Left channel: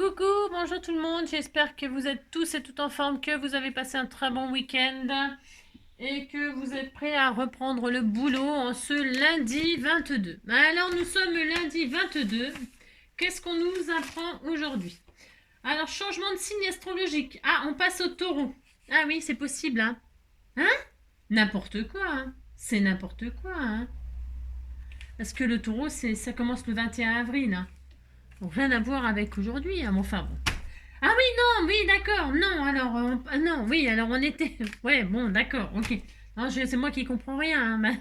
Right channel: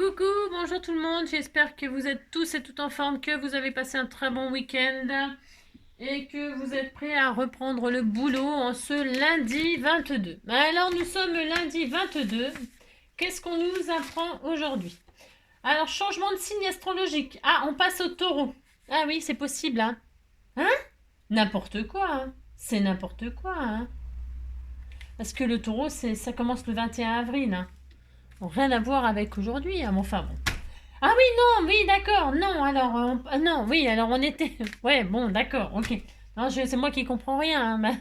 Coucou, bonjour tout le monde, j'espère que vous êtes tous et toutes en forme, que vous avez passé un très bon week-end et que vous êtes prêts à reprendre le boulot en ce lundi 22. Alors nous sommes lundi 22, qu'est-ce qu'on nous apprend aujourd'hui? Alors changement de signe astrologique, ah on passe au taureau, ah oui c'est possible hein, hein? N'importe quoi hein, c'est n'importe quoi hein, parce que le taureau ça commence le 21 avril hein. Bon, rien à voir avec aujourd'hui hein, mais enfin bon. Ah oui, non, oui, d'accord, non, alors, non, oui, alors on était, ouais, bon, d'accord, ok. Non, c'est moi qui comprends rien, hein,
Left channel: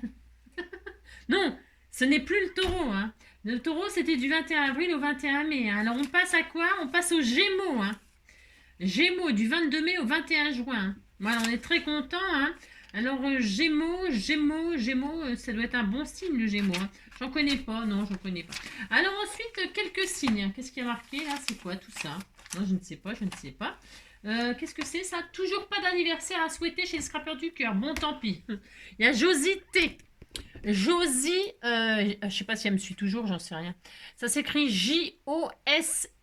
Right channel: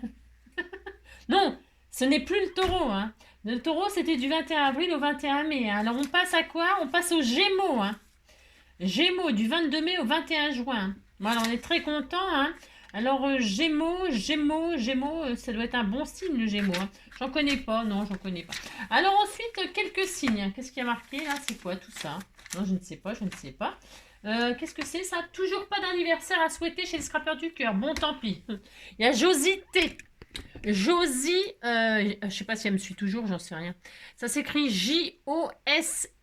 non, ce n'est plus le taureau, hein. Le taureau, c'était du 21 avril au 21 mai, hein. Alors on passe à quoi? On passe aux Gémeaux, hein. Gémeaux, du 22 mai au 21 juin. Voilà, on est très content, hein. Alors, Gémeaux, ça doit être un bon signe, le Gémeaux, hein. J'en connais pas, non, j'en connais pas. Alors ensuite, quelques signes. Qu'est-ce qui a marqué là? C'est quoi tout ça? Non, je ne sais pas, je ne sais pas. Qu'est-ce que c'est ça? Toujours pas d'anniversaire à souhaiter chez les scrappers du cœur. Bon, tant pis. Il y a Josie T. Josie, je sais pas si elle me suit toujours, j'en sais rien. Ça s'écrit J-O-S-Y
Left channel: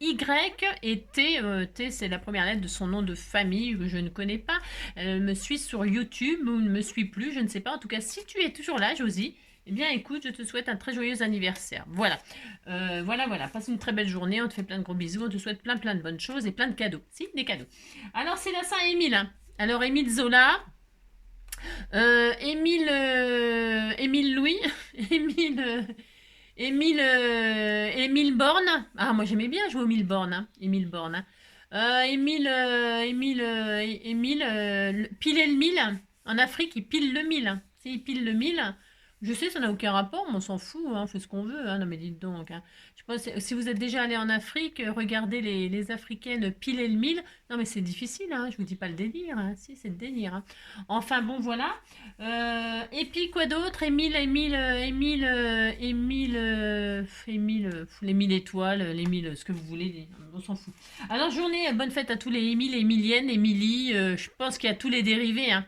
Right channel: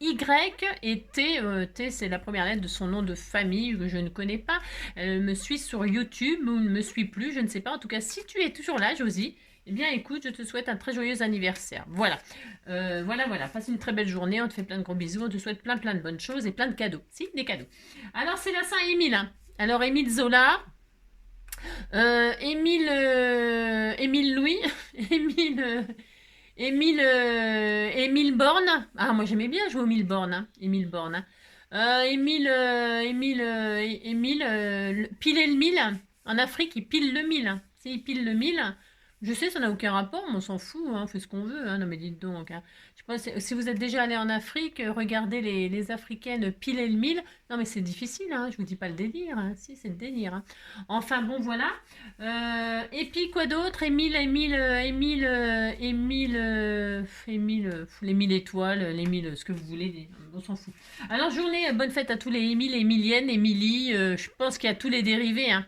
et T, T c'est la première lettre de son nom de famille que je ne connais pas. Elle me suit sur YouTube ou ne me suit plus, je ne sais pas. En tout cas, si tu es toujours là, Josie, eh bien écoute, je te souhaite un très joyeux anniversaire. Voilà. Voilà. Passe une très belle journée, on te fait plein de gros bisous, on te souhaite plein de bonnes choses et plein de cadeaux. Si, des cadeaux. Alors c'est la Saint-Émile. Hein. Alors Émile Zola. Émile Louis, Émile Borne. Ah, moi j'aimais bien jouer au Émile Borne. Hein. Émile Borne. Hein. Piler le mille. En Afrique, il pile le mille. Hein. Il pile le mille. Je sais, ça n'a aucun rapport, mais on s'en fout, hein, on fait ce qu'on veut. Hein. Non, mais dites donc. Hein. Je pense, si vous êtes déjà allé en Afrique, regardez les Africaines piler le mille. Non, mais c'est difficile, hein, je vous dis pas le délire. Hein. Si, c'est le délire. Hein. Enfin, bon, voilà. Et puis, quoi d'autre? Les 1000 étoiles, les 1000, ce que vous voulez, on s'en fout. Alors, journée, bonne fête à tous les Émile, Émilienne, Émilie, je pense qu'il y a tous les dérivés, hein.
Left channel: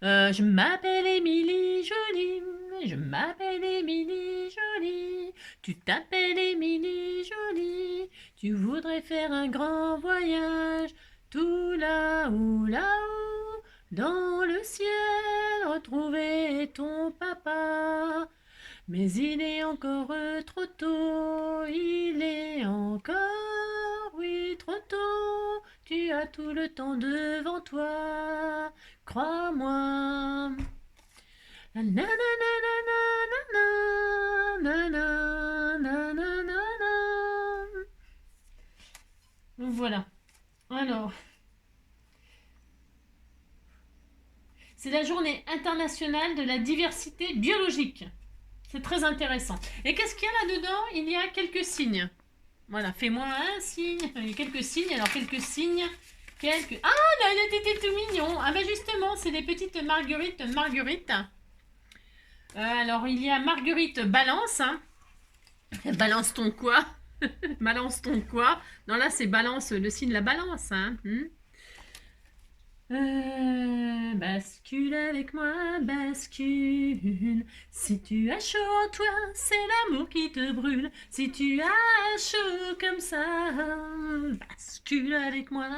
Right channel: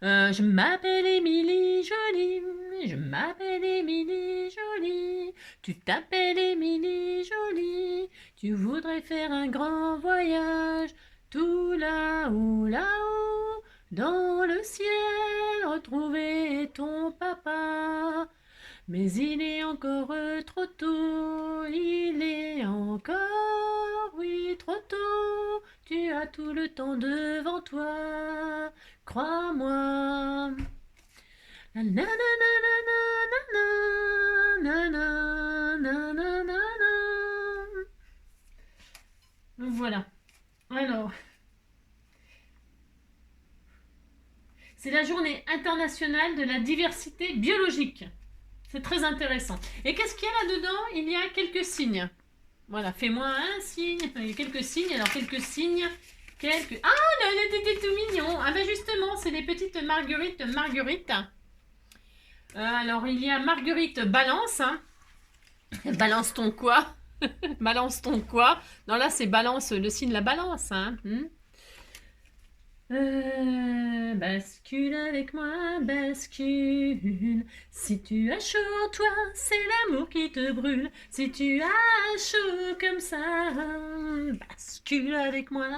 Je m'appelle Émilie Jolie, je m'appelle Émilie Jolie, tu t'appelles Émilie Jolie, tu voudrais faire un grand voyage, tout là-haut, là-haut, dans le ciel, retrouver ton papa. Mais il est encore trop tôt, il est encore, oui, trop tôt, tu as tout le temps devant toi, crois-moi. Voilà. Alors, c'est la journée internationale de la diversité biologique. C'est très intéressant. Et qu'est-ce qu'il y a là-dedans? Il y a quelques signes. Voilà, fais-moi un signe. Il y a quelques signes. Alors, quelques signes. Ah, là, il était tout mignon. Ah ben justement, c'est des petites marguerites. Alors, il y a Marguerite Balance. Hein. Balance ton quoi? Balance ton quoi? Non, là, c'est balance, le signe de la balance. Hein. Bascule avec moi, bascule. Si tu as chaud en toi, c'est l'amour qui te brûle. Si tu as chaud comme ça, bascule avec moi.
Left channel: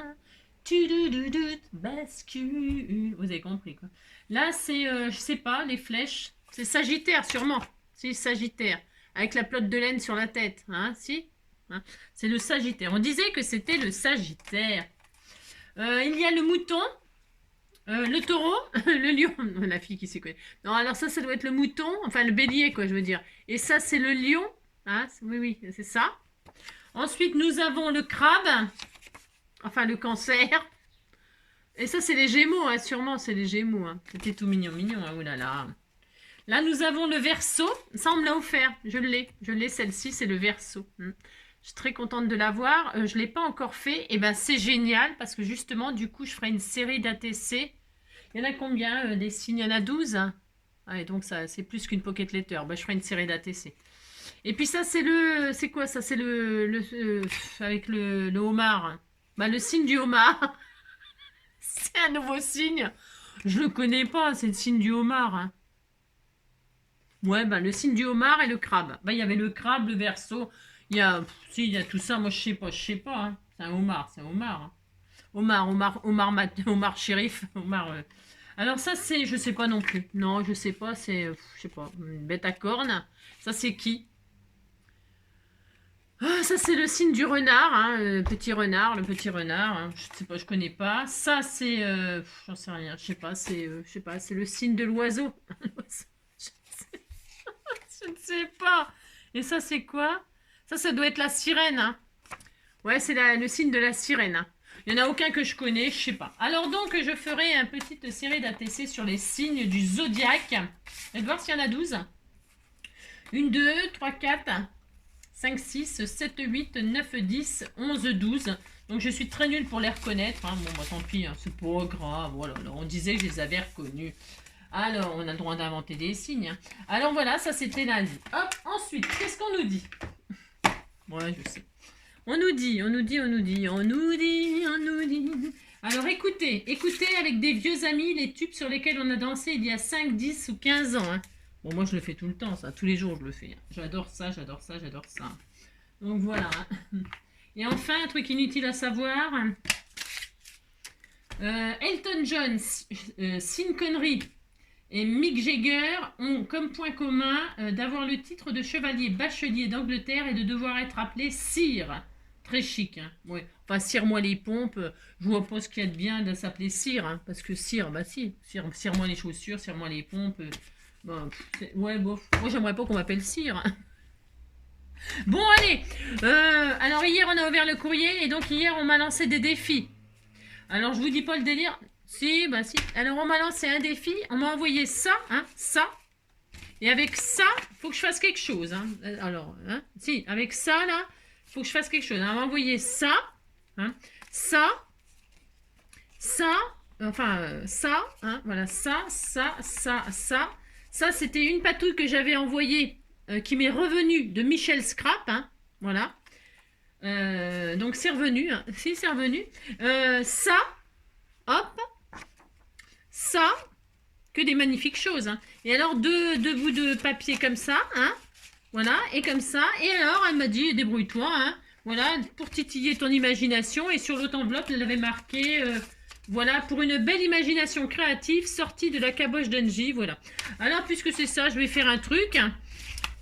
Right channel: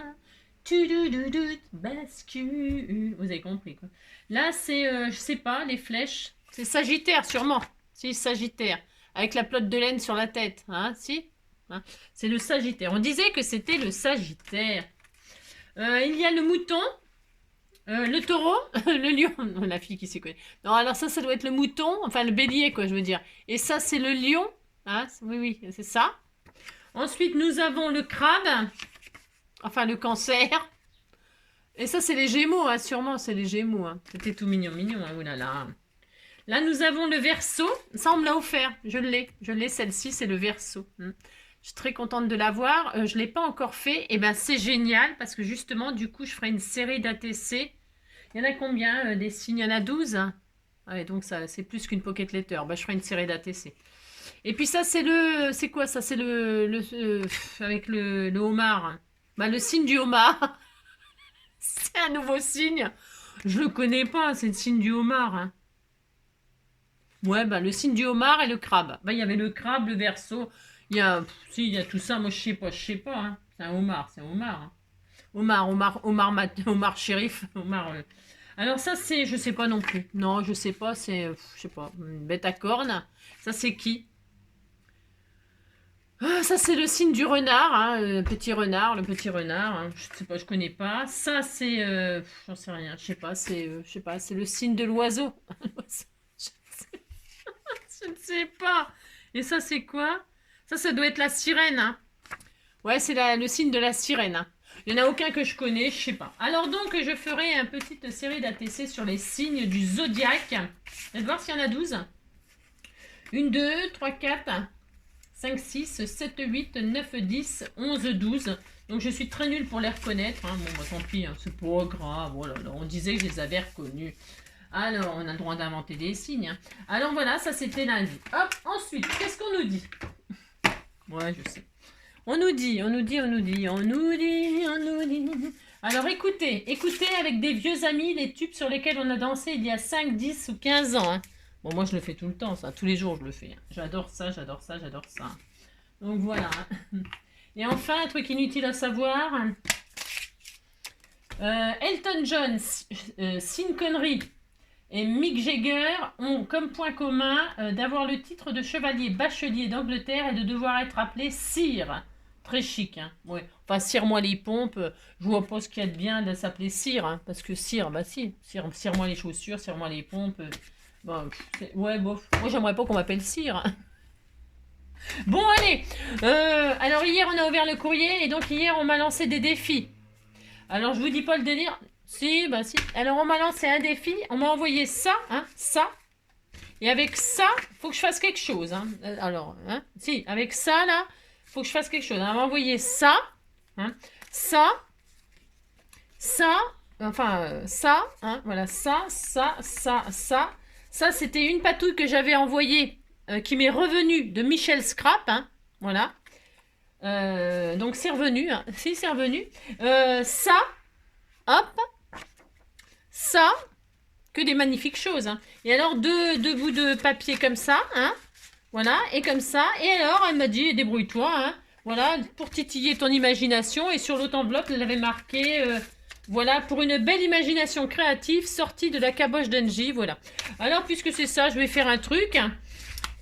Bascule. Vous avez compris quoi. Là, c'est, je sais pas, les flèches. C'est Sagittaire, sûrement. C'est Sagittaire. Avec la pelote de laine sur la tête. Hein, si hein. C'est le Sagittaire. On disait que c'était le Sagittaire. Il y a le mouton. Le taureau, le lion, la fille qui s'y connaît. Non, alors ça doit être le mouton, enfin le bélier, quoi, je veux dire. Et ça, c'est le lion. Hein, oui, c'est ça. Ensuite, nous avons le crabe, enfin le cancer. Et ça, c'est les gémeaux, hein, sûrement, c'est les gémeaux. Hein. C'était tout mignon, hein, oulala. Là, nous avons le verseau. Ça, on me l'a offert. Je l'ai, celle-ci, c'est le verseau. Je suis très contente de l'avoir. Je ne l'ai pas encore fait. Et ben c'est génial parce que justement, du coup, je ferai une série d'ATC. Il y en a combien des signes? Il y en a 12. Ouais, donc ça, c'est plus qu'une pocket letter. Je ferai une série d'ATC. Et puis ça, c'est le... C'est quoi ça? C'est avec le homard. Le signe du homard. C'est un nouveau signe. Je le connais pas, c'est le signe du homard. Hein. Ouais, le signe du homard et le crabe. Il y avait le crabe, le verseau. Il y a, si, il y a tout ça, moi je sais pas, hein. C'est un homard, c'est un homard, hein. Homard shérif, homard. Alors ça c'est, je sais pas non plus. Non, je sais pas, c'est, je sais pas, une bête à cornes. Ça c'est qui? Ah, ça c'est le signe du renard, hein, petit renard, le petit renard. Hein. Je sais pas, je connais pas. Ça c'est, j'en sais rien, je sais pas, c'est le signe de l'oiseau. Je ne sais pas. Et ça c'est quoi? Ça doit être la sirène, hein. Ouais, c'est le signe de la sirène, hein. Il n'y en a aucun que je connais, je sais pas. Alors donc, je ferai une petite série d'ATC sur les signes du zodiaque. Je vais voir s'il y en a 12. 1, 2, 3, 4, 5, 6, 7, 8, 9, 10, 11, 12. Donc je suis très nulle pour les reconnaître. Hein. Bon, bah tant pis, hein, c'est pas grave. Voilà, on disait que je les avais reconnus. Alors, on a le droit d'inventer des signes. Hein. Alors voilà, ça c'était lundi. Hop, ensuite, qu'est-ce qu'on nous dit? Ouais, je sais. On nous dit. Alors écoutez avec des vieux amis les tubes sur lesquels on a dansé il y a 5, 10 ou 15 ans. Hein. Bon, moi je le fais tout le temps, ça. Tous les jours je le fais. Hein. J'adore ça. Donc voilà. Et enfin, un truc inutile à savoir. Elton John, Sean Connery et Mick Jagger ont comme point commun d'avoir le titre de chevalier bachelier d'Angleterre et de devoir être appelé sire. Très chic, hein. Ouais. Enfin, cire-moi les pompes. Je vois pas ce qu'il y a de bien de s'appeler cire, hein, parce que cire, bah si, cire-moi les chaussures, cire-moi les pompes. Bon, ouais, bof. Moi, j'aimerais pas qu'on m'appelle cire. Hein. Bon, allez. Alors, hier, on a ouvert le courrier, et donc hier, on m'a lancé des défis. Alors, je vous dis pas le délire. Si, bah si. Alors, on m'a lancé un défi. On m'a envoyé ça, hein, ça. Et avec ça, faut que je fasse quelque chose. Hein. Alors, hein, si, avec ça, là, faut que je fasse quelque chose. On m'a envoyé ça, hein, ça, enfin, ça, hein, voilà, ça. Ça, c'était une patouille que j'avais envoyée, qui m'est revenue de Michel Scrap, hein, voilà. Donc, c'est revenu, hein. Si, c'est revenu. Ça, hop, ça, que des magnifiques choses. Hein. Et alors, deux bouts de papier comme ça, hein, voilà, et comme ça. Et alors, elle m'a dit, débrouille-toi, hein, voilà, pour titiller ton imagination. Et sur l'autre enveloppe, elle avait marqué, voilà, pour une belle imagination créative sortie de la caboche d'Engie, voilà. Alors, puisque c'est ça, je vais faire un truc.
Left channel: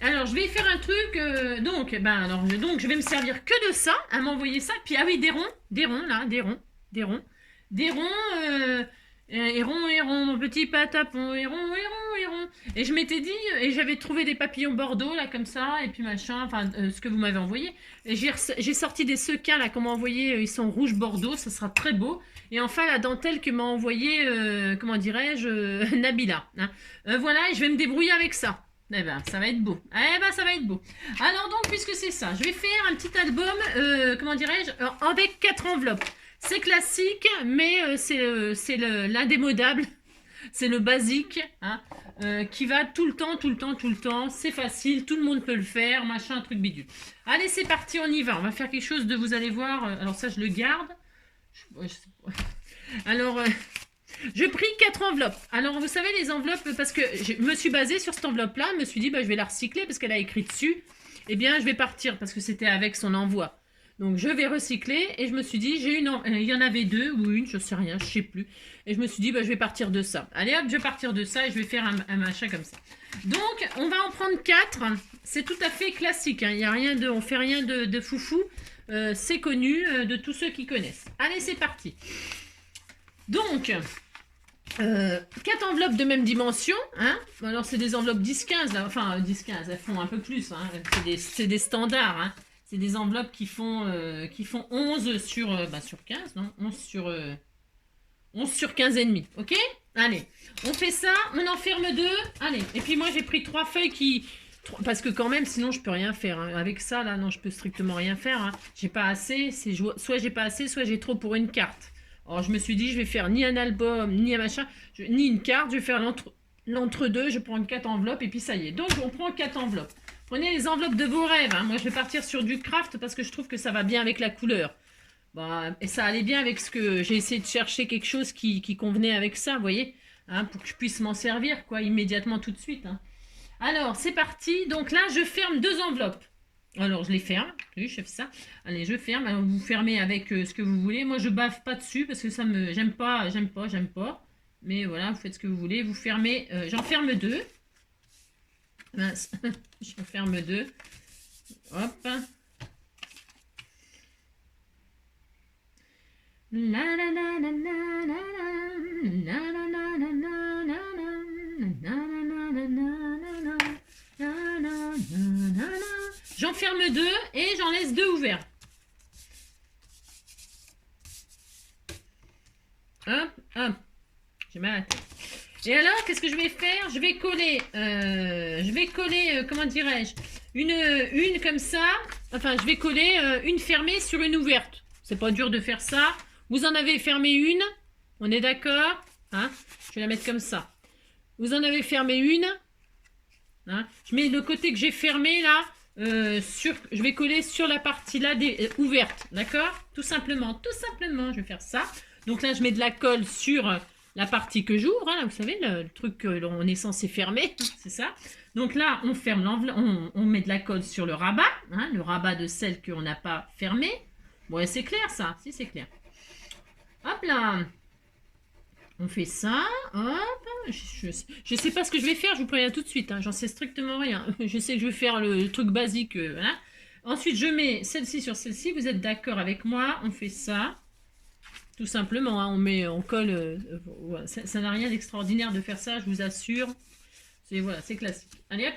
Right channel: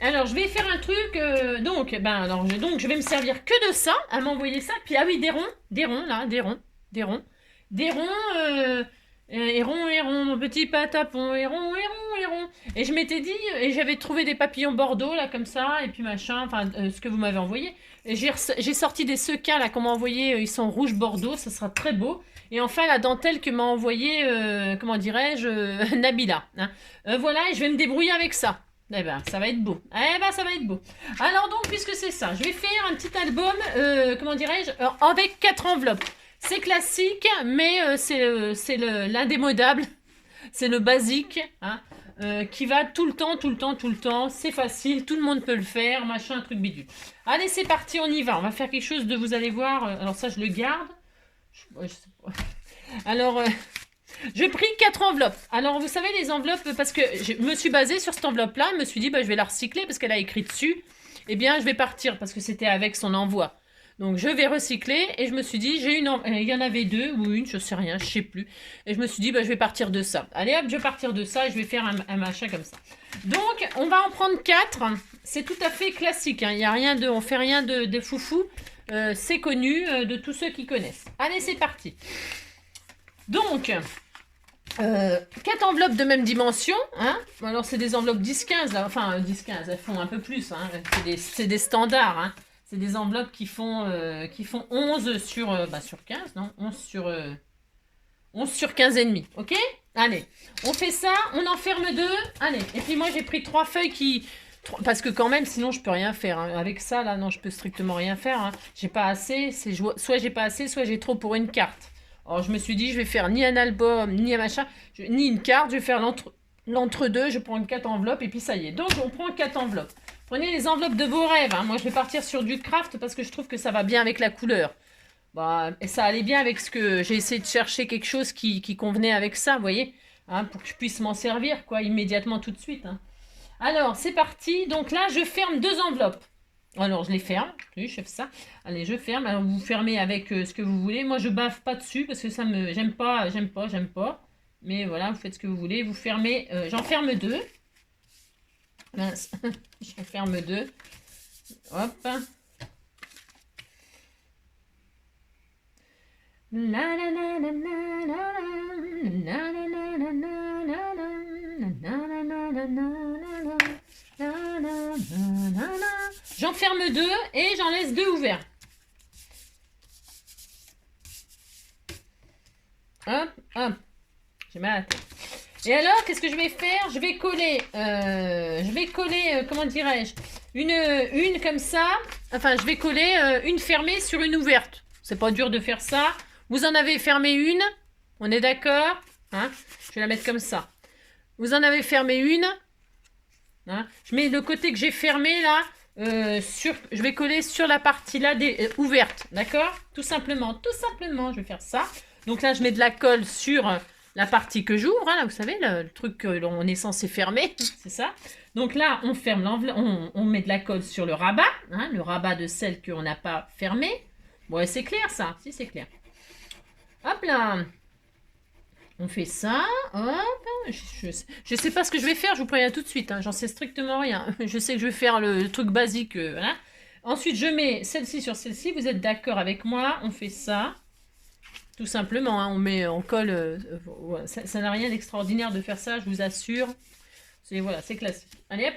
Alors, je vais faire un truc, donc, je vais me servir que de ça, à m'envoyer ça. Puis, ah oui, des ronds, là, des ronds. Héron, mon petit patapon, héron. Et je m'étais dit, et j'avais trouvé des papillons bordeaux, là, comme ça, et puis machin, enfin, ce que vous m'avez envoyé. Et j'ai sorti des sequins, là, qu'on m'a envoyé, ils sont rouge bordeaux, ça sera très beau. Et enfin, la dentelle que m'a envoyé, comment dirais-je, Nabila. Hein. Voilà, et je vais me débrouiller avec ça. Eh ben, ça va être beau. Ça va être beau. Alors donc, puisque c'est ça, je vais faire un petit album, comment dirais-je, avec 4 enveloppes. C'est classique, mais c'est l'indémodable, c'est le basique, hein, qui va tout le temps. C'est facile, tout le monde peut le faire, machin, truc bidule. Allez, c'est parti, on y va. On va faire quelque chose de, vous allez voir. Alors ça, je le garde. Je sais pas. Alors, je pris 4 enveloppes. Alors, vous savez, les enveloppes, parce que je me suis basée sur cette enveloppe-là, je me suis dit, bah, je vais la recycler parce qu'elle a écrit dessus. Eh bien, je vais partir parce que c'était avec son envoi. Donc je vais recycler et je me suis dit, il y en avait 2 ou une, je sais rien, je sais plus. Et je me suis dit, bah, je vais partir de ça. Allez hop, je vais partir de ça et je vais faire un machin comme ça. Donc on va en prendre 4. C'est tout à fait classique. Hein. On fait rien de foufou. C'est connu de tous ceux qui connaissent. Allez, c'est parti. Donc 4 enveloppes de même dimension. Hein. Alors c'est des enveloppes 10-15. Enfin 10-15, elles font un peu plus. Hein. C'est des standards. Hein. C'est des enveloppes qui font 11 sur 15, non 11 sur 15 et demi, ok. Allez, on fait ça, on en ferme 2. Allez, et puis moi j'ai pris 3 feuilles parce que quand même, sinon je peux rien faire. Hein. Avec ça, là, non, je peux strictement rien faire. Hein. J'ai pas assez, soit j'ai pas assez, soit j'ai trop pour une carte. Alors je me suis dit, je vais faire ni un album, ni un machin, ni une carte, je vais faire l'entre-deux, je prends 4 enveloppes et puis ça y est. Donc on prend 4 enveloppes. Prenez les enveloppes de vos rêves. Hein. Moi, je vais partir sur du craft parce que je trouve que ça va bien avec la couleur. Bah, et ça allait bien avec ce que... J'ai essayé de chercher quelque chose qui convenait avec ça, vous voyez, hein, pour que je puisse m'en servir, quoi, immédiatement, tout de suite. Hein. Alors, c'est parti. Donc là, je ferme 2 enveloppes. Alors, je les ferme. Oui, je fais ça. Allez, je ferme. Alors, vous fermez avec ce que vous voulez. Moi, je baffe pas dessus parce que ça me... j'aime pas. Mais voilà, vous faites ce que vous voulez. Vous fermez. J'en ferme deux. Mince. J'en ferme deux. Hop. La la la la la la la la la la la la la. J'en ferme deux et j'en laisse deux ouverts. Hop, hop. J'ai mal à la tête. Et alors, qu'est-ce que je vais faire? Je vais coller, comment dirais-je, une comme ça. Enfin, je vais coller une fermée sur une ouverte. C'est pas dur de faire ça. Vous en avez fermé une. On est d'accord, hein? Je vais la mettre comme ça. Vous en avez fermé une. Hein? Je mets le côté que j'ai fermé là. Je vais coller sur la partie là ouverte. D'accord? Tout simplement, je vais faire ça. Donc là, je mets de la colle sur la partie que j'ouvre, hein, là, vous savez, le truc qu'on est censé fermer, c'est ça. Donc là, on ferme l'enveloppe, on met de la colle sur le rabat, hein, le rabat de celle qu'on n'a pas fermée. Bon, c'est clair ça, si c'est clair. Hop là, on fait ça, hop, je sais pas ce que je vais faire, je vous préviens tout de suite, hein, j'en sais strictement rien. Je sais que je vais faire le truc basique, voilà. Ensuite, je mets celle-ci sur celle-ci, vous êtes d'accord avec moi, on fait ça. Tout simplement, hein, on colle. Ça n'a rien d'extraordinaire de faire ça, je vous assure. Voilà, c'est classique. Allez hop.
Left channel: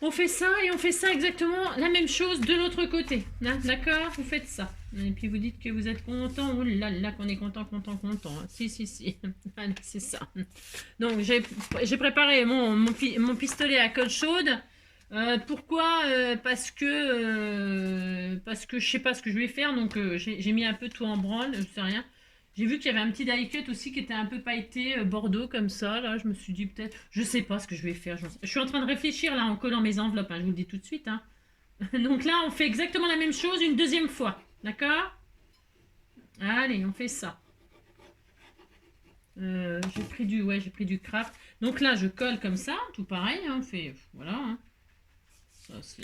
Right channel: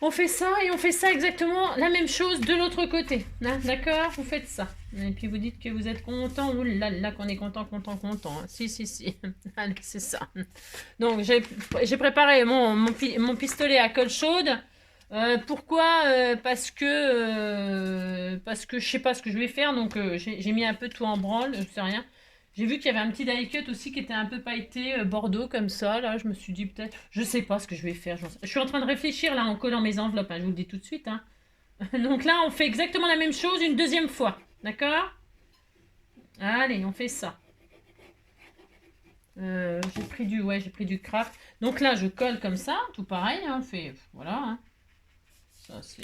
On fait ça et on fait ça exactement la même chose de l'autre côté. Hein, d'accord? Vous faites ça. Et puis vous dites que vous êtes content. Ouh là là, qu'on est content. Hein. Si. Allez, c'est ça. Donc j'ai préparé mon pistolet à colle chaude. Pourquoi parce que je sais pas ce que je vais faire, donc j'ai mis un peu tout en branle, je sais rien. J'ai vu qu'il y avait un petit die cut aussi qui était un peu pailleté bordeaux comme ça. Là, je me suis dit peut-être, je sais pas ce que je vais faire. Je suis en train de réfléchir là en collant mes enveloppes. Hein, je vous le dis tout de suite. Hein. Donc là, on fait exactement la même chose une deuxième fois, d'accord? Allez, on fait ça. J'ai pris du craft. Donc là, je colle comme ça, tout pareil. Hein, on fait, voilà. Hein. Ça, c'est...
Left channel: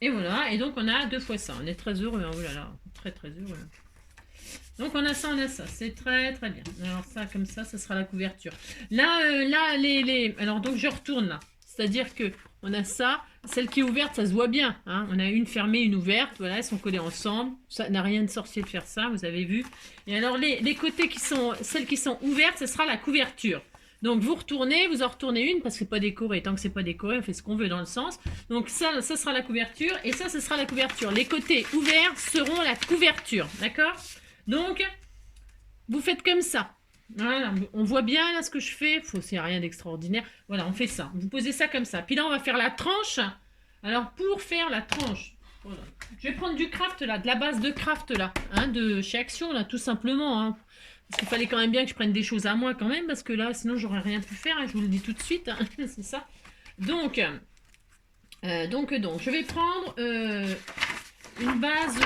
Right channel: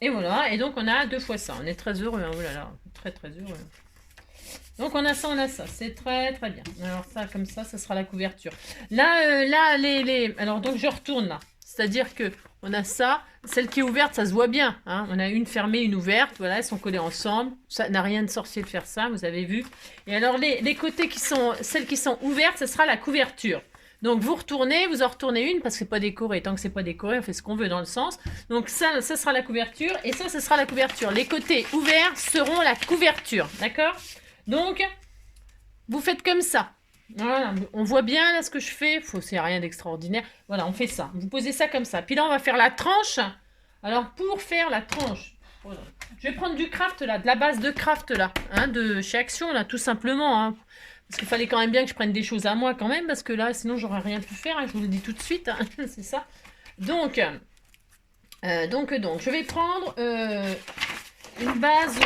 Et voilà, et donc on a 2 fois ça. On est très heureux, hein. Oh là là, très heureux. Donc on a ça, c'est très bien. Alors ça, comme ça sera la couverture. Là, alors donc je retourne là. C'est-à-dire que on a ça, celle qui est ouverte, ça se voit bien. Hein. On a une fermée, une ouverte, voilà, elles sont collées ensemble. Ça n'a rien de sorcier de faire ça, vous avez vu. Et alors les côtés celles qui sont ouvertes, ce sera la couverture. Donc vous en retournez une parce que c'est pas décoré. Tant que c'est pas décoré, on fait ce qu'on veut dans le sens. Donc ça sera la couverture et ça sera la couverture. Les côtés ouverts seront la couverture, d'accord? Donc vous faites comme ça. Voilà, on voit bien là ce que je fais. C'est rien d'extraordinaire. Voilà, on fait ça. Vous posez ça comme ça. Puis là, on va faire la tranche. Alors pour faire la tranche, voilà, je vais prendre du craft là, de la base de craft là, hein, de chez Action là, tout simplement. Hein. Parce qu'il fallait quand même bien que je prenne des choses à moi quand même, parce que là, sinon, j'aurais rien pu faire, hein, je vous le dis tout de suite, hein, c'est ça. Donc, je vais prendre une base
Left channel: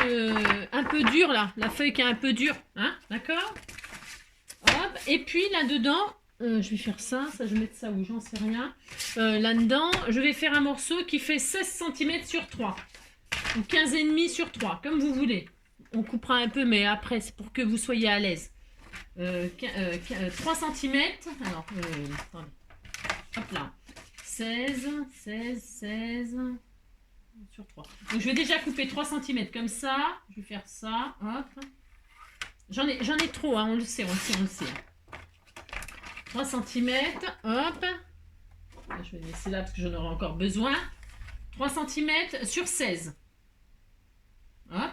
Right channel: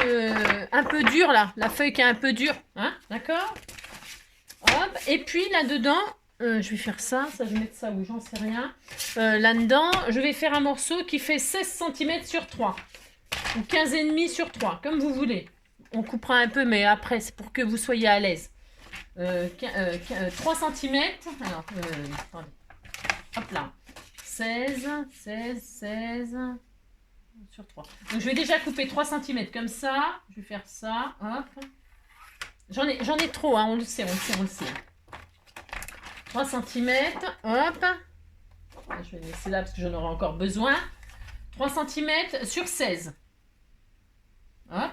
un peu dure, là, la feuille qui est un peu dure, hein, d'accord? Hop, et puis là-dedans, je vais faire ça, je vais mettre ça où, j'en sais rien. Là-dedans, je vais faire un morceau qui fait 16 cm sur 3, ou 15,5 sur 3, comme vous voulez. On coupera un peu, mais après, c'est pour que vous soyez à l'aise. 3 cm. Alors, attendez. Hop là. 16 sur 3. Donc, je vais déjà couper 3 cm comme ça. Je vais faire ça. Hop. J'en ai trop, hein, on le sait. 3 cm. Hop. Je vais laisser là parce que j'en aurai encore besoin. 3 cm sur 16. Hop.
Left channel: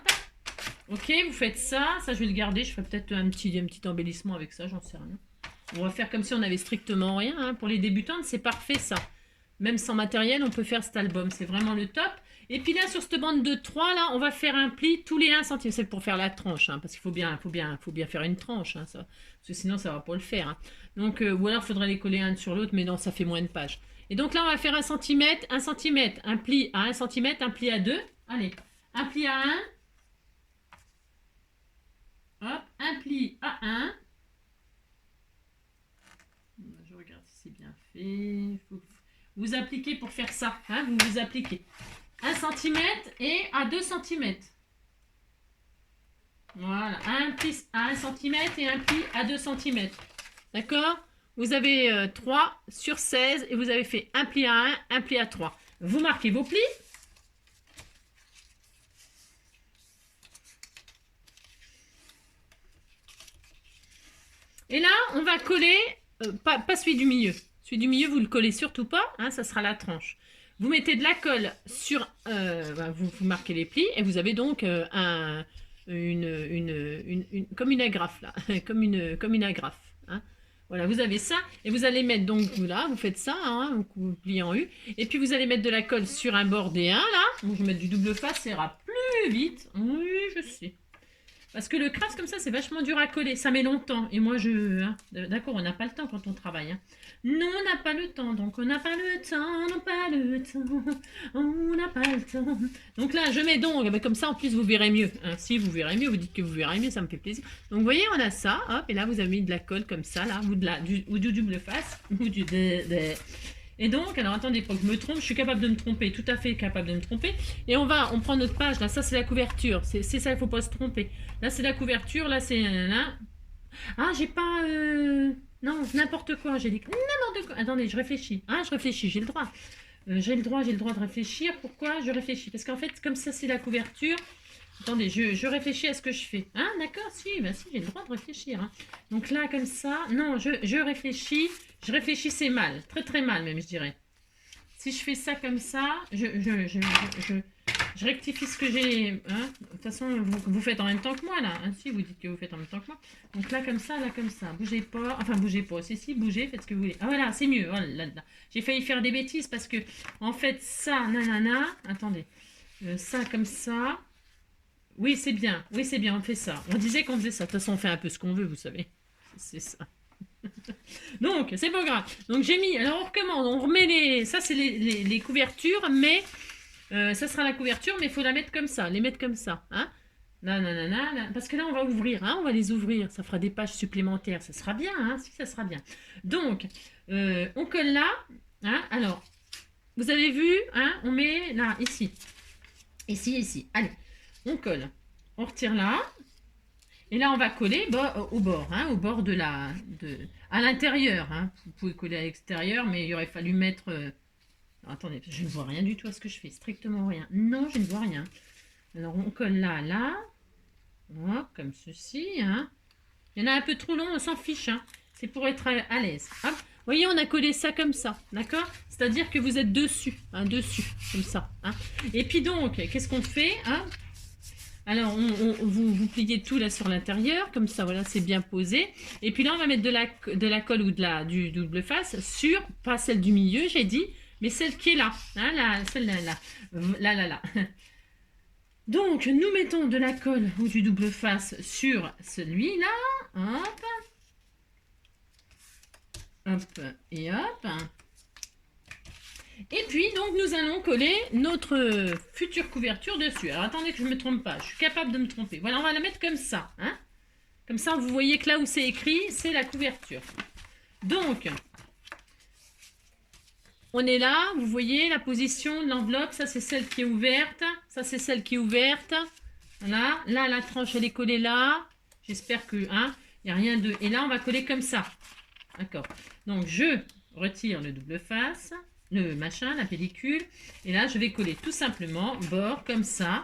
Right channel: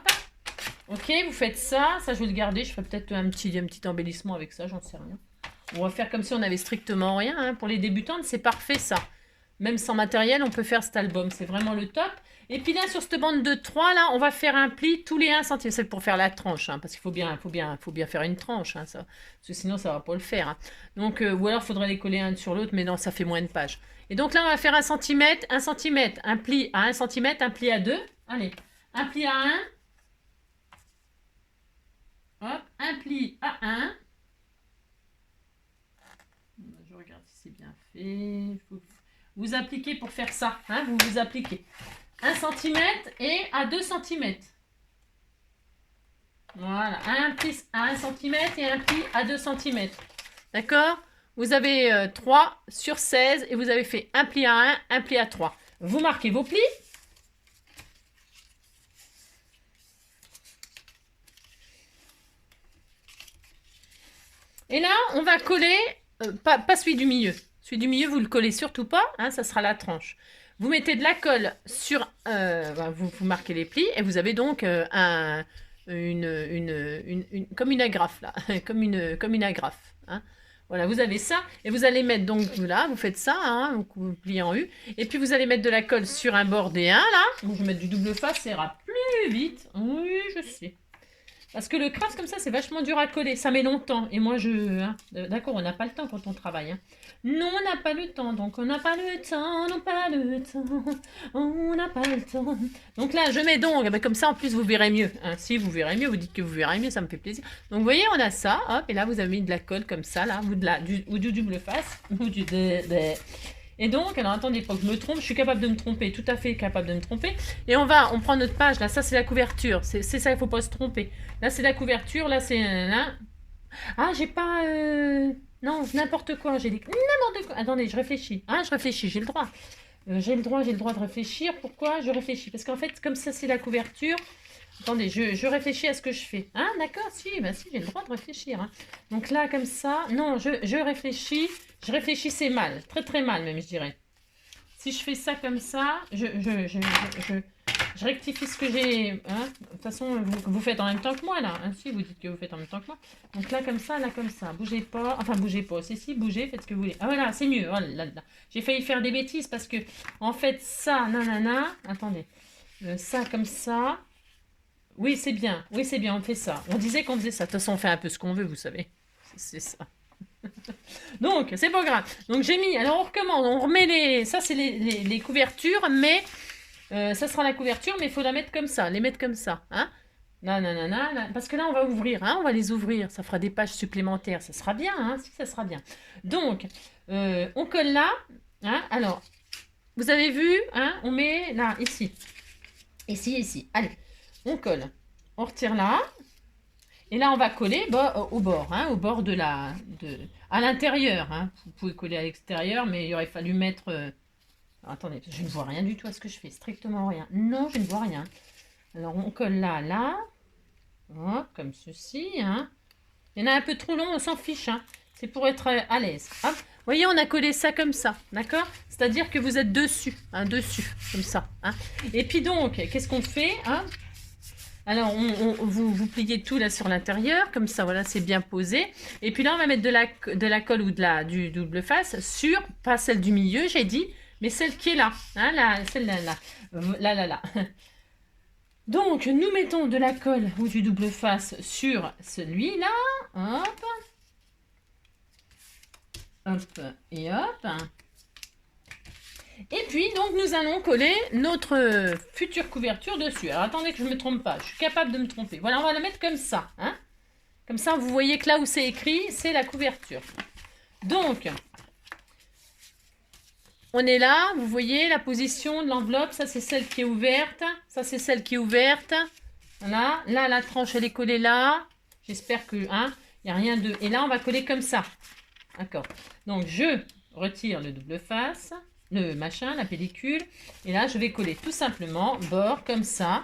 Ok, vous faites ça. Ça, je vais le garder. Je ferai peut-être un petit embellissement avec ça, j'en sais rien. On va faire comme si on avait strictement rien. Hein. Pour les débutantes, c'est parfait ça. Même sans matériel, on peut faire cet album. C'est vraiment le top. Et puis là, sur cette bande de 3, là, on va faire un pli tous les 1 cm. C'est pour faire la tranche, hein, parce qu'il faut bien faire une tranche. Hein, ça, parce que sinon, ça ne va pas le faire. Hein. Donc, ou alors, il faudrait les coller un sur l'autre, mais non, ça fait moins de pages. Et donc là, on va faire 1 cm, un pli à 1 cm, un pli à 2. Allez, un pli à 1. Hop, un pli à 1. Je regarde si c'est bien fait. vous appliquez pour faire ça. Hein, vous appliquez 1 cm et à 2 cm. Voilà, un pli à 1 cm et un pli à 2 cm. D'accord? Vous avez 3 sur 16 et vous avez fait un pli à 1, un pli à 3. Vous marquez vos plis. Et là, on va coller, pas celui du milieu. Celui du milieu, vous le collez surtout pas, hein, ça sera la tranche. Vous mettez de la colle sur, vous marquez les plis et vous avez donc comme une agrafe là, comme une agrafe. Hein. Voilà, vous avez ça et vous allez mettre donc là, vous faites ça, hein, vous pliez en U et puis vous allez mettre de la colle sur un bord des 1 là. Donc vous mettez du double face, ça ira plus vite. Oui, je sais. Parce que le craft comme ça, c'est vachement dur à coller. Ça met longtemps. Et moi, d'accord, on n'a pas le temps quand on travaille. Hein. Non, on n'a pas le temps. Donc, on n'a pas le temps. On n'a pas le temps. On n'a pas le temps. Donc là, je mets donc. Ben, comme ça, en plus, vous verrez mieux. Hein. Si vous verrez mieux, vous dites que vous verrez mieux. Ça me fait plaisir. Donc, vous voyez, on a ça. Hop, et là, vous avez mis de la colle comme ça. Là, ou du double face. Ou du... Et donc, alors attendez, il faut que je me trompe, je suis capable de me tromper, tout à fait capable de me tromper. Et on prend notre page, là, ça c'est la couverture, c'est ça, il ne faut pas se tromper. Là c'est la couverture, là c'est... Ah, j'ai pas... Non, n'importe quoi, j'ai dit n'importe quoi. Attendez, je réfléchis. Ah, je réfléchis, j'ai le droit. J'ai le droit de réfléchir. Pourquoi je réfléchis? Parce qu'en fait, comme ça c'est la couverture... Attendez, je réfléchis à ce que je fais. Ah, d'accord, si, bah si, j'ai le droit de réfléchir. Hein. Donc là, comme ça, non, je réfléchis. Je réfléchissais mal, très très mal même, je dirais. Si je fais ça comme ça, je rectifie ce que j'ai. Hein. De toute façon, vous faites en même temps que moi, là. Hein, si, vous dites que vous faites en même temps que moi. Donc là, comme ça, bougez pas. Enfin, bougez pas. Si, bougez, faites ce que vous voulez. Ah voilà, c'est mieux. Oh, là. J'ai failli faire des bêtises parce que, en fait, ça, nanana. Attendez. Ça, comme ça. Oui, c'est bien. Oui, c'est bien, on fait ça. On disait qu'on faisait ça. De toute façon, on fait un peu ce qu'on veut, vous savez. C'est ça. Donc, c'est pas grave. Donc, j'ai mis... Alors, on recommence. On remet les... Ça, c'est les couvertures, mais... ça sera la couverture, mais il faut la mettre comme ça. Les mettre comme ça. Hein. Parce que là, on va ouvrir. Hein, on va les ouvrir. Ça fera des pages supplémentaires. Ça sera bien. Hein, si, ça sera bien. Donc, on colle là. Hein, alors, vous avez vu, hein, on met là, ici. Ici. Allez. On colle, on retire là, et là on va coller au bord, hein, au bord à l'intérieur. Hein. Vous pouvez coller à l'extérieur, mais il aurait fallu mettre... Attendez, je ne vois rien du tout à ce que je fais, strictement rien. Non, je ne vois rien. Alors on colle là, hop, comme ceci. Hein. Il y en a un peu trop long, on s'en fiche. Hein. C'est pour être à l'aise. Hop. Vous voyez, on a collé ça comme ça, d'accord? C'est-à-dire que vous êtes dessus, hein, comme ça. Hein. Et puis donc, qu'est-ce qu'on fait, hein? Alors, vous pliez tout là sur l'intérieur, comme ça, voilà, c'est bien posé. Et puis là, on va mettre de la colle ou du double face sur, pas celle du milieu, j'ai dit, mais celle qui est là. Hein, celle-là, là. Donc, nous mettons de la colle ou du double face sur celui-là. Hop. Hop et hop. Et puis, donc, nous allons coller notre future couverture dessus. Alors, attendez que je ne me trompe pas. Je suis capable de me tromper. Voilà, on va la mettre comme ça. Hein. Comme ça, vous voyez que là où c'est écrit, c'est la couverture. Donc, on est là. Vous voyez la position de l'enveloppe. Ça, c'est celle qui est ouverte. Ça, c'est celle qui est ouverte. Voilà. Là, la tranche, elle est collée là. J'espère que, hein, il n'y a rien de... Et là, on va coller comme ça. D'accord. Donc, je retire le double face. Le machin, la pellicule. Et là, je vais coller tout simplement bord comme ça.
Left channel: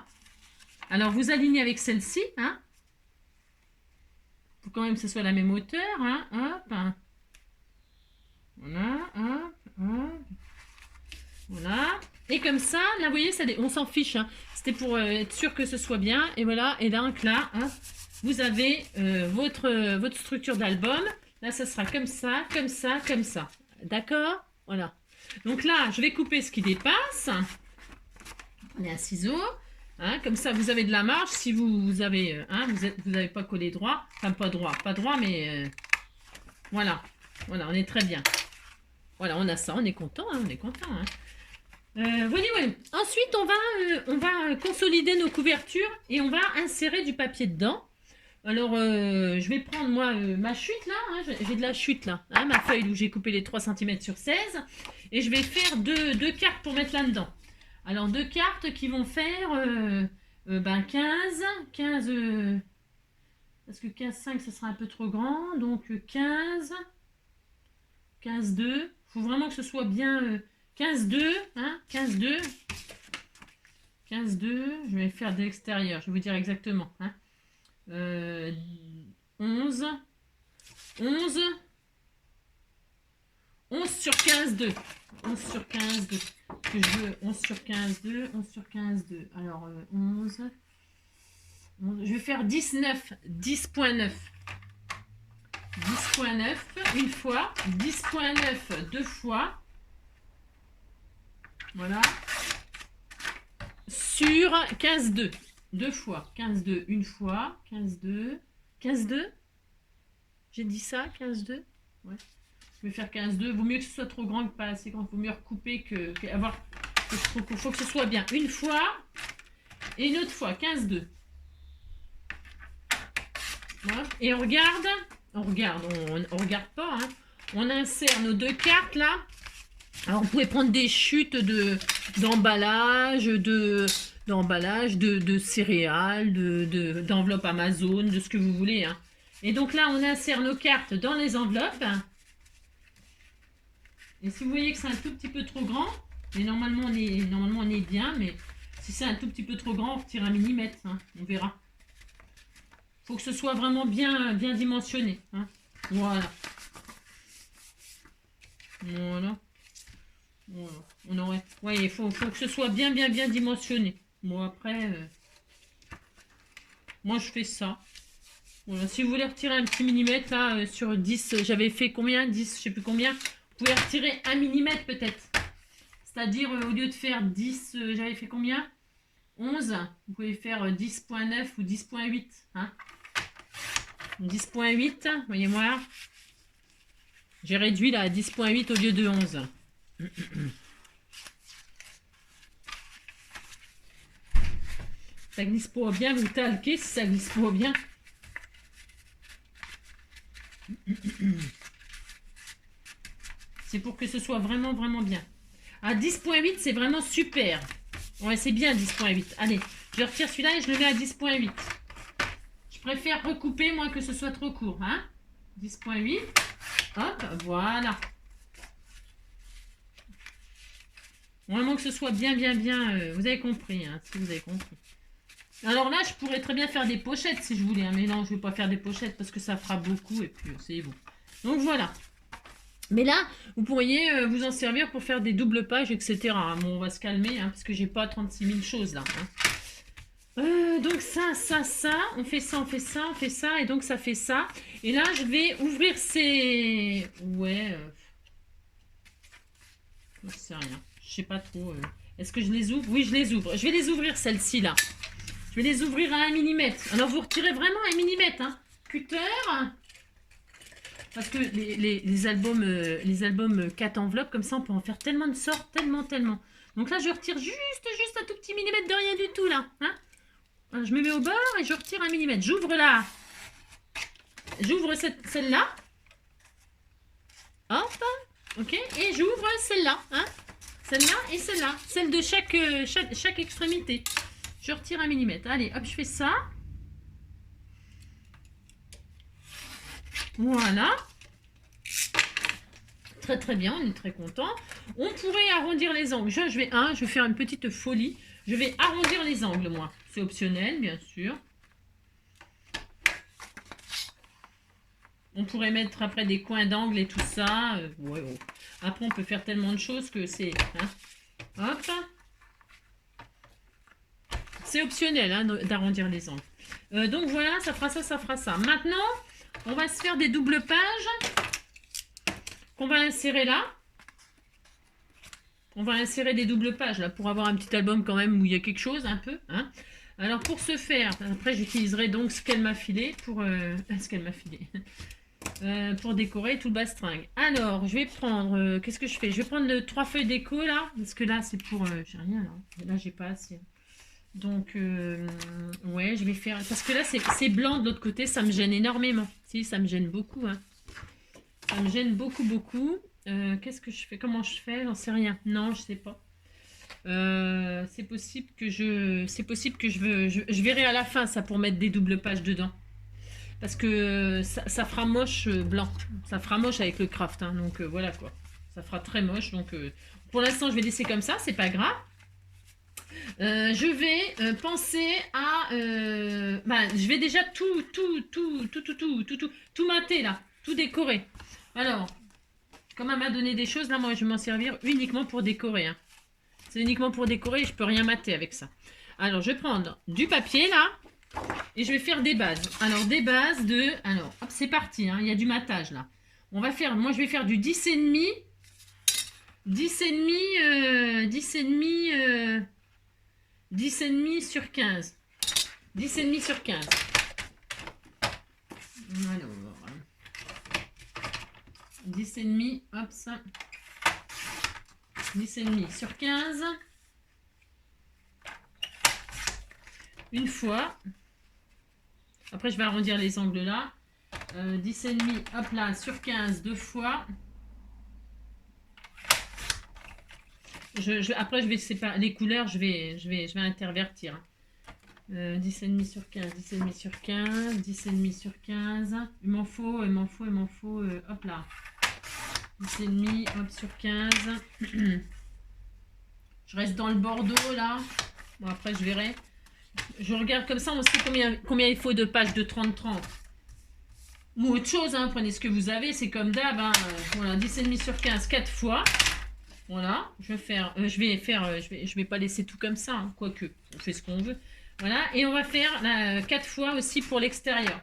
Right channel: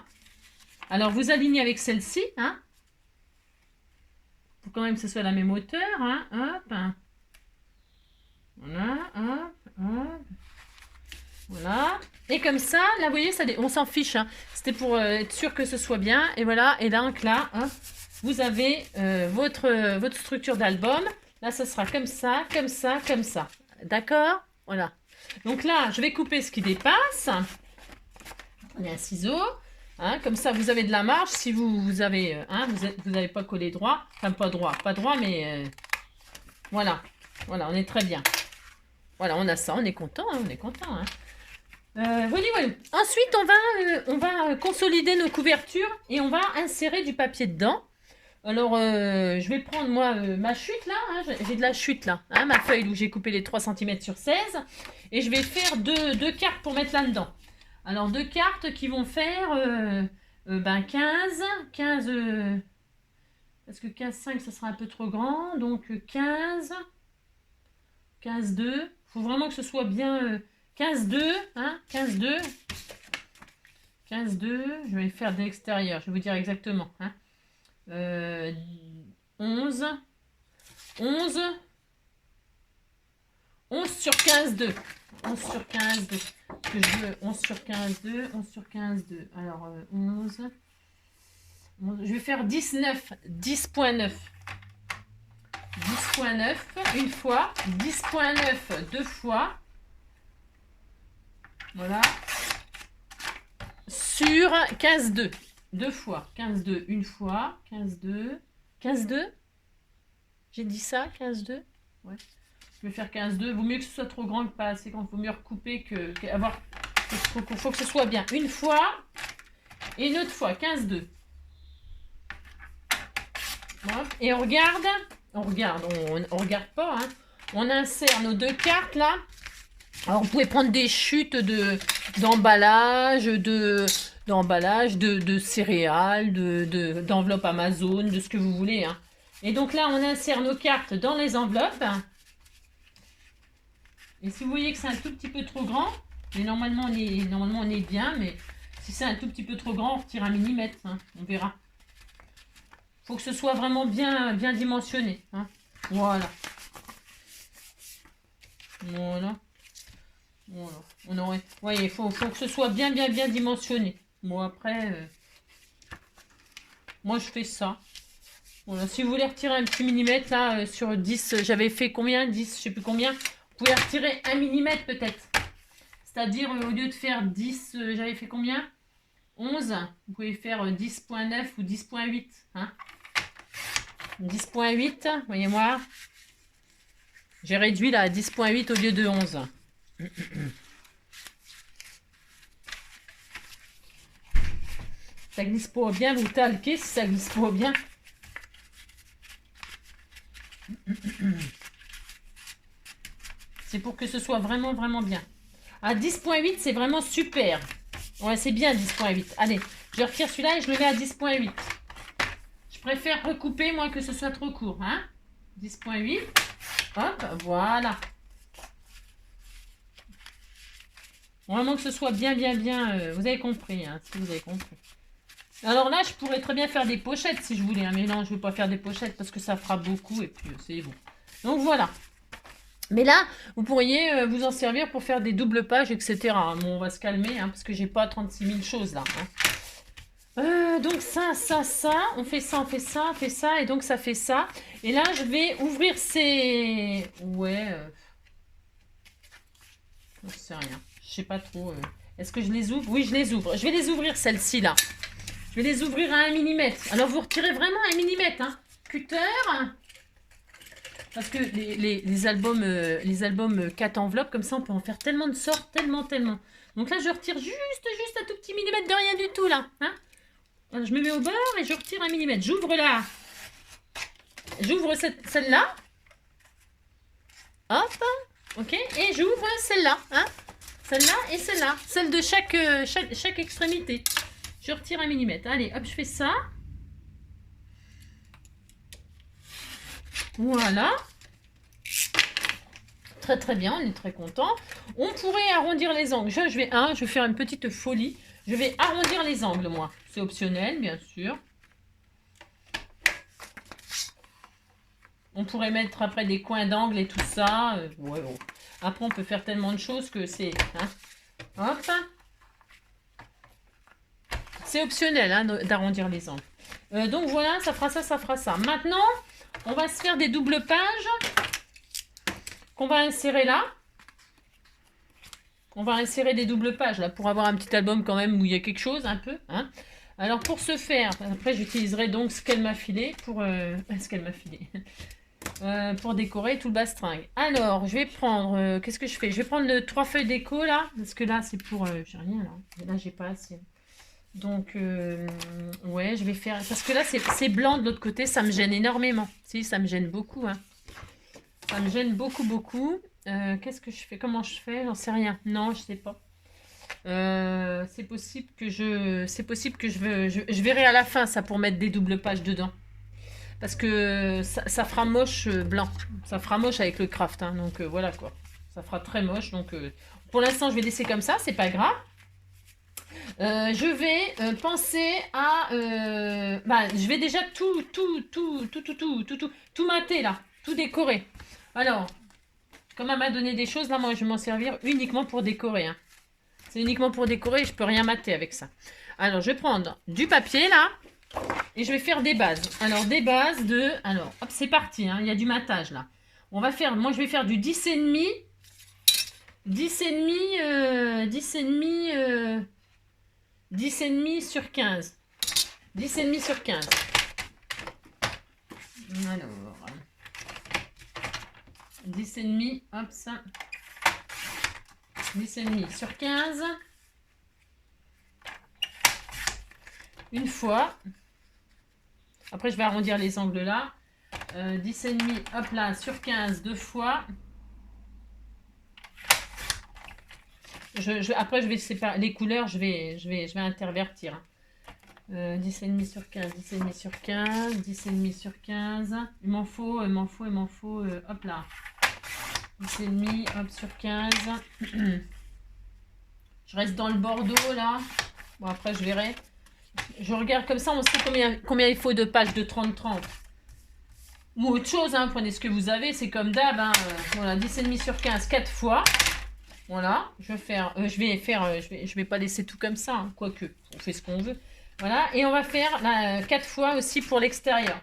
Alors, vous alignez avec celle-ci. Hein. Faut quand même que ce soit la même hauteur. Hein. Hop. Voilà. Hop. Voilà. Et comme ça, là, vous voyez, on s'en fiche. Hein. C'était pour être sûr que ce soit bien. Et voilà. Et donc là, hein, vous avez votre structure d'album. Là, ça sera comme ça, comme ça, comme ça. D'accord? Voilà. Donc là, je vais couper ce qui dépasse. Prenez un ciseau. Hein, comme ça, vous avez de la marge. Si vous avez, hein, vous n'avez pas collé droit. Enfin, pas droit, mais voilà. Voilà, on est très bien. Voilà, on a ça, on est content. Hein, on est content. Hein. Voilà. Ensuite, on va consolider nos couvertures et on va insérer du papier dedans. Alors, je vais prendre, moi, ma chute, là. Hein, j'ai de la chute, là. Hein, ma feuille où j'ai coupé les 3 cm sur 16. Et je vais faire deux cartes pour mettre là-dedans. Alors, deux cartes qui vont faire 15. 15 parce que 15,5, ça sera un peu trop grand. Donc, 15. 15,2. Il faut vraiment que ce soit bien 15,2. Hein, 15,2. 15,2. Je vais faire de l'extérieur. Je vais vous dire exactement. Hein. 11. 11. 11 sur 15,2. 11 sur 15,2. Que je veux 11 sur 15,2. 11 sur 15,2. Alors, 11. Je vais faire 19. 10,9. 10,9 une fois. 10,9 deux fois. Voilà. Sur 15,2. Deux fois. 15,2 une fois. 15,2. 15,2. J'ai dit ça, 15,2. Ouais. Je vais faire 15,2. Vaut mieux que ce soit trop grand que pas assez grand. Vaut mieux recouper qu'avoir. Il faut que ce soit bien. Une fois et une autre fois. 15,2. Voilà. Et on regarde. On regarde pas. Hein. On insère nos deux cartes là. Alors vous pouvez prendre des chutes d'emballage, de céréales, d'enveloppes Amazon, de ce que vous voulez. Hein. Et donc là, on insère nos cartes dans les enveloppes. Et si vous voyez que c'est un tout petit peu trop grand, mais normalement on est bien, mais si c'est un tout petit peu trop grand, on retire un millimètre. Hein, on verra. Il faut que ce soit vraiment bien dimensionné. Hein. Voilà. Voilà. Voilà. On aurait. Voyez, il faut que ce soit bien dimensionné. Bon, après, moi je fais ça. Voilà. Si vous voulez retirer un petit millimètre là sur 10, j'avais fait combien 10, je sais plus combien. Vous pouvez retirer 1 millimètre peut-être. C'est-à-dire au lieu de faire 10, j'avais fait combien 11, vous pouvez faire 10,9 ou 10,8. Hein 10,8, voyez-moi. J'ai réduit là à 10,8 au lieu de 11. Ça glisse pas bien, vous talquez si ça glisse pas bien. C'est pour que ce soit vraiment bien. À 10,8, c'est vraiment super. Ouais, c'est bien 10,8. Allez, je retire celui-là et je le mets à 10,8. Je préfère recouper, moi, que ce soit trop court. Hein 10,8. Hop, voilà. Vraiment que ce soit bien. Vous avez compris, hein, si vous avez compris. Alors là, je pourrais très bien faire des pochettes si je voulais. Hein, mais non, je ne vais pas faire des pochettes parce que ça fera beaucoup et puis c'est bon. Donc voilà. Mais là, vous pourriez vous en servir pour faire des doubles pages, etc. Bon, on va se calmer hein, parce que j'ai pas 36 000 choses là. Hein. Donc ça. On fait ça. Et donc ça fait ça. Et là, je vais ouvrir ces... Ouais. Je sais rien. Je sais pas trop. Est-ce que je les ouvre? Oui, je les ouvre. Je vais les ouvrir celles-ci là. Je vais les ouvrir à 1 mm. Alors vous retirez vraiment 1 mm. Hein. Cutter. Parce que les albums 4 enveloppes, comme ça, on peut en faire tellement de sortes, tellement. Donc là, je retire juste un tout petit millimètre de rien du tout, là. Hein je me mets au bord et je retire 1 mm. J'ouvre là. J'ouvre celle-là. Hop. Ok. Et j'ouvre celle-là. Hein celle-là et celle-là. Celle de chaque extrémité. Je retire 1 mm. Allez, hop, je fais ça. Voilà. Très bien, on est très content. On pourrait arrondir les angles. Je vais faire une petite folie. Je vais arrondir les angles, moi. C'est optionnel, bien sûr. On pourrait mettre après des coins d'angle et tout ça. Ouais, bon. Après, on peut faire tellement de choses que c'est... Hein. Hop. C'est optionnel hein, d'arrondir les angles. Donc voilà, ça fera ça. Maintenant, on va se faire des doubles pages qu'on va insérer là. On va insérer des doubles pages là pour avoir un petit album quand même où il y a quelque chose un peu. Hein. Alors pour ce faire, après j'utiliserai donc ce qu'elle m'a filé pour pour décorer tout le bastringue. Alors je vais prendre, qu'est-ce que je fais? Je vais prendre 3 feuilles déco là, parce que là c'est pour, j'ai rien là. Là j'ai pas assez. Donc, ouais, je vais faire... Parce que là, c'est blanc de l'autre côté, ça me gêne énormément. Si, ça me gêne beaucoup, hein. Ça me gêne beaucoup, beaucoup. Qu'est-ce que je fais? Comment je fais? J'en sais rien. Non, je sais pas. C'est possible que je verrai à la fin ça pour mettre des doubles pages dedans. Parce que ça fera moche blanc. Ça fera moche avec le craft, hein. Donc voilà quoi. Ça fera très moche. Donc pour l'instant, je vais laisser comme ça, c'est pas grave. Je vais penser à... je vais déjà tout mater là. Tout décorer. Alors, comme elle m'a donné des choses, là, moi, je vais m'en servir uniquement pour décorer, hein. C'est uniquement pour décorer, je peux rien mater avec ça. Alors, je vais prendre du papier, là, et je vais faire des bases. Alors, des bases de... Alors, hop, c'est parti, hein, il y a du matage, là. On va faire... Moi, je vais faire du 10,5. 10,5 sur 15. 10,5 sur 15. Alors... 10,5, hop, ça. 10,5 sur 15. Une fois. Après, je vais arrondir les angles là. 10,5, hop là, sur 15, deux fois. Après, je vais séparer les couleurs, je vais intervertir. 10,5 sur 15, 10,5 sur 15, 10,5 sur 15. Il m'en faut, hop là. 10,5, hop, sur 15. Je reste dans le bordeaux là. Bon, après, je verrai. Je regarde comme ça, on sait combien il faut de pages de 30-30. Ou autre chose, hein, prenez ce que vous avez, c'est comme d'hab. Hein, voilà, 10,5 sur 15, 4 fois. Voilà, je vais pas laisser tout comme ça, hein, quoique, on fait ce qu'on veut. Voilà, et on va faire 4 fois aussi pour l'extérieur.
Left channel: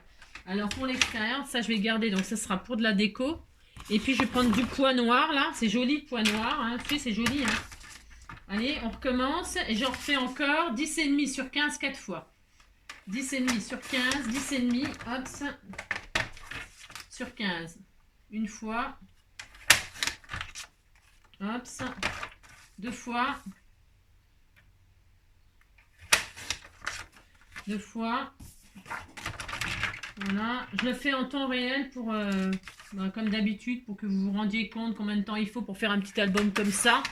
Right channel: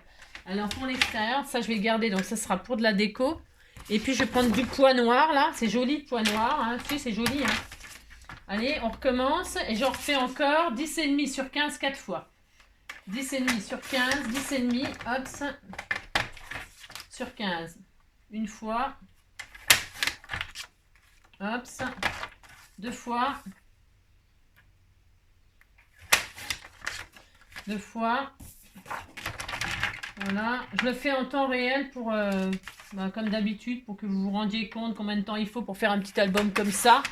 Alors pour l'extérieur, ça je vais le garder, donc ça sera pour de la déco. Et puis je vais prendre du poids noir là, c'est joli le poids noir, hein. Si, c'est joli. Hein. Allez, on recommence et je refais encore 10,5 sur 15, 4 fois. 10,5 sur 15, 10,5, hop, sur 15. Une fois. Hop, deux fois. Deux fois. Voilà. Je le fais en temps réel pour, comme d'habitude, pour que vous vous rendiez compte combien de temps il faut pour faire un petit album comme ça.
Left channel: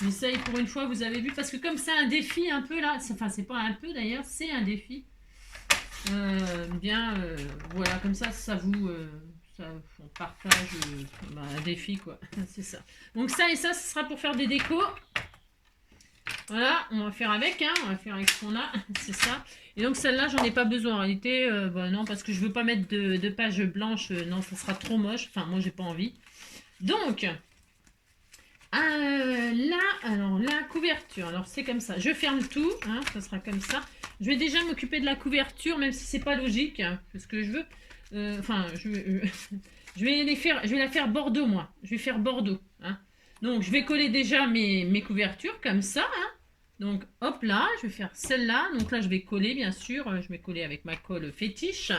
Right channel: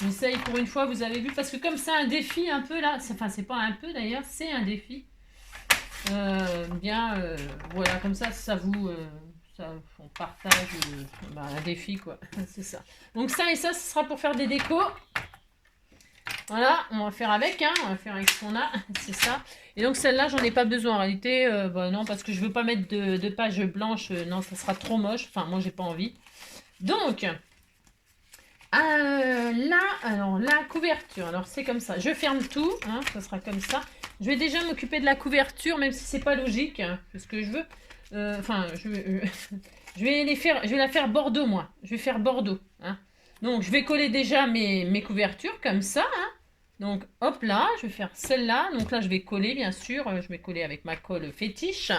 J'essaye pour une fois, vous avez vu, parce que comme c'est un défi un peu là, enfin c'est pas un peu d'ailleurs, c'est un défi. Voilà, comme ça vous... on partage un défi quoi, c'est ça. Donc ça et ça, ce sera pour faire des décos. Voilà, on va faire avec, hein, on va faire avec ce qu'on a, c'est ça. Et donc celle-là, j'en ai pas besoin en réalité, non, parce que je veux pas mettre de pages blanches, non, ça sera trop moche, enfin moi j'ai pas envie. Donc, là, alors la couverture, alors c'est comme ça, je ferme tout, hein, ça sera comme ça. Je vais déjà m'occuper de la couverture, même si c'est pas logique, hein, ce que je veux. Je vais la faire Bordeaux, moi. Je vais faire Bordeaux. Hein. Donc, je vais coller déjà mes couvertures comme ça. Hein. Donc, hop là, je vais faire celle-là. Donc là, je vais coller, bien sûr. Je vais coller avec ma colle fétiche.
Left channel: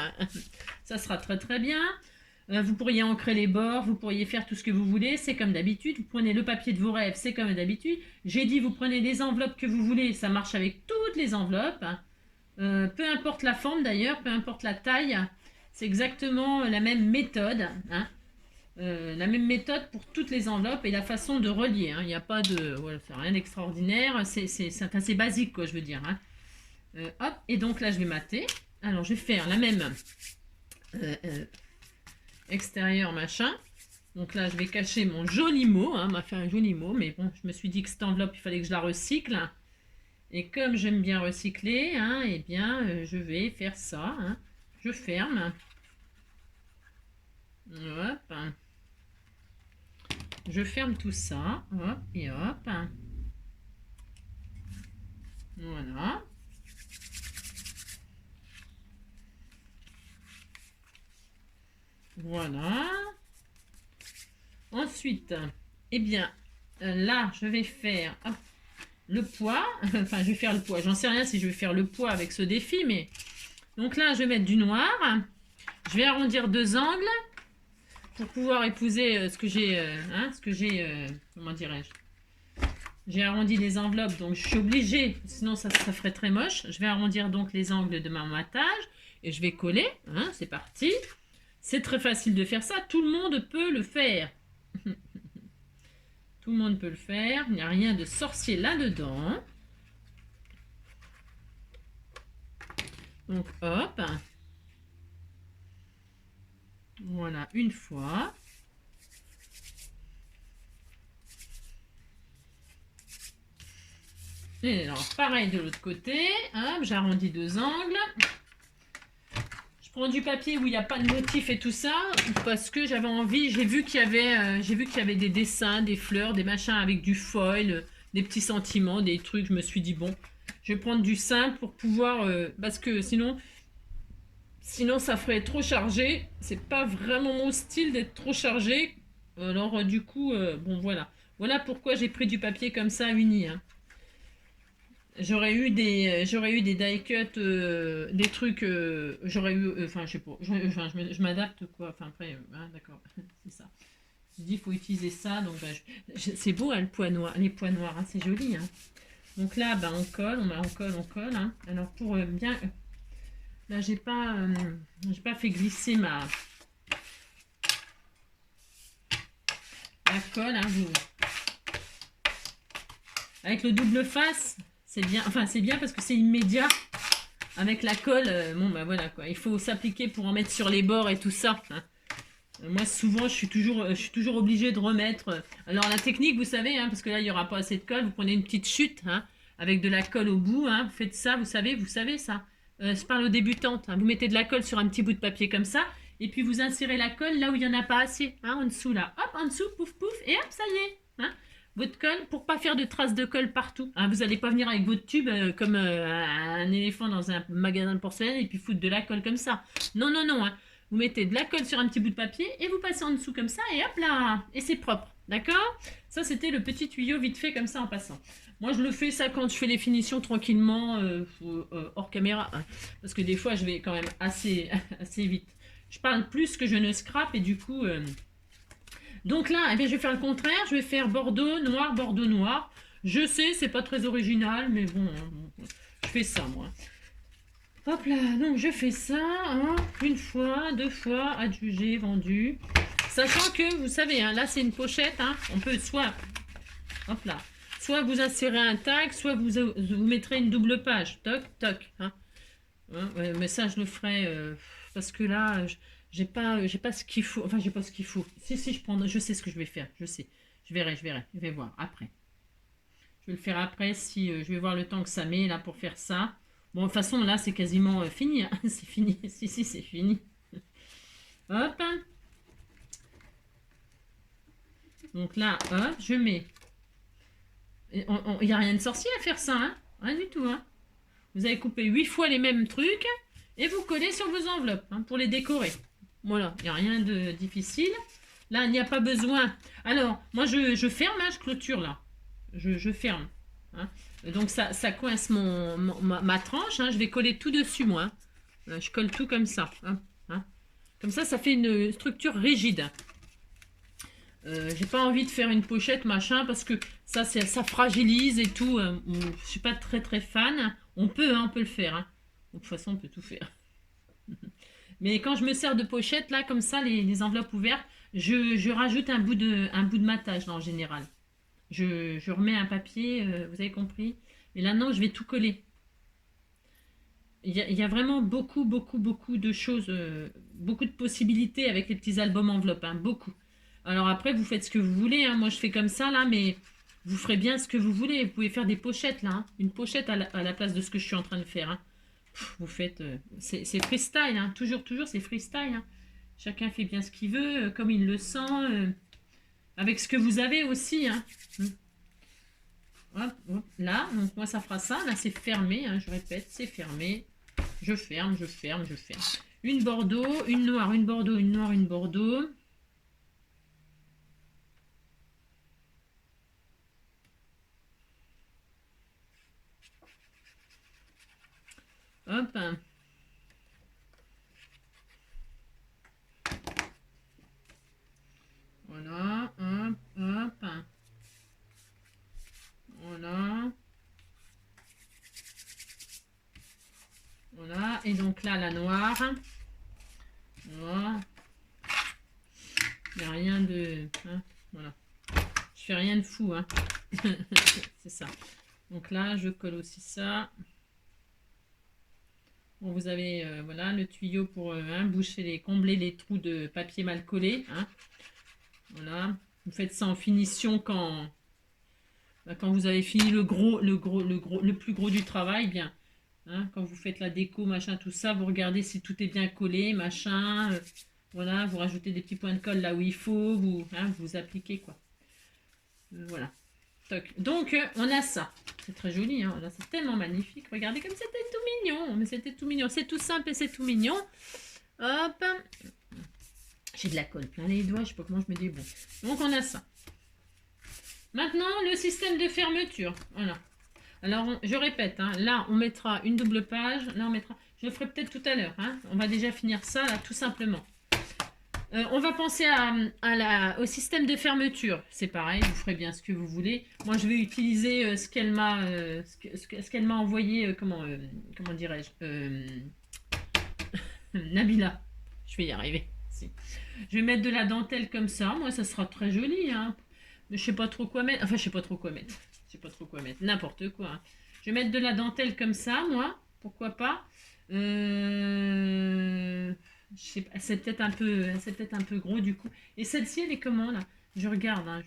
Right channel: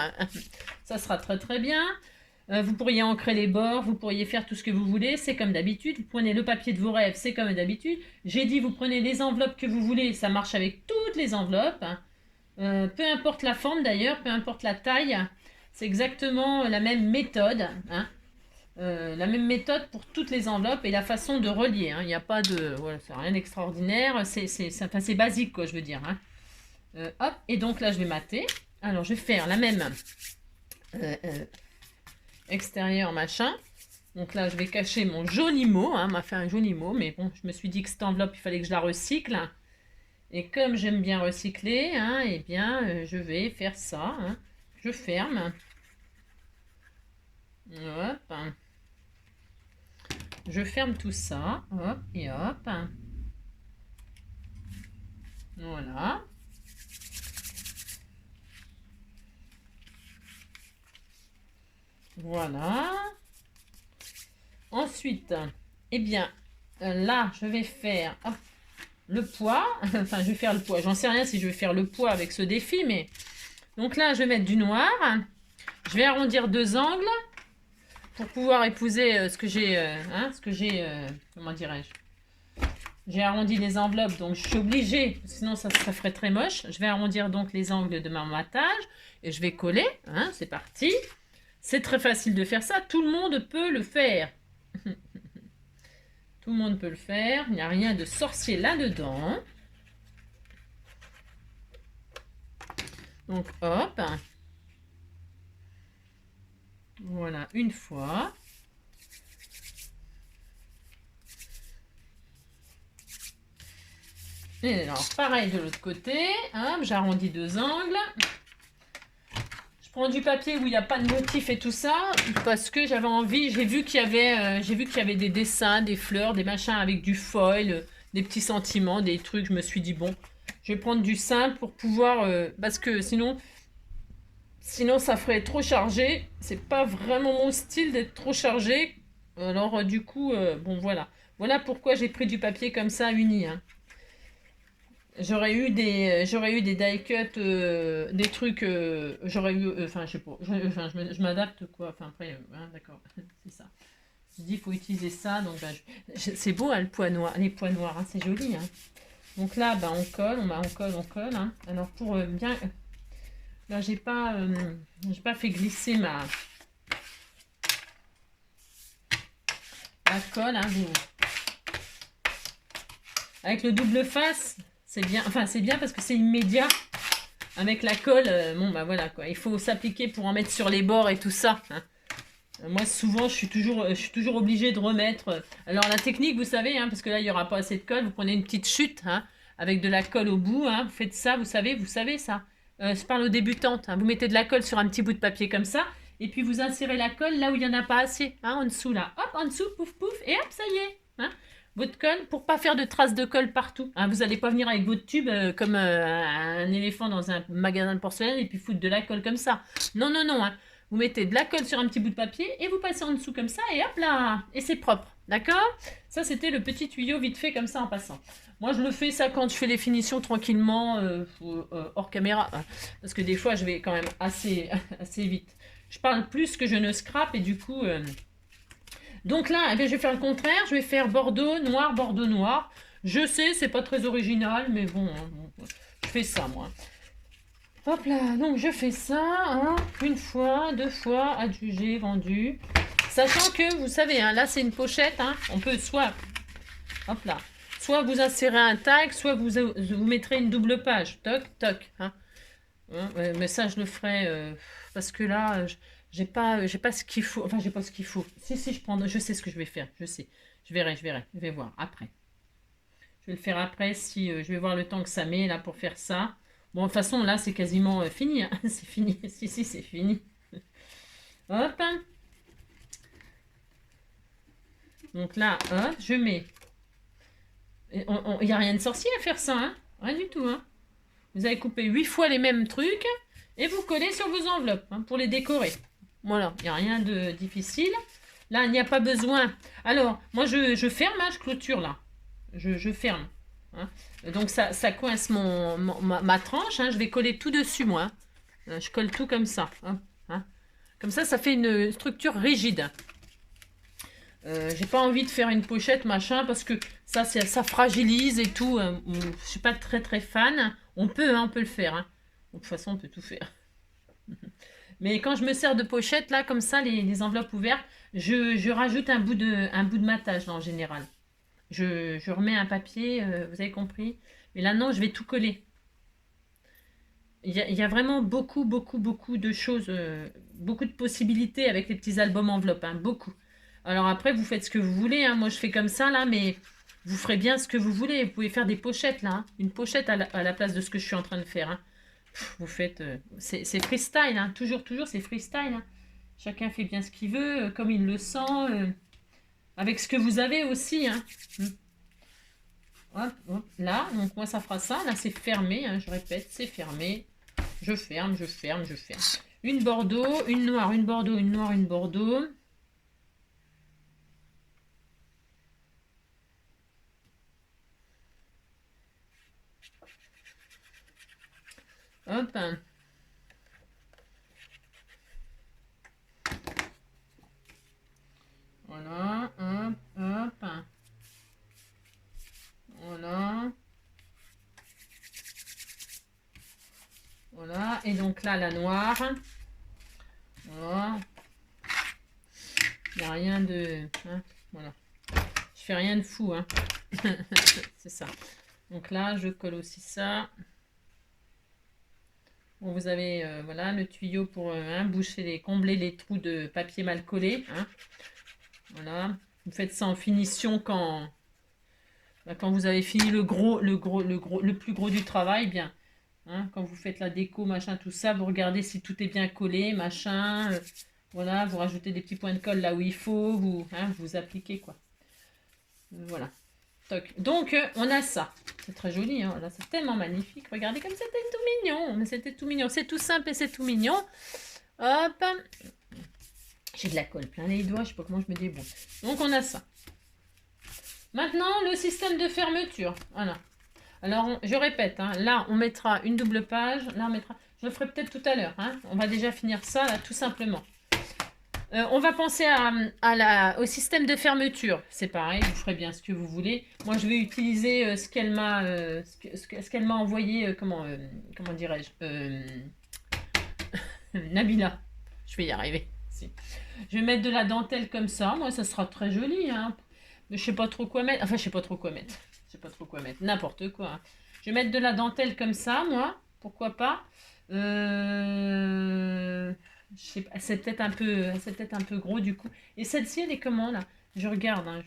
Ça sera très, très bien. Vous pourriez ancrer les bords. Vous pourriez faire tout ce que vous voulez. C'est comme d'habitude. Vous prenez le papier de vos rêves. C'est comme d'habitude. J'ai dit, vous prenez les enveloppes que vous voulez. Ça marche avec toutes les enveloppes. Hein. Peu importe la forme, d'ailleurs. Peu importe la taille. C'est exactement la même méthode, hein. La même méthode pour toutes les enveloppes et la façon de relier. Hein. Il n'y a pas de... Voilà, c'est rien d'extraordinaire, c'est basique, quoi, je veux dire. Hein. Hop, et donc là, je vais mater. Alors, je vais faire la même extérieur, machin. Donc là, je vais cacher mon joli mot. Hein, m'a fait un joli mot, mais bon, je me suis dit que cette enveloppe, il fallait que je la recycle. Et comme j'aime bien recycler, hein, eh bien, je vais faire ça, hein. Je ferme. Hop. Je ferme tout ça. Hop et hop. Voilà. Voilà. Ensuite, eh bien, là, je vais faire le poids. Enfin, je vais faire le poids. J'en sais rien si je vais faire le poids avec ce défi, mais... Donc là, je vais mettre du noir. Je vais arrondir deux angles pour pouvoir épouser ce que j'ai, comment dirais-je, J'ai arrondi les enveloppes, donc je suis obligée, sinon ça ferait très moche. Je vais arrondir donc les angles de ma matage et je vais coller. Hein, c'est parti. C'est très facile de faire ça, tout le monde peut le faire. Tout le monde peut le faire, il n'y a rien de sorcier là-dedans. Donc hop. Voilà, une fois. Et alors, pareil de l'autre côté. J'arrondis deux angles. Je prends du papier où il n'y a pas de motif et tout ça, parce que j'avais envie, j'ai vu qu'il y avait des dessins, des fleurs, des machins avec du foil, des petits sentiments, des trucs. Je me suis dit, bon, je vais prendre du simple pour pouvoir, parce que sinon ça ferait trop chargé. C'est pas vraiment mon style d'être trop chargé. Alors du coup, bon voilà. Voilà pourquoi j'ai pris du papier comme ça uni. Hein. J'aurais eu des die cut, des trucs, j'aurais eu, enfin je sais pas, je m'adapte quoi. Enfin après, hein, d'accord, c'est ça. Je dis il faut utiliser ça, donc bah, c'est beau hein, le poids noir, les poids noirs, hein, c'est joli. Hein. Donc là, bah, on colle, on colle. Hein. Alors pour bien, là j'ai pas fait glisser ma colle. Hein, avec le double face. C'est bien, enfin c'est bien parce que c'est immédiat. Avec la colle, bon bah voilà quoi. Il faut s'appliquer pour en mettre sur les bords et tout ça. Hein. Moi souvent je suis toujours obligée de remettre. Alors la technique vous savez, hein, parce que là il n'y aura pas assez de colle, vous prenez une petite chute hein, avec de la colle au bout. Hein, vous faites ça, vous savez ça. Je parle aux débutantes. Hein, vous mettez de la colle sur un petit bout de papier comme ça. Et puis vous insérez la colle là où il n'y en a pas assez. Hein, en dessous là. Hop, en dessous, pouf pouf. Et hop, ça y est. Hein. Votre colle pour pas faire de traces de colle partout. Hein, vous n'allez pas venir avec votre tube comme un éléphant dans un magasin de porcelaine et puis foutre de la colle comme ça. Non, non, non. Hein. Vous mettez de la colle sur un petit bout de papier et vous passez en dessous comme ça et hop là. Et c'est propre. D'accord? Ça, c'était le petit tuyau vite fait comme ça en passant. Moi, je le fais ça quand je fais les finitions tranquillement hors caméra. Hein, parce que des fois, je vais quand même assez vite. Je parle plus que je ne scrape et du coup... Donc là, eh bien, je vais faire le contraire. Je vais faire bordeaux, noir, bordeaux, noir. Je sais, c'est pas très original, mais bon, je fais ça, moi. Hop là, donc je fais ça, hein, une fois, deux fois, adjugé, vendu. Sachant que, vous savez, hein, là, c'est une pochette. Hein, on peut soit, hop là, soit vous insérez un tag, soit vous mettrez une double page. Toc, toc. Hein. Ouais, mais ça, je le ferai parce que là... j'ai pas ce qu'il faut. Enfin, j'ai pas ce qu'il faut. Si, je sais ce que je vais faire. Je sais. Je verrai. Je vais voir après. Je vais le faire après si je vais voir le temps que ça met là pour faire ça. Bon, de toute façon, là, c'est quasiment fini. Hein. C'est fini. Si, c'est fini. Hop. Donc là, hop, je mets. Il n'y a rien de sorcier à faire ça. Hein. Rien du tout. Hein. Vous avez coupé 8 fois les mêmes trucs et vous collez sur vos enveloppes hein, pour les décorer. Voilà, il n'y a rien de difficile. Là, il n'y a pas besoin. Alors, moi, je ferme, hein, je clôture là. Je ferme. Hein. Et donc, ça coince ma tranche. Hein, je vais coller tout dessus, moi. Je colle tout comme ça. Hein, hein. Comme ça fait une structure rigide. J'ai pas envie de faire une pochette, machin, parce que ça fragilise et tout. Je suis pas très fan. On peut le faire. Hein. De toute façon, on peut tout faire. Mais quand je me sers de pochette, là, comme ça, les enveloppes ouvertes, je rajoute un bout de matage, là, en général. Je remets un papier, vous avez compris. Mais là, non, je vais tout coller. Il y a vraiment beaucoup de choses, beaucoup de possibilités avec les petits albums enveloppes, hein, beaucoup. Alors après, vous faites ce que vous voulez. Hein. Moi, je fais comme ça, là, mais vous ferez bien ce que vous voulez. Vous pouvez faire des pochettes, là. Hein. Une pochette à la place de ce que je suis en train de faire. Hein. Vous faites... c'est freestyle, hein. Toujours, c'est freestyle. Hein. Chacun fait bien ce qu'il veut, comme il le sent, avec ce que vous avez aussi. Hein. Hop, hop, là, donc moi ça fera ça. Là, c'est fermé, hein, je répète, c'est fermé. Je ferme. Une bordeaux, une noire, une bordeaux, une noire, une bordeaux. Hop. Voilà, hop. et donc là, la noire. Voilà. Il n'y a rien de... Hein, voilà. Je fais rien de fou, hein. C'est ça. Donc là, je colle aussi ça. Bon, vous avez voilà, le tuyau pour boucher combler les trous de papier mal collé. Hein. Voilà. Vous faites ça en finition quand vous avez fini le plus gros du travail, bien. Hein, quand vous faites la déco, machin, tout ça, vous regardez si tout est bien collé, machin. Voilà, vous rajoutez des petits points de colle là où il faut, vous appliquez quoi. Voilà. Toc. Donc, on a ça. C'est très joli, hein. Là, c'est tellement magnifique. Regardez comme c'était tout mignon. Mais c'était tout mignon. C'est tout simple et c'est tout mignon. Hop. J'ai de la colle plein les doigts. Je sais pas comment je me débrouille. Donc, on a ça. Maintenant, le système de fermeture. Voilà. Alors, je répète. Hein, là, on mettra une double page. Là, on mettra... Je le ferai peut-être tout à l'heure. Hein. On va déjà finir ça, là, tout simplement. On va penser au système de fermeture. C'est pareil, vous ferez bien ce que vous voulez. Moi, je vais utiliser ce qu'elle m'a envoyé, comment dirais-je, Nabila. Je vais y arriver. Si. Je vais mettre de la dentelle comme ça. Moi, ça sera très joli. Hein. Mais je sais pas trop quoi mettre. Enfin, je sais pas trop quoi mettre. Je sais pas trop quoi mettre. N'importe quoi. Hein. Je vais mettre de la dentelle comme ça, moi. Pourquoi pas. C'est peut-être un peu gros du coup. Et celle-ci, elle est comment là? Je regarde, hein,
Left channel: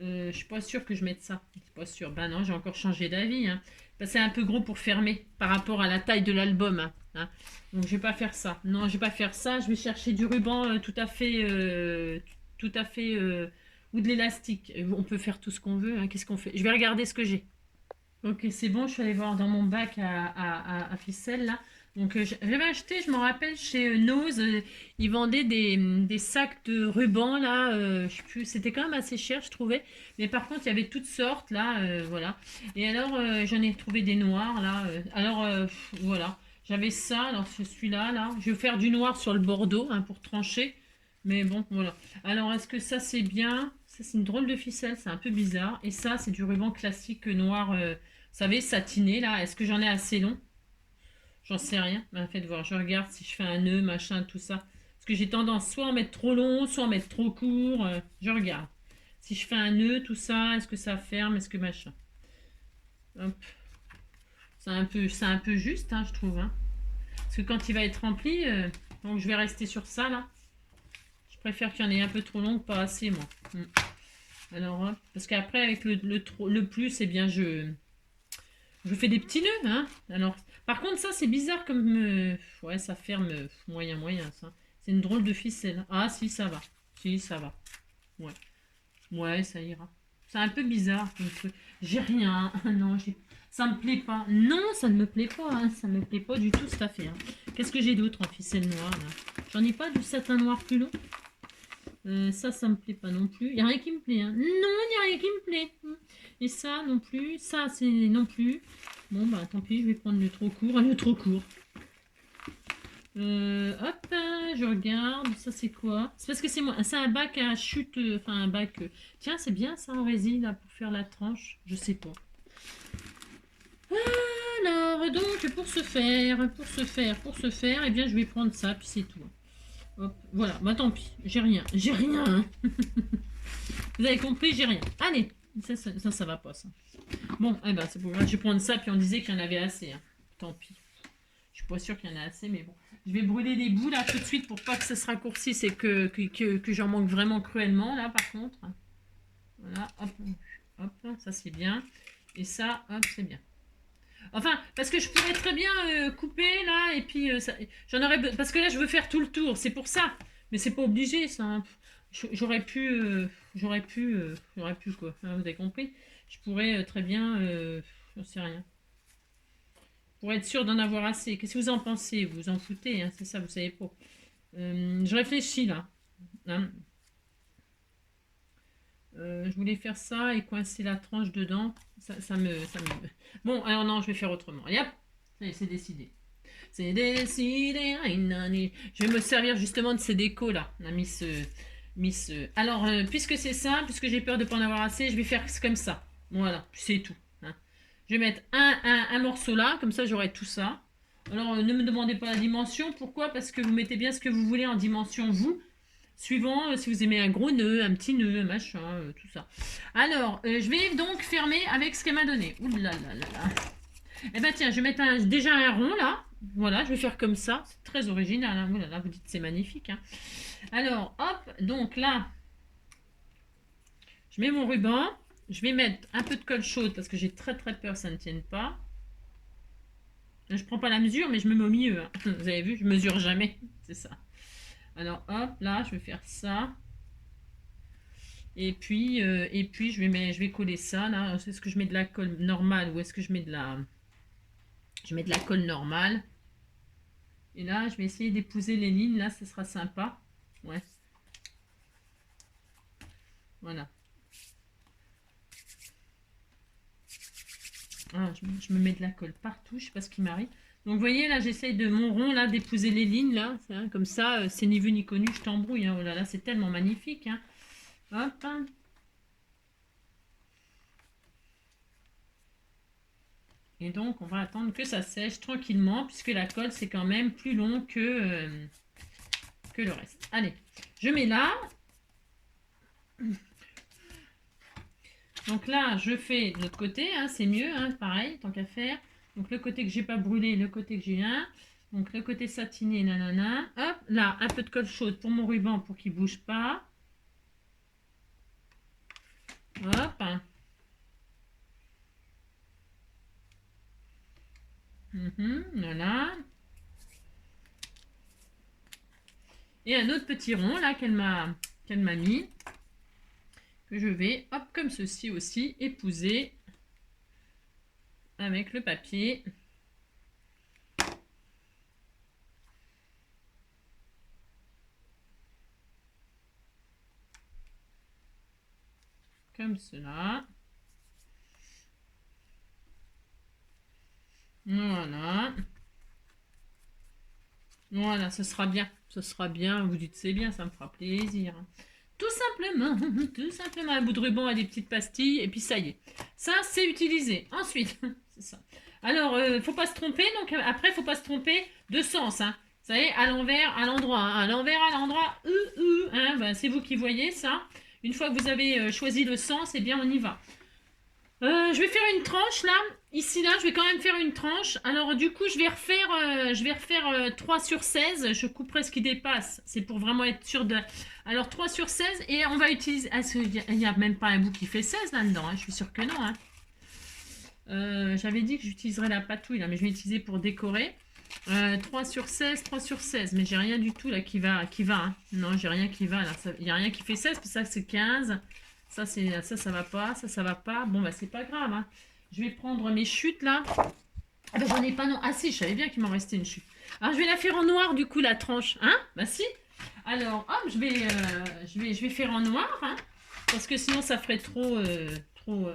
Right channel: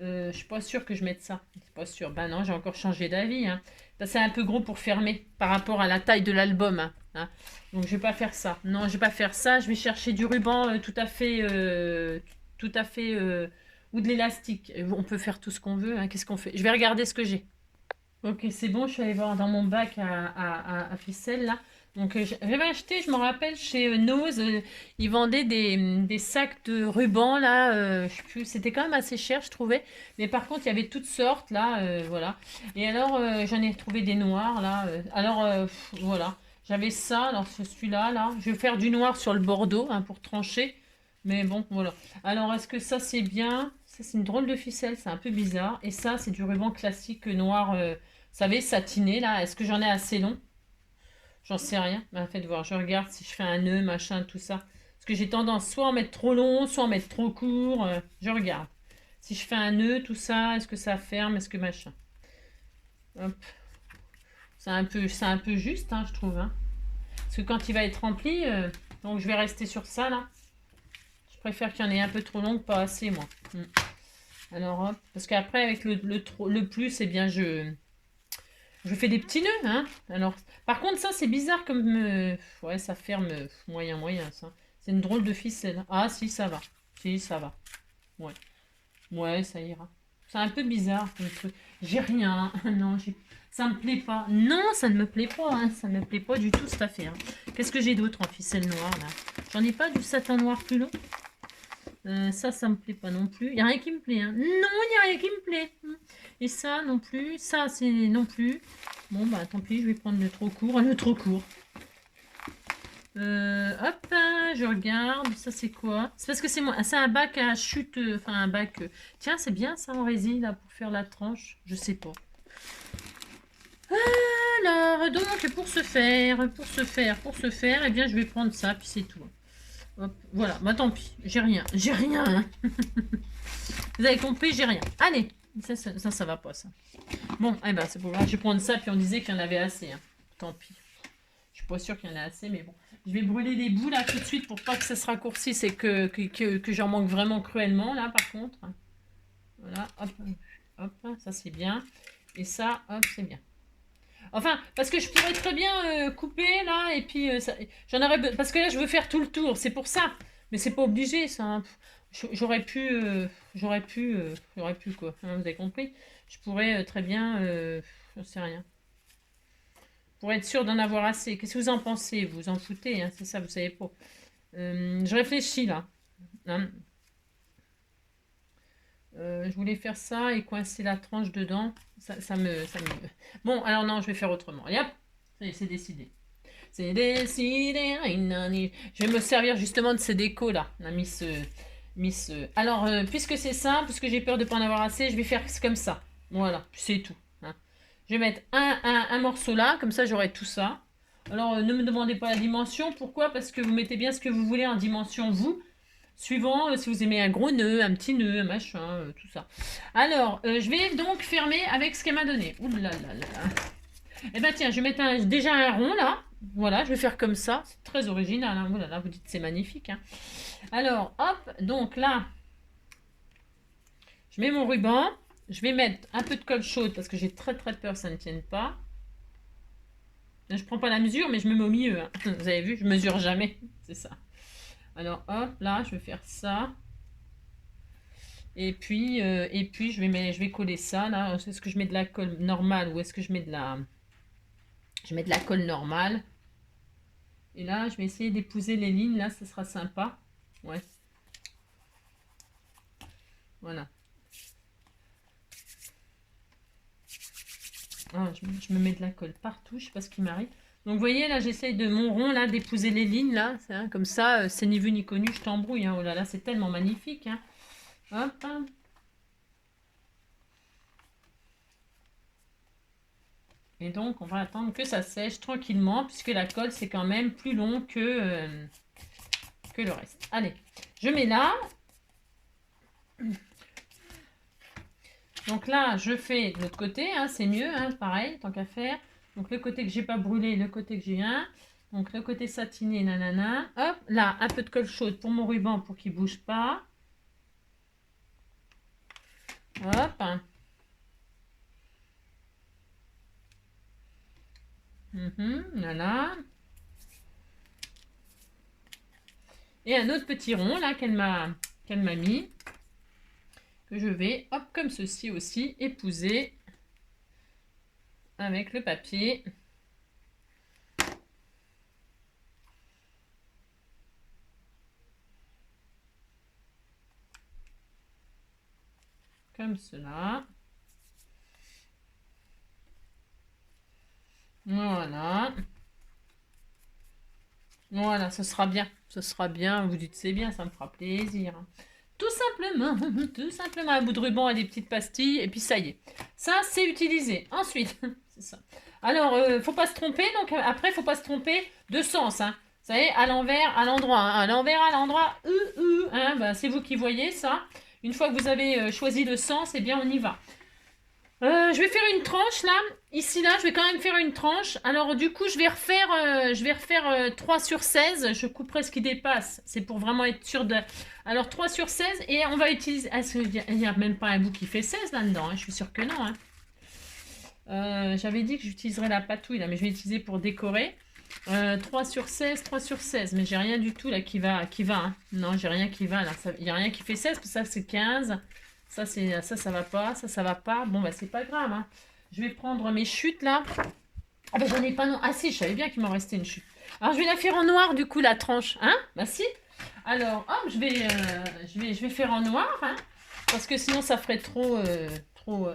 je suis pas sûre que je mette ça. Je suis pas sûre. Ben non, j'ai encore changé d'avis. Hein. C'est un peu gros pour fermer par rapport à la taille de l'album. Hein. Donc je vais pas faire ça. Non, je vais pas faire ça. Je vais chercher du ruban tout à fait, ou de l'élastique. On peut faire tout ce qu'on veut. Hein. Qu'est-ce qu'on fait? Je vais regarder ce que j'ai. Ok, c'est bon. Je suis allée voir dans mon bac à ficelle là. Donc j'avais acheté, je me rappelle, chez Nose, ils vendaient des sacs de ruban là, je sais plus, c'était quand même assez cher je trouvais, mais par contre il y avait toutes sortes là, voilà. Et alors j'en ai trouvé des noirs là, voilà, j'avais ça, alors celui-là là, je vais faire du noir sur le bordeaux hein, pour trancher, mais bon voilà. Alors est-ce que ça c'est bien? Ça c'est une drôle de ficelle, c'est un peu bizarre, et ça c'est du ruban classique noir, vous savez, satiné là, est-ce que j'en ai assez long? J'en sais rien. Ben, faites voir, je regarde si je fais un nœud, machin, tout ça. Parce que j'ai tendance soit à en mettre trop long, soit à en mettre trop court. Je regarde. Si je fais un nœud, tout ça, est-ce que ça ferme, est-ce que machin. Hop. C'est un peu juste, hein, je trouve. Hein. Parce que quand il va être rempli, donc je vais rester sur ça, là. Je préfère qu'il y en ait un peu trop long que pas assez, moi. Alors, hop. Parce qu'après, avec le plus, eh bien, je fais des petits nœuds, hein. Alors, par contre, ça, c'est bizarre comme... ouais, ça ferme moyen, ça. C'est une drôle de ficelle. Ah, si, ça va. Si, ça va. Ouais. Ouais, ça ira. C'est un peu bizarre, comme truc. J'ai rien. Non, ça me plaît pas. Non, ça ne me plaît pas. Hein. Ça me plaît pas du tout, cette affaire. Qu'est-ce que j'ai d'autre en ficelle noire, là? J'en ai pas du satin noir plus long. Ça me plaît pas non plus. Il n'y a rien qui me plaît. Hein. Non, il n'y a rien qui me plaît. Et ça non plus. Ça, c'est non plus. Bon, bah tant pis, je vais prendre le trop court. Le trop court. Hop, je regarde. Ça, c'est quoi? C'est parce que c'est un bac à chute. Enfin, un bac. Tiens, c'est bien ça en résine, là, pour faire la tranche. Je sais pas. Alors, donc, pour ce faire, eh bien, je vais prendre ça, puis c'est tout. Hop, voilà, bah tant pis, j'ai rien. Vous avez compris, j'ai rien. Allez, ça va pas, ça. Bon, eh ben, c'est pour voir, je vais prendre ça, puis on disait qu'il y en avait assez. Hein. Tant pis. Je suis pas sûre qu'il y en a assez, mais bon. Je vais brûler les bouts, là, tout de suite, pour pas que ça se raccourcisse et que j'en manque vraiment cruellement, là, par contre. Voilà, hop, hop, ça c'est bien. Et ça, hop, c'est bien. Enfin, parce que je pourrais très bien couper là, et puis j'en aurais... Parce que là, je veux faire tout le tour, c'est pour ça. Mais c'est pas obligé, ça. Hein. J'aurais pu quoi. Hein, vous avez compris? Je pourrais très bien... je sais rien. Pour être sûr d'en avoir assez. Qu'est-ce que vous en pensez? Vous en foutez, hein, c'est ça, vous savez pas. Je réfléchis là. Hein. Je voulais faire ça et coincer la tranche dedans. Ça me... Bon, alors non, je vais faire autrement. Allez hop, ça y est, c'est décidé. C'est décidé. Je vais me servir justement de ces décos là. La Miss. Alors, puisque c'est ça, puisque j'ai peur de ne pas en avoir assez, je vais faire comme ça. Voilà, c'est tout. Hein. Je vais mettre un morceau là, comme ça j'aurai tout ça. Alors, ne me demandez pas la dimension. Pourquoi? Parce que vous mettez bien ce que vous voulez en dimension, vous. Suivant si vous aimez un gros nœud, un petit nœud, un machin, tout ça. Alors, je vais donc fermer avec ce qu'elle m'a donné. Ouh là là là là. Eh ben tiens, je vais mettre déjà un rond là. Voilà, je vais faire comme ça. C'est très original. Hein. Oh là là, vous dites c'est magnifique. Hein. Alors, hop, donc là, je mets mon ruban. Je vais mettre un peu de colle chaude parce que j'ai très très peur que ça ne tienne pas. Là, je prends pas la mesure, mais je me mets au milieu. Hein. Vous avez vu, je mesure jamais. C'est ça. Alors, hop, là, je vais faire ça. Et puis je vais coller ça là. Est-ce que je mets de la colle normale ou est-ce que je mets de la... Je mets de la colle normale. Et là, je vais essayer d'épouser les lignes. Là, ce sera sympa. Ouais. Voilà. Ah, je me mets de la colle partout. Je sais pas ce qui m'arrive. Donc, vous voyez, là, j'essaye de mon rond, là, d'épouser les lignes, là. Hein, comme ça, c'est ni vu ni connu, je t'embrouille. Hein. Oh là là, c'est tellement magnifique. Hein. Hop. Et donc, on va attendre que ça sèche tranquillement, puisque la colle, c'est quand même plus long que le reste. Allez, je mets là. Donc là, je fais de l'autre côté, hein, c'est mieux, hein, pareil, tant qu'à faire. Donc le côté que j'ai pas brûlé, le côté que j'ai un. Donc le côté satiné, nanana. Hop, là, un peu de colle chaude pour mon ruban pour qu'il bouge pas. Hop. Voilà. Et un autre petit rond là qu'elle m'a mis. Que je vais, hop, comme ceci aussi, épouser avec le papier. Comme cela. Voilà. Voilà, ce sera bien. Ce sera bien. Vous dites c'est bien, ça me fera plaisir. Tout simplement un bout de ruban et des petites pastilles. Et puis ça y est. Ça, c'est utilisé. Ensuite, c'est ça. Alors, faut pas se tromper. Donc après, faut pas se tromper de sens. Hein. Vous savez, à l'envers, à l'endroit. Hein. À l'envers, à l'endroit. Hein. Ben, c'est vous qui voyez ça. Une fois que vous avez choisi le sens, eh bien, on y va. Je vais faire une tranche là. Ici là, je vais quand même faire une tranche. Alors du coup, je vais refaire 3 sur 16. Je couperai ce qui dépasse. C'est pour vraiment être sûr de... Alors 3 sur 16 et on va utiliser... Est-ce qu'il n'y a même pas un bout qui fait 16 là-dedans hein. Je suis sûre que non. Hein. J'avais dit que j'utiliserais la patouille là, mais je vais l'utiliser pour décorer. 3 sur 16, 3 sur 16. Mais j'ai rien du tout là qui va. Hein. Non, j'ai rien qui va là. Il n'y a rien qui fait 16, parce que ça c'est 15. Ça va pas, ça va pas. Bon, bah, c'est pas grave. Hein. Je vais prendre mes chutes, là. Ah, bah, j'en ai pas, non. Ah, si, je savais bien qu'il m'en restait une chute. Alors, je vais la faire en noir, du coup, la tranche. Hein? Bah, si. Alors, hop, je vais faire en noir, hein, parce que sinon, ça ferait trop...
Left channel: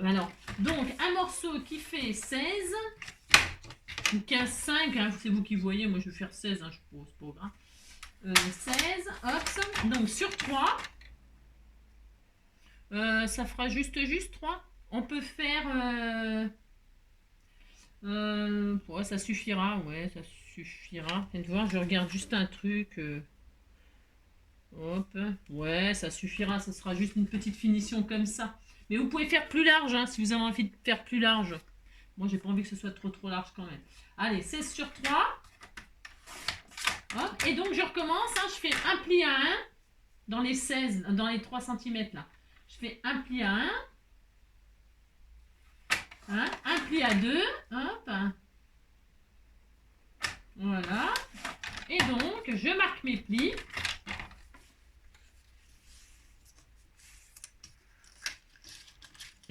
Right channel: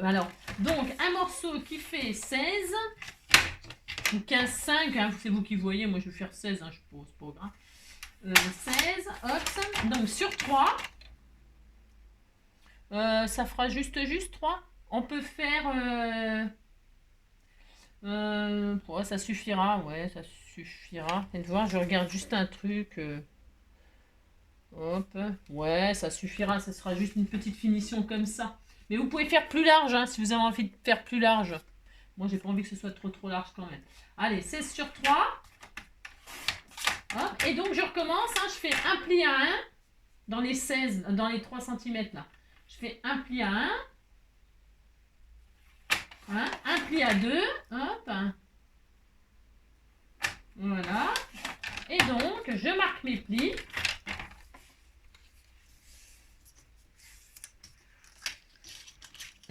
Alors, donc, un morceau qui fait 16, ou 15, 5, hein, c'est vous qui voyez. Moi, je vais faire 16, hein, je suppose, pas grave. 16, hop. Donc, sur 3... ça fera juste 3. On peut faire... ouais, ça suffira. Ouais, ça suffira. Et de voir, je regarde juste un truc. Hop. Ouais, ça suffira. Ça sera juste une petite finition comme ça. Mais vous pouvez faire plus large, hein, si vous avez envie de faire plus large. Moi, j'ai pas envie que ce soit trop large quand même. Allez, 16 sur 3. Hop. Et donc, je recommence. Hein, je fais un pli à 1 dans les 16, dans les 3 cm là. Je fais un pli à 1, hein, un pli à 2, hop, voilà, et donc je marque mes plis,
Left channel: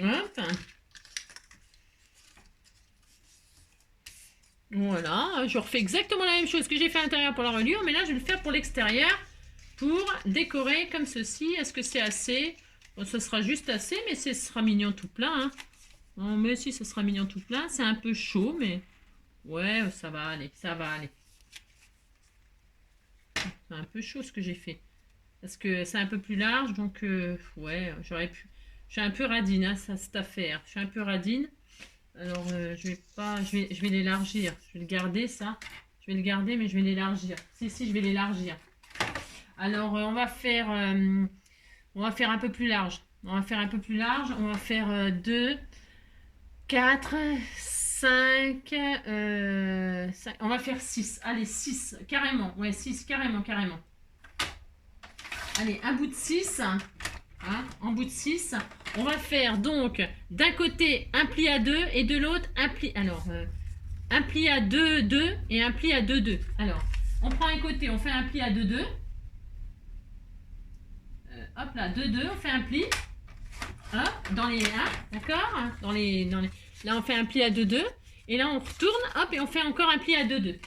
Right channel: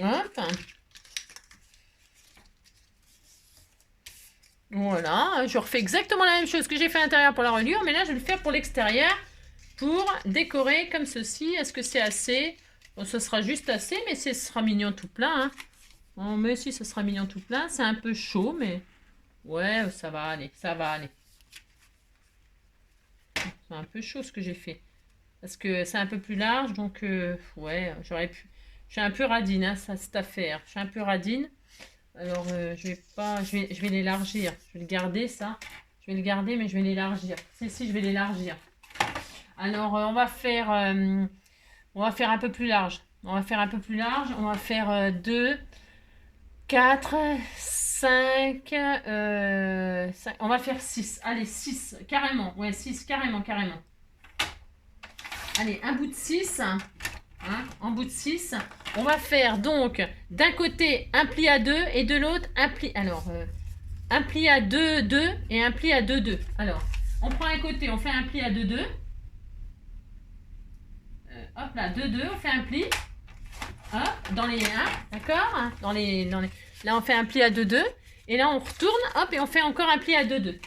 hop, voilà, je refais exactement la même chose que j'ai fait à l'intérieur pour la reliure, mais là je vais le faire pour l'extérieur, pour décorer comme ceci. Est-ce que c'est assez? Bon, ce sera juste assez, mais ce sera mignon tout plein, hein. Bon, mais si, ce sera mignon tout plein. C'est un peu chaud, mais... Ouais, ça va aller, ça va aller. C'est un peu chaud ce que j'ai fait. Parce que c'est un peu plus large, donc... ouais, j'aurais pu... Je suis un peu radine, hein, ça, cette affaire. Je suis un peu radine. Alors, je vais l'élargir. Je vais le garder, ça. Je vais le garder, mais je vais l'élargir. Si, je vais l'élargir. Alors, on va faire un peu plus large. On va faire un peu plus large. On va faire 2, 4, 5, on va faire 6. Allez, 6, carrément. Ouais, 6, carrément. Allez, un bout de 6. Hein, en bout de 6. On va faire donc d'un côté un pli à 2 et de l'autre un pli. Alors, un pli à 2, 2 et un pli à 2, 2. Alors, on prend un côté, on fait un pli à 2, 2. Hop là, 2, 2, on fait un pli. Hop, dans les 1, d'accord, dans les, là, on fait un pli à 2, 2. Et là, on retourne, hop, et on fait encore un pli à 2, 2.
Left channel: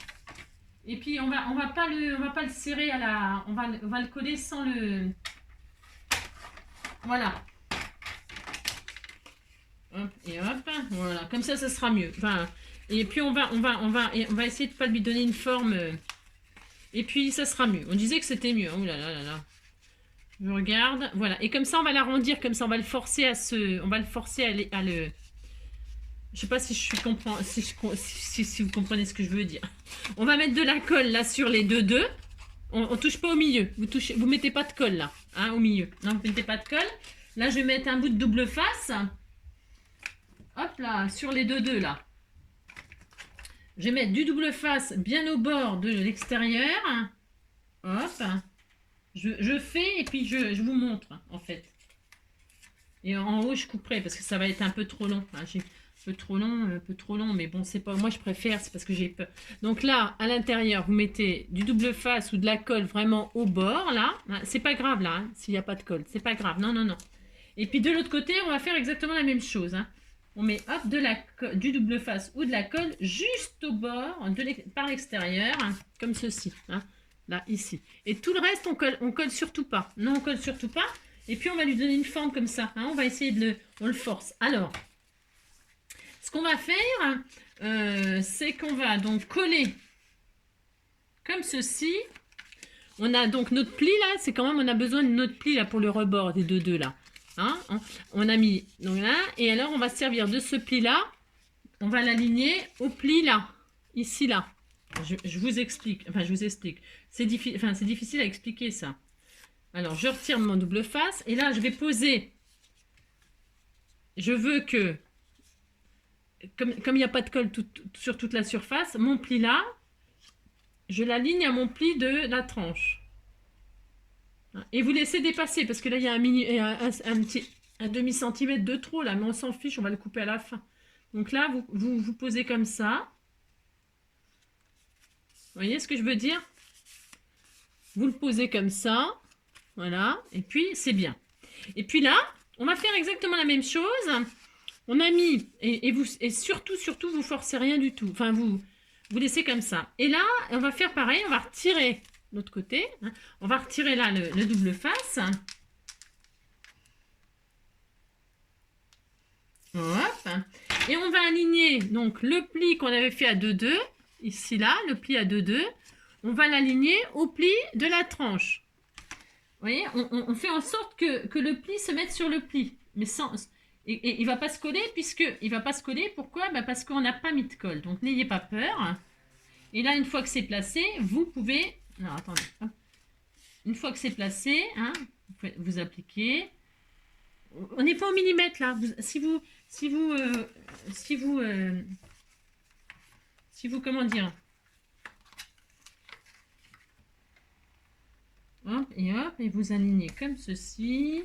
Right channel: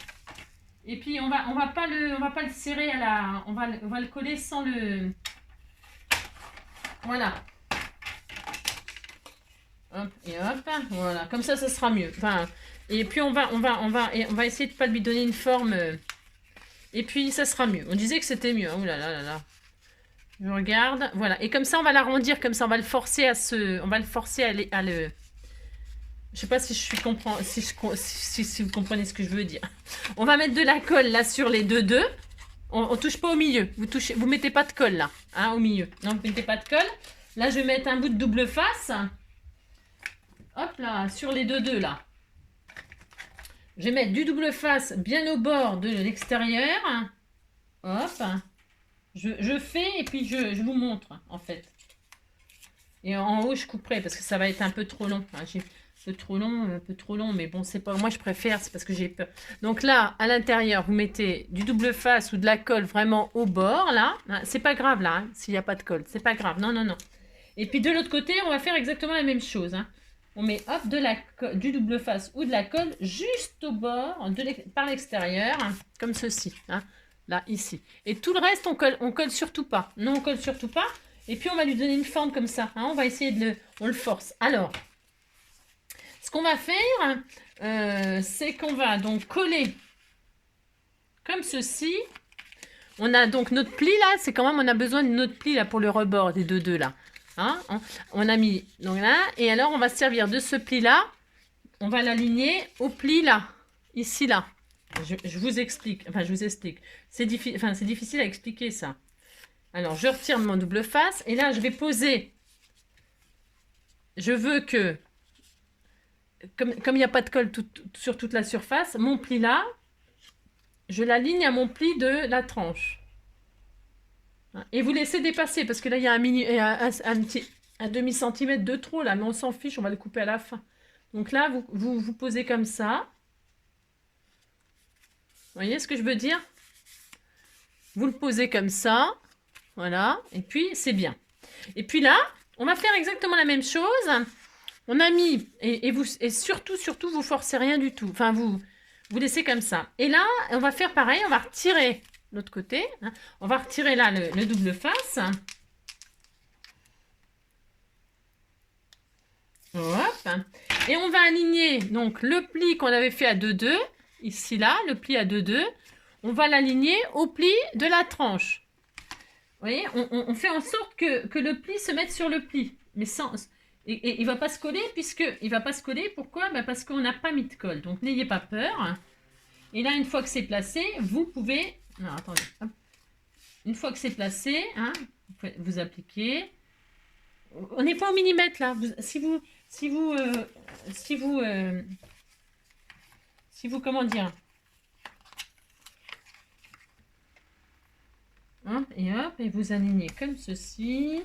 Et puis, on va pas le serrer à la... On va le coller sans le... Voilà. Hop, et hop, voilà. Comme ça sera mieux. Enfin, et puis, on va essayer de ne pas lui donner une forme... Et puis, ça sera mieux. On disait que c'était mieux. Oh là là là là. Je regarde, voilà. Et comme ça, on va l'arrondir, comme ça, on va le forcer à se... On va le forcer à le... Je sais pas si si vous comprenez ce que je veux dire. On va mettre de la colle là sur les 2, 2. On touche pas au milieu. Vous mettez pas de colle là, hein, au milieu. Non, vous mettez pas de colle. Là, je vais mettre un bout de double face. Hop là, sur les 2, 2 là. Je vais mettre du double face bien au bord de l'extérieur. Hop. Je fais et puis je vous montre en fait. Et en haut, je couperai parce que ça va être un peu trop long. Hein, un peu trop long, mais bon, c'est pas. Moi, je préfère, c'est parce que j'ai peur. Donc là, à l'intérieur, vous mettez du double face ou de la colle vraiment au bord, là. C'est pas grave, là, hein, s'il n'y a pas de colle. C'est pas grave, non, non, non. Et puis de l'autre côté, on va faire exactement la même chose. Hein. On met, hop, du double face ou de la colle juste au bord, par l'extérieur, hein, comme ceci. Hein, là, ici. Et tout le reste, on colle surtout pas. Non, on colle surtout pas. Et puis, on va lui donner une forme comme ça. Hein, on va essayer on le force. Alors... Ce qu'on va faire, c'est qu'on va donc coller comme ceci. On a donc notre pli là, c'est quand même, on a besoin de notre pli là pour le rebord des 2, 2 là. Hein, on a mis donc là, et alors on va se servir de ce pli là. On va l'aligner au pli là, ici là. Je vous explique, enfin je vous explique. C'est difficile à expliquer ça. Alors je retire mon double face et là je vais poser. Je veux que comme il n'y a pas de colle sur toute la surface, mon pli là, je l'aligne à mon pli de la tranche. Et vous laissez dépasser, parce que là, il y a un demi-centimètre de trop, là, mais on s'en fiche, on va le couper à la fin. Donc là, vous posez comme ça. Vous voyez ce que je veux dire? Vous le posez comme ça. Voilà. Et puis, c'est bien. Et puis là, on va faire exactement la même chose. On a mis, et surtout, vous forcez rien du tout. Enfin, vous laissez comme ça. Et là, on va faire pareil, on va retirer l'autre côté. Hein. On va retirer là le double face. Hop. Et on va aligner donc le pli qu'on avait fait à 2, 2. Ici, là, le pli à 2, 2. On va l'aligner au pli de la tranche. Vous voyez, on fait en sorte que le pli se mette sur le pli. Mais sans... Et il ne va pas se coller, il va pas se coller. Pourquoi? Parce qu'on n'a pas mis de colle. Donc, n'ayez pas peur. Et là, une fois que c'est placé, vous pouvez... Alors, attendez. Hop. Une fois que c'est placé, hein, vous appliquez. On n'est pas au millimètre, là. Si vous, comment dire? Hop, et vous alignez comme ceci.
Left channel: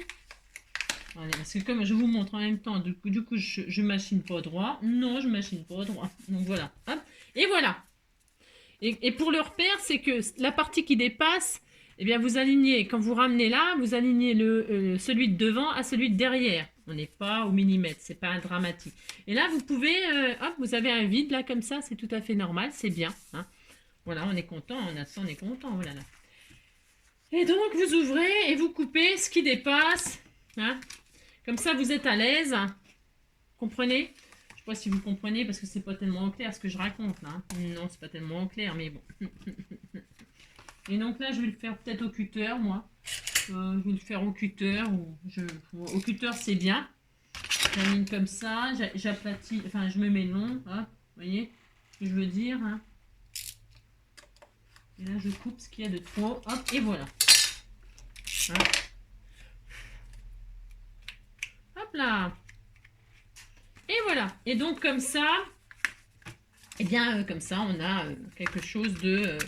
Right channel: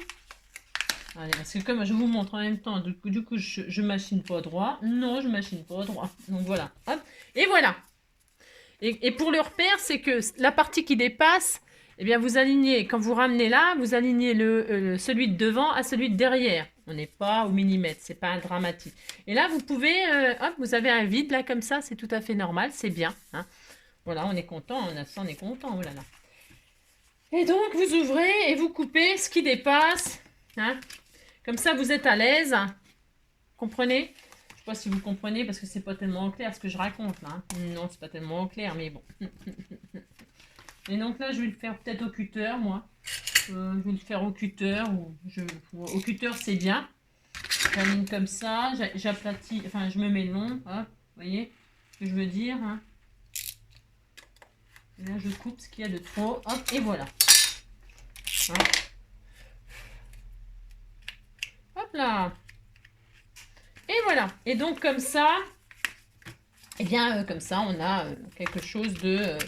Allez, parce que comme je vous montre en même temps, du coup je machine pas droit. Non, je machine pas droit. Donc voilà. Hop. Et voilà. Et pour le repère, c'est que la partie qui dépasse, eh bien vous alignez, quand vous ramenez là, vous alignez celui de devant à celui de derrière. On n'est pas au millimètre, c'est pas un dramatique. Et là, vous pouvez, hop, vous avez un vide là comme ça, c'est tout à fait normal, c'est bien. Hein. Voilà, on est content, on est content. Oh là là. Et donc, vous ouvrez et vous coupez ce qui dépasse. Hein. Comme ça, vous êtes à l'aise. Comprenez? Je ne sais pas si vous comprenez parce que c'est pas tellement clair ce que je raconte là. Hein. Non, c'est pas tellement clair, mais bon. Et donc là, je vais le faire peut-être au cutter, moi. Je vais le faire au cutter. Au cutter, c'est bien. J'aligne comme ça. J'aplatis. Enfin, je me mets long. Hein, vous voyez ce que je veux dire hein. Et là, je coupe ce qu'il y a de trop. Hop, et voilà. Hein. Hop là. Et voilà. Et donc, comme ça, eh bien, comme ça, on a quelque chose de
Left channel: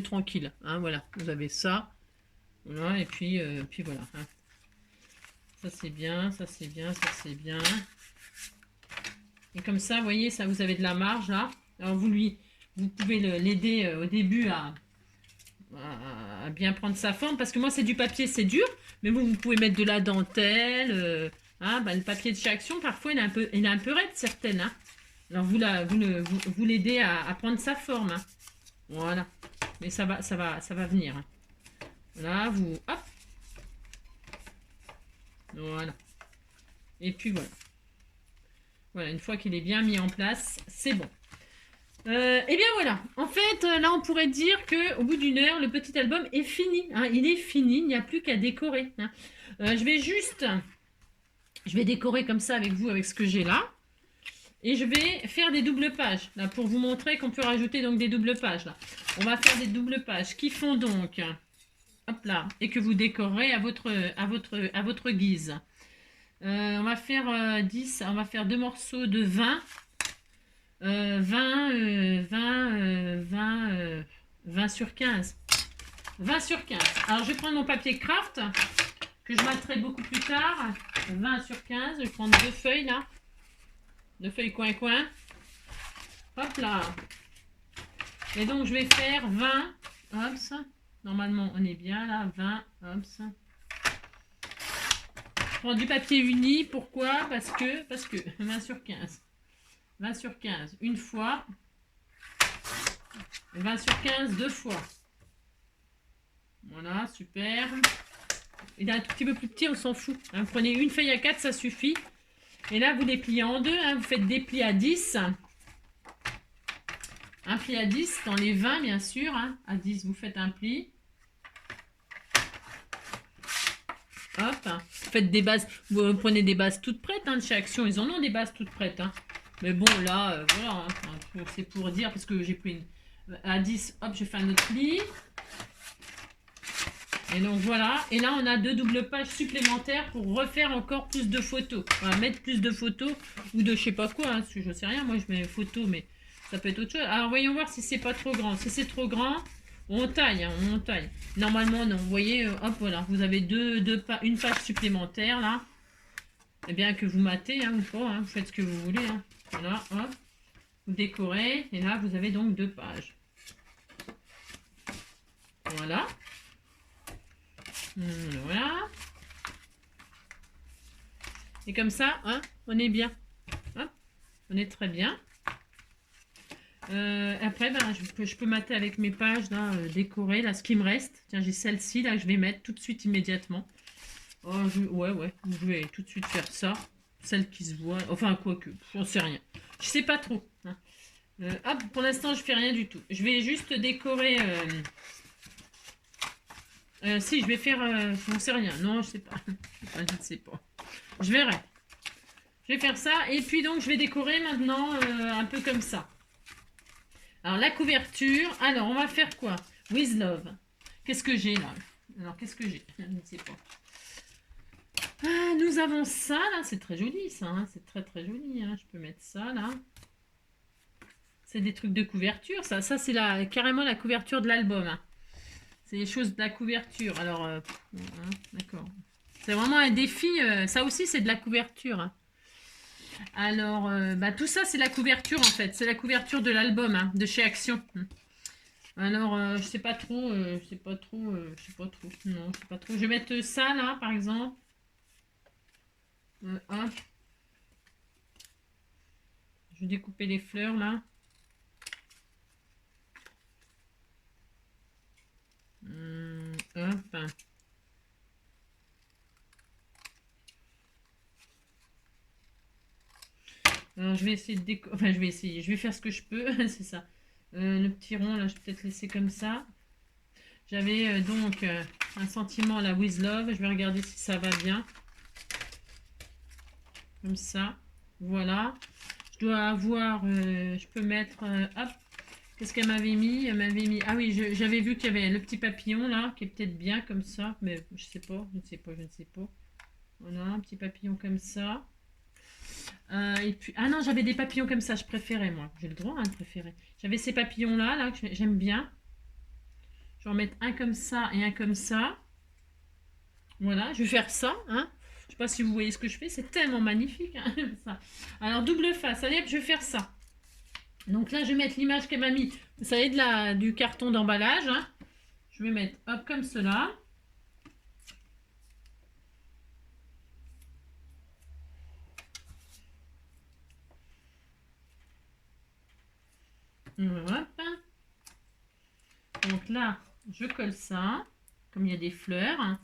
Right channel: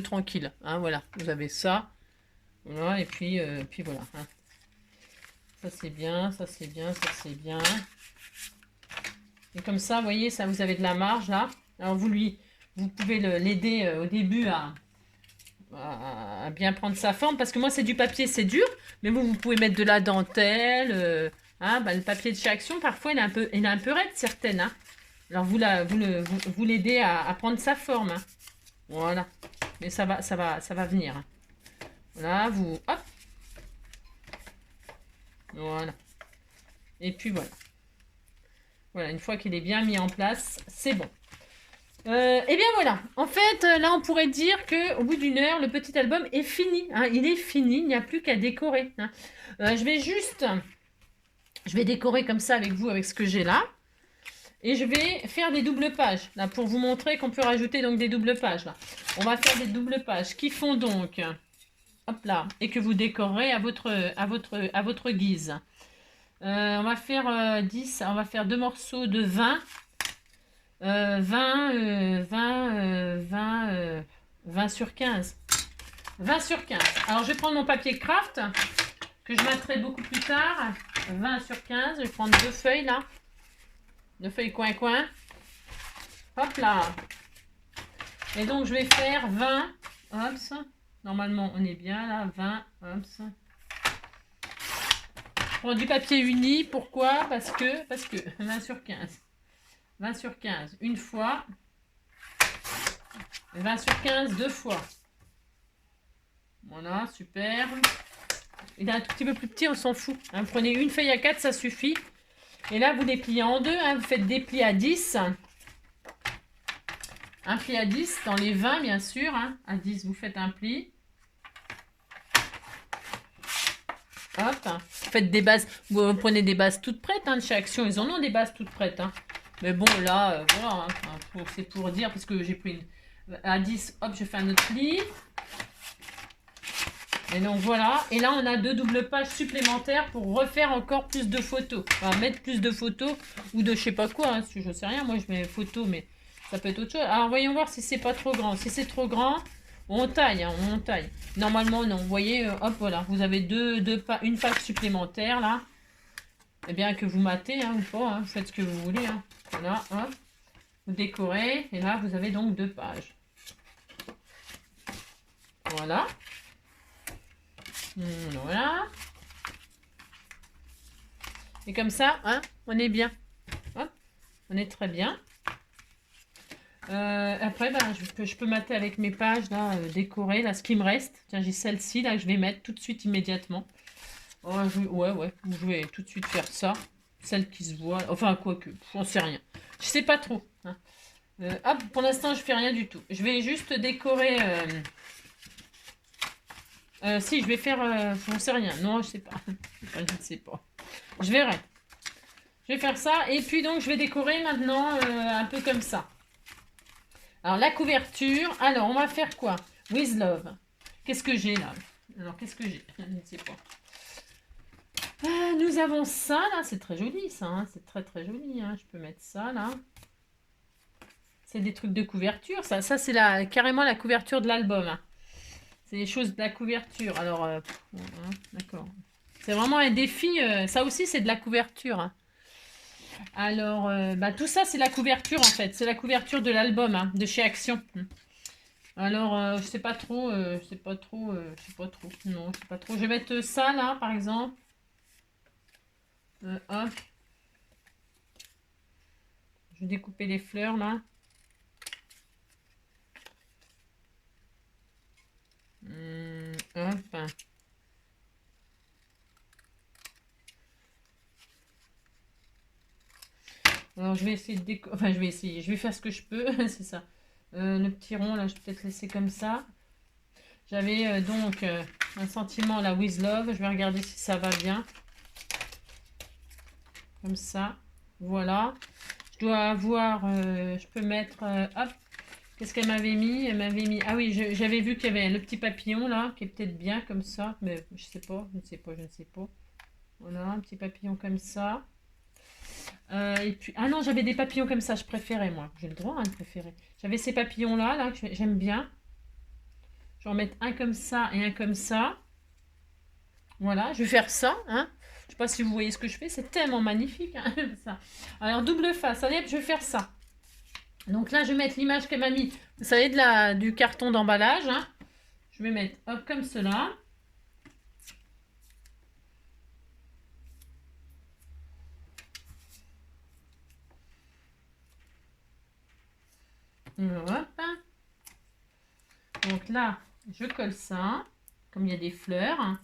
tranquille. Hein, voilà. Vous avez ça. Voilà. Et puis voilà. Hein. Ça, c'est bien. Ça, c'est bien. Ça, c'est bien. Et comme ça, vous voyez, ça, vous avez de la marge, là. Alors, vous pouvez l'aider au début à bien prendre sa forme, parce que moi, c'est du papier, c'est dur, mais vous pouvez mettre de la dentelle, hein, le papier de chez Action, parfois, il est un peu raide, certaines, hein. Alors, vous l'aidez à prendre sa forme, hein. Voilà. Mais ça va venir, hein. Voilà, hop. Voilà. Et puis, voilà. Voilà, une fois qu'il est bien mis en place, c'est bon. Et bien voilà, en fait, là on pourrait dire qu'au bout d'une heure, le petit album est fini. Hein. Il est fini, il n'y a plus qu'à décorer. Hein. Je vais décorer comme ça avec vous, avec ce que j'ai là. Et je vais faire des doubles pages, là, pour vous montrer qu'on peut rajouter donc des doubles pages. Là. On va faire des doubles pages qui font donc, hop là, et que vous décorez à votre guise. On va faire 10, on va faire 2 morceaux de 20. 20 sur 15. 20 sur 15. Alors, je vais prendre mon papier craft, que je mettrai beaucoup plus tard. 20 sur 15. Je vais prendre 2 feuilles, là. 2 feuilles coin-coin. Hop là. Et donc, je vais faire 20. Hop. Normalement, on est bien, là. 20. Hop. Je prends du papier uni. Pourquoi? Parce que 20 sur 15. 20 sur 15, une fois. 20 sur 15, 2 fois. Voilà, super. Il est un tout petit peu plus petit, on s'en fout. Hein, prenez une feuille à 4, ça suffit. Et là, vous les pliez en deux. Hein, vous faites des plis à 10. Un pli à 10 dans les 20, bien sûr. Hein. À 10, vous faites un pli. Hop. Vous faites des bases. Vous prenez des bases toutes prêtes. Hein, de chez Action, ils en ont des bases toutes prêtes. Hein. Mais bon, là, voilà, hein, c'est pour dire, parce que j'ai pris une... À 10, hop, je fais un autre pli. Et donc, voilà. Et là, on a 2 doubles pages supplémentaires pour refaire encore plus de photos. Enfin, mettre plus de photos ou de je sais pas quoi. Hein, je sais rien, moi, je mets photos, mais ça peut être autre chose. Alors, voyons voir si c'est pas trop grand. Si c'est trop grand, on taille, hein, on taille. Normalement, non. Vous voyez, hop, voilà. Vous avez une page supplémentaire, là. Eh bien, que vous matez, hein, ou pas. Hein, vous faites ce que vous voulez, hein. Voilà, hop. Vous décorez. Et là, vous avez donc 2 pages. Voilà. Voilà. Et comme ça, hein, on est bien. Hop, on est très bien. Après, ben, je peux mater avec mes pages, là, décorées, là, ce qui me reste. Tiens, j'ai celle-ci, là, que je vais mettre tout de suite, immédiatement. Oh, ouais, je vais tout de suite faire ça. Celle qui se voit. Enfin, quoi que, j'en sais rien. Je sais pas trop. Hein. Hop, pour l'instant, je fais rien du tout. Je vais juste décorer... si, je vais faire... j'en sais rien. Non, je sais pas. Je ne sais pas. Je verrai. Je vais faire ça. Et puis, donc, je vais décorer maintenant un peu comme ça. Alors, la couverture. Alors, on va faire quoi? With Love. Qu'est-ce que j'ai là? Alors, qu'est-ce que j'ai? Je ne sais pas. Nous avons ça, là. C'est très joli, ça. Hein. C'est très, très joli. Hein. Je peux mettre ça, là. C'est des trucs de couverture, ça. Ça, c'est carrément la couverture de l'album. Hein. C'est les choses de la couverture. Alors, d'accord. C'est vraiment un défi. Ça aussi, c'est de la couverture. Hein. Alors, tout ça, c'est la couverture, en fait. C'est la couverture de l'album, hein, de chez Action. Alors, je sais pas trop. Je sais pas trop. Non, je sais pas trop. Je vais mettre ça, là, par exemple. Hop. Je vais découper les fleurs, là. Hop. Alors, je vais essayer de décorer. Enfin, je vais faire ce que je peux. C'est ça. Le petit rond, là, je vais peut-être laisser comme ça. J'avais donc un sentiment, là, with love. Je vais regarder si ça va bien. Comme ça. Voilà. Je dois avoir... je peux mettre... hop. Qu'est-ce qu'elle m'avait mis? Elle m'avait mis... Ah oui, j'avais vu qu'il y avait le petit papillon là, qui est peut-être bien comme ça, mais je sais pas, je ne sais pas, je ne sais pas. Voilà, un petit papillon comme ça. Et puis... Ah non, j'avais des papillons comme ça, je préférais moi. J'ai le droit hein, de préférer. J'avais ces papillons là, que j'aime bien. Je vais en mettre un comme ça et un comme ça. Voilà, je vais faire ça. Hein. Je ne sais pas si vous voyez ce que je fais, c'est tellement magnifique. Hein, ça. Alors, double face, allez, je vais faire ça. Donc là, je vais mettre l'image qu'elle m'a mis. Vous savez, du carton d'emballage. Hein. Je vais mettre, hop, comme cela. Hop. Donc là, je colle ça. Comme il y a des fleurs.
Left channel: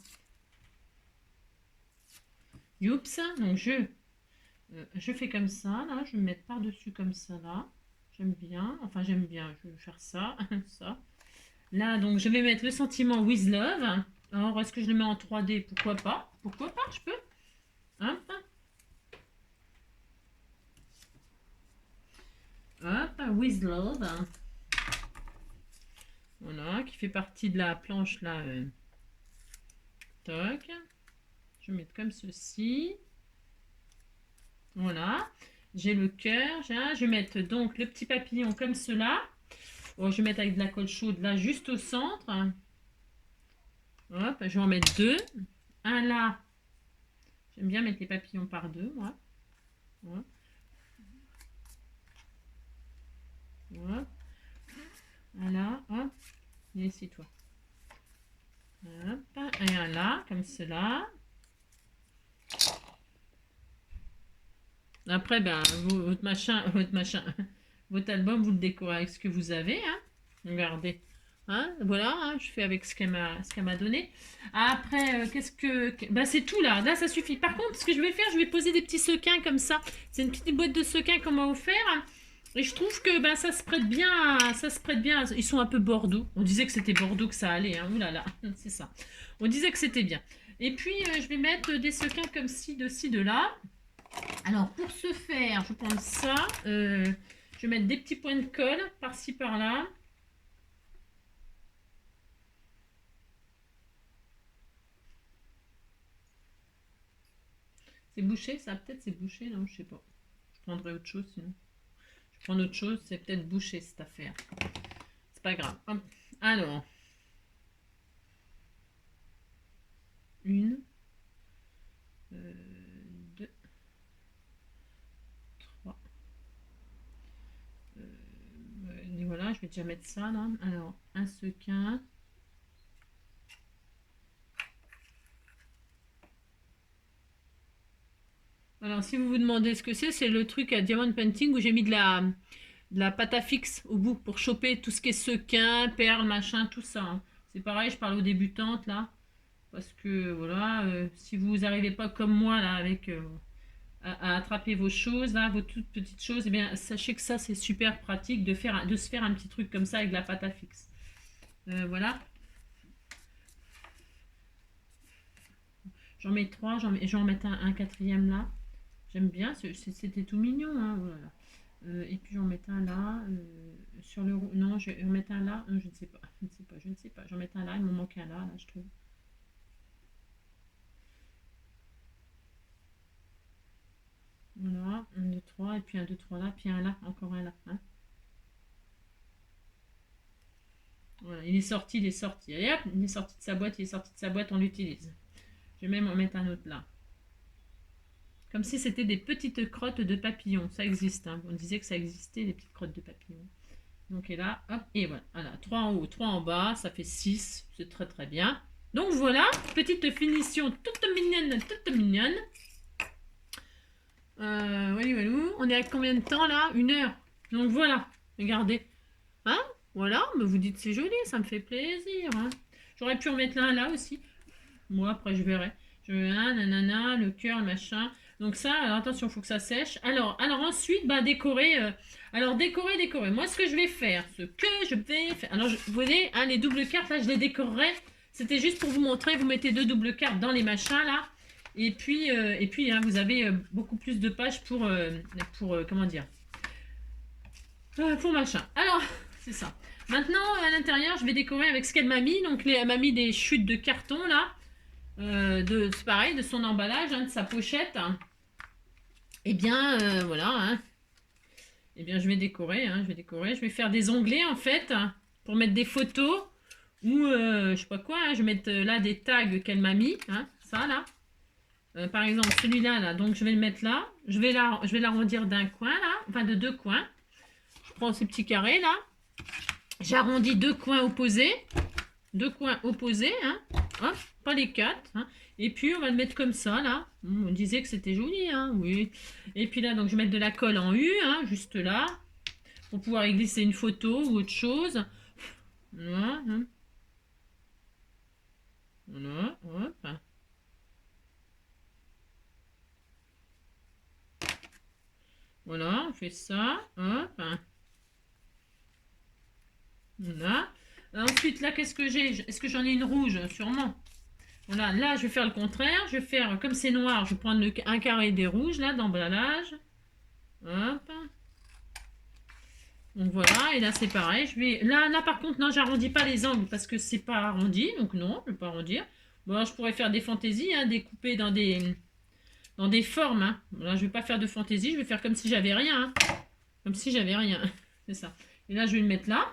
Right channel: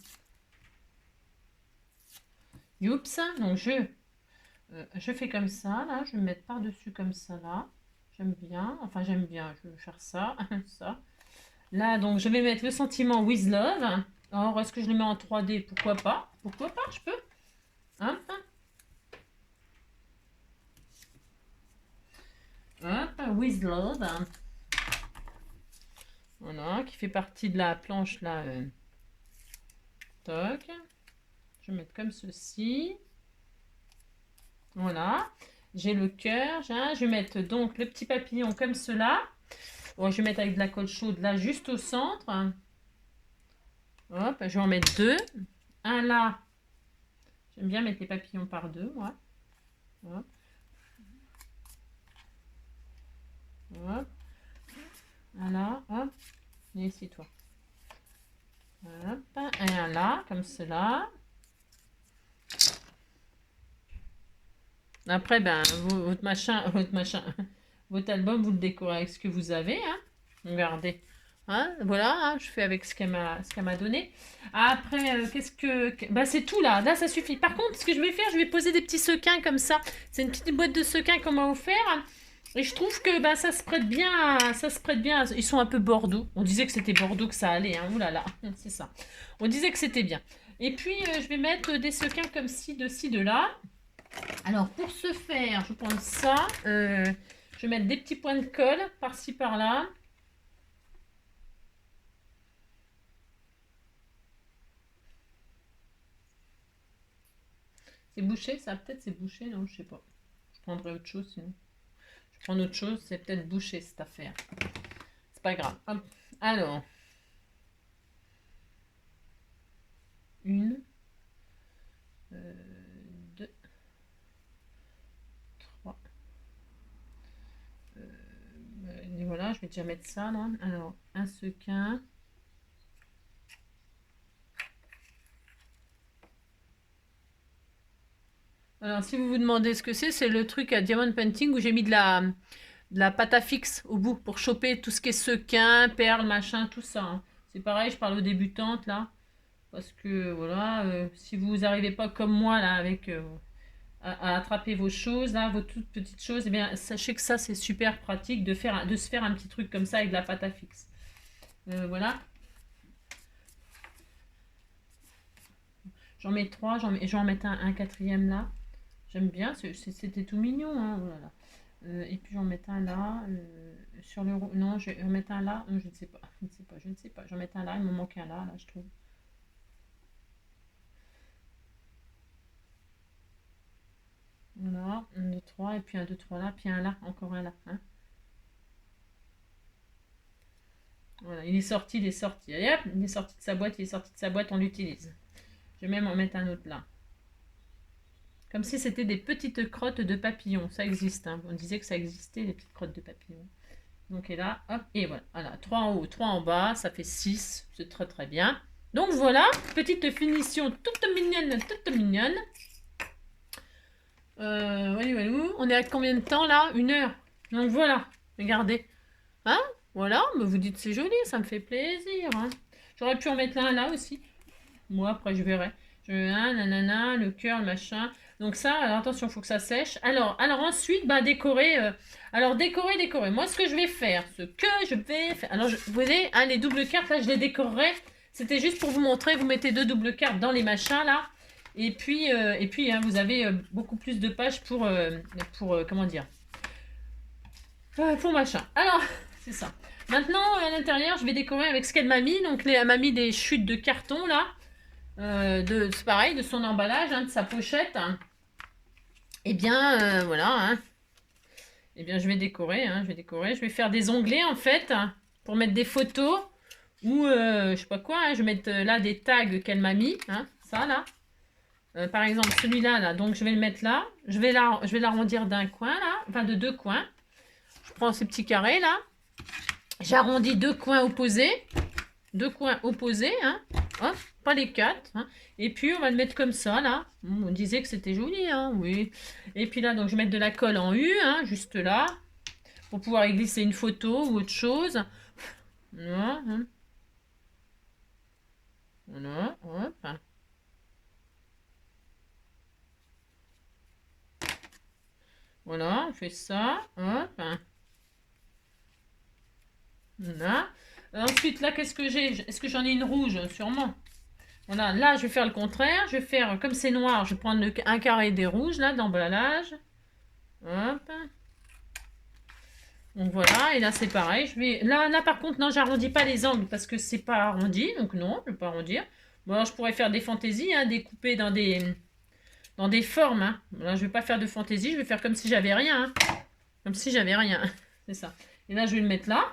Youps. Donc je fais comme ça. Là, je vais me mettre par-dessus comme ça, là. J'aime bien. Enfin, j'aime bien. Je vais faire ça. ça. Là, donc, je vais mettre le sentiment with love. Alors, est-ce que je le mets en 3D? Pourquoi pas? Pourquoi pas? Je peux. Hop. Hop. With love. Voilà, qui fait partie de la planche, là. Toc. Je vais mettre comme ceci. Voilà. J'ai le cœur. Je vais mettre donc le petit papillon comme cela. Bon, je vais mettre avec de la colle chaude là, juste au centre. Hop, je vais en mettre deux. Un là. J'aime bien mettre les papillons par deux. Ouais. Hop. Hop. Un là. Hop. Viens ici, toi. Hop. Et un là, comme cela. Après, ben, votre machin, votre album, vous le décorez avec ce que vous avez. Hein. Regardez. Hein, voilà, hein, je fais avec ce qu'elle m'a donné. Après, qu'est-ce que... Bah, c'est tout là. Là, ça suffit. Par contre, ce que je vais faire, je vais poser des petits sequins comme ça. C'est une petite boîte de sequins qu'on m'a offert. Et je trouve que bah, ça se prête bien. Ça se prête bien. Ils sont un peu Bordeaux. On disait que c'était Bordeaux que ça allait. Hein. Ouh là là, c'est ça. On disait que c'était bien. Et puis, je vais mettre des sequins comme ci, de là. Alors, pour ce faire, je vais prendre ça. Je vais mettre des petits points de colle par-ci, par-là. C'est bouché, ça peut-être c'est bouché, non, je sais pas. Je prendrai autre chose sinon. Je prends autre chose, c'est peut-être bouché cette affaire. C'est pas grave. Hop. Alors. Une. Deux. Trois. Et voilà, je vais déjà mettre ça là. Alors, un sequin. Alors, si vous vous demandez ce que c'est le truc à Diamond Painting où j'ai mis de la pâte à fixe au bout pour choper tout ce qui est sequin, perles, machin, tout ça. Hein. C'est pareil, je parle aux débutantes là. Parce que voilà, si vous n'arrivez pas comme moi là avec à attraper vos choses, là, vos toutes petites choses, eh bien, sachez que ça c'est super pratique de se faire un petit truc comme ça avec de la pâte à fixe. Voilà. J'en mets trois, j'en mets un quatrième là. J'aime bien, c'était tout mignon. Hein, voilà. Et puis j'en mets un là. Sur le... Non, je vais en mettre un là. Je ne sais pas. Je ne sais pas. J'en mets un là. Il me manque un là, je trouve. Voilà. 1, 2, 3. Et puis un, 2, 3 là. Puis un là. Encore un là. Hein. Voilà. Il est sorti, il est sorti. Allez hop, il est sorti de sa boîte, il est sorti de sa boîte, on l'utilise. Je vais même en mettre un autre là. Comme si c'était des petites crottes de papillons. Ça existe. Hein. On disait que ça existait, les petites crottes de papillons. Donc, et là, hop, et voilà. Voilà, 3 en haut, 3 en bas, ça fait 6. C'est très très bien. Donc voilà, petite finition toute mignonne, toute mignonne. Voilà, on est à combien de temps là? 1 heure. Donc voilà, regardez. Hein? Voilà, mais vous dites c'est joli, ça me fait plaisir. Hein. J'aurais pu en mettre un là aussi. Moi, après, je verrai. Je mets un, nanana, le cœur, le machin. Donc ça, alors attention, il faut que ça sèche. Alors ensuite, bah, décorer. Décorer. Moi, ce que je vais faire, Alors, vous voyez, hein, les doubles cartes, là, je les décorerai. C'était juste pour vous montrer. Vous mettez 2 doubles cartes dans les machins, là. Et puis hein, vous avez beaucoup plus de pages pour comment dire pour machin. Alors, c'est ça. Maintenant, à l'intérieur, je vais décorer avec ce qu'elle m'a mis. Donc, elle m'a mis des chutes de carton, là. C'est pareil, de son emballage, hein, de sa pochette. Et bien, voilà. Hein. Et bien, je vais décorer, hein, je vais décorer. Je vais faire des onglets, en fait, pour mettre des photos. Ou, je sais pas quoi, hein, je vais mettre là des tags qu'elle m'a mis. Hein, ça, là. Par exemple, celui-là, là. Donc, je vais le mettre là. Je vais l'arrondir d'un coin, là. Enfin, de 2 coins. Je prends ce petit carré, là. J'arrondis 2 coins opposés. 2 coins opposés, hein. Hop, pas les 4. Hein. Et puis, on va le mettre comme ça, là. On disait que c'était joli, hein, oui. Et puis là, donc, je vais mettre de la colle en U, hein, juste là. Pour pouvoir y glisser une photo ou autre chose. Voilà. Hein. Voilà, hop. Voilà, on fait ça. Hop. Voilà. Ensuite, là, qu'est-ce que j'ai? Est-ce que j'en ai une rouge? Sûrement. Voilà, là, je vais faire le contraire. Je vais faire, comme c'est noir, je vais prendre un carré des rouges, là, d'emballage. Hop. Donc voilà, et là, c'est pareil. Là, par contre, non, j'arrondis pas les angles parce que c'est pas arrondi. Donc non, je ne vais pas arrondir. Bon, alors, je pourrais faire des fantaisies, hein, découper dans des formes. Hein. Là, je vais pas faire de fantaisie. Je vais faire comme si j'avais rien. Hein. Comme si j'avais rien. C'est ça. Et là, je vais le mettre là.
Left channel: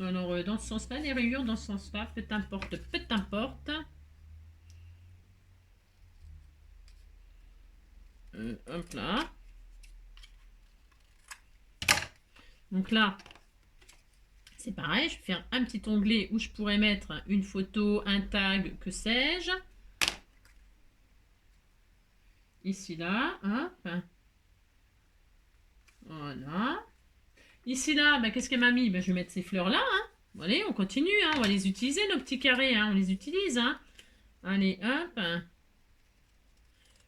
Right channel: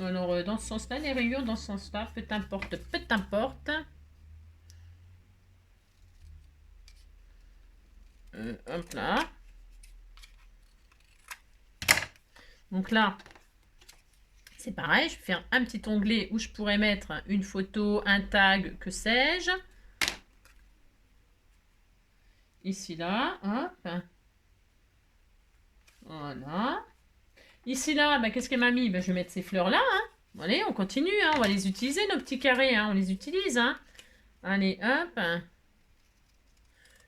Alors, dans ce sens-là, les rayures, dans ce sens-là, peu importe, peu importe. Hop là. Donc là, c'est pareil, je vais faire un petit onglet où je pourrais mettre une photo, un tag, que sais-je. Ici, là, hop. Voilà. Ici, là, bah, qu'est-ce qu'elle m'a mis? Bah, je vais mettre ces fleurs-là. Hein. Allez, on continue, hein. On va les utiliser, nos petits carrés. Hein. On les utilise. Hein. Allez, hop.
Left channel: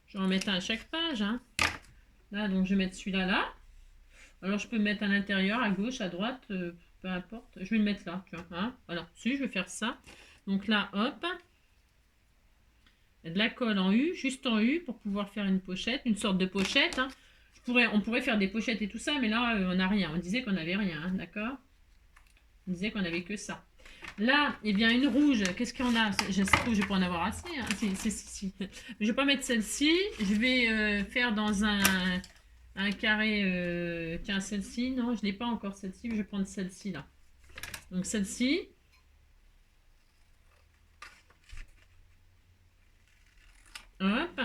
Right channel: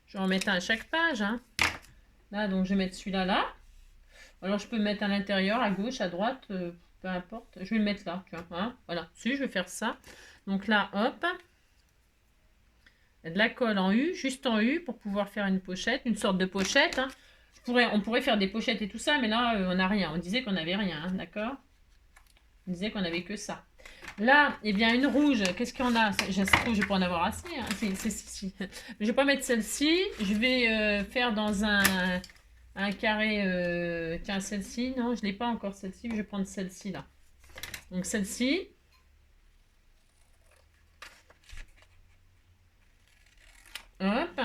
Je vais en mettre un à chaque page. Hein. Là, donc, je vais mettre celui-là, là. Alors, je peux mettre à l'intérieur, à gauche, à droite, peu importe. Je vais le mettre là, tu vois. Hein. Voilà, si, je vais faire ça. Donc là, hop. De la colle en U, juste en U, pour pouvoir faire une pochette, une sorte de pochette. Hein. On pourrait faire des pochettes et tout ça, mais là, on n'a rien. On disait qu'on n'avait rien, hein, d'accord? On disait qu'on n'avait que ça. Là, eh bien, une rouge, qu'est-ce qu'il y en a? Je ne vais pas en avoir assez. Hein. Si. Mais je ne vais pas mettre celle-ci. Je vais faire dans un carré. Tiens, celle-ci, non, je ne l'ai pas encore celle-ci. Je vais prendre celle-ci, là. Donc, celle-ci. Hop.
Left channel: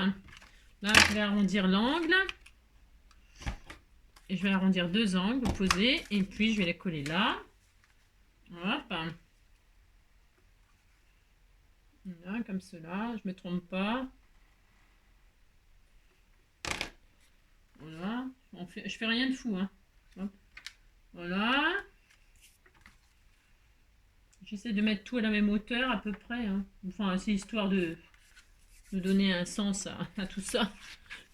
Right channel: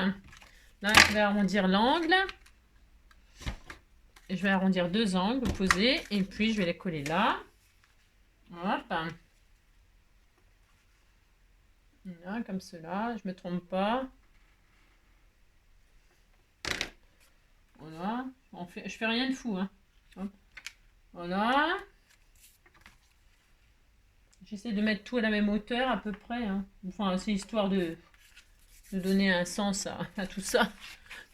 Là, je vais arrondir l'angle. Et je vais arrondir 2 angles opposés. Et puis, je vais les coller là. Hop. Là, comme cela. Je ne me trompe pas. Voilà. Je fais rien de fou. Hein. Hop. Voilà. J'essaie de mettre tout à la même hauteur à peu près. Hein. Enfin, c'est histoire de donner un sens à tout ça.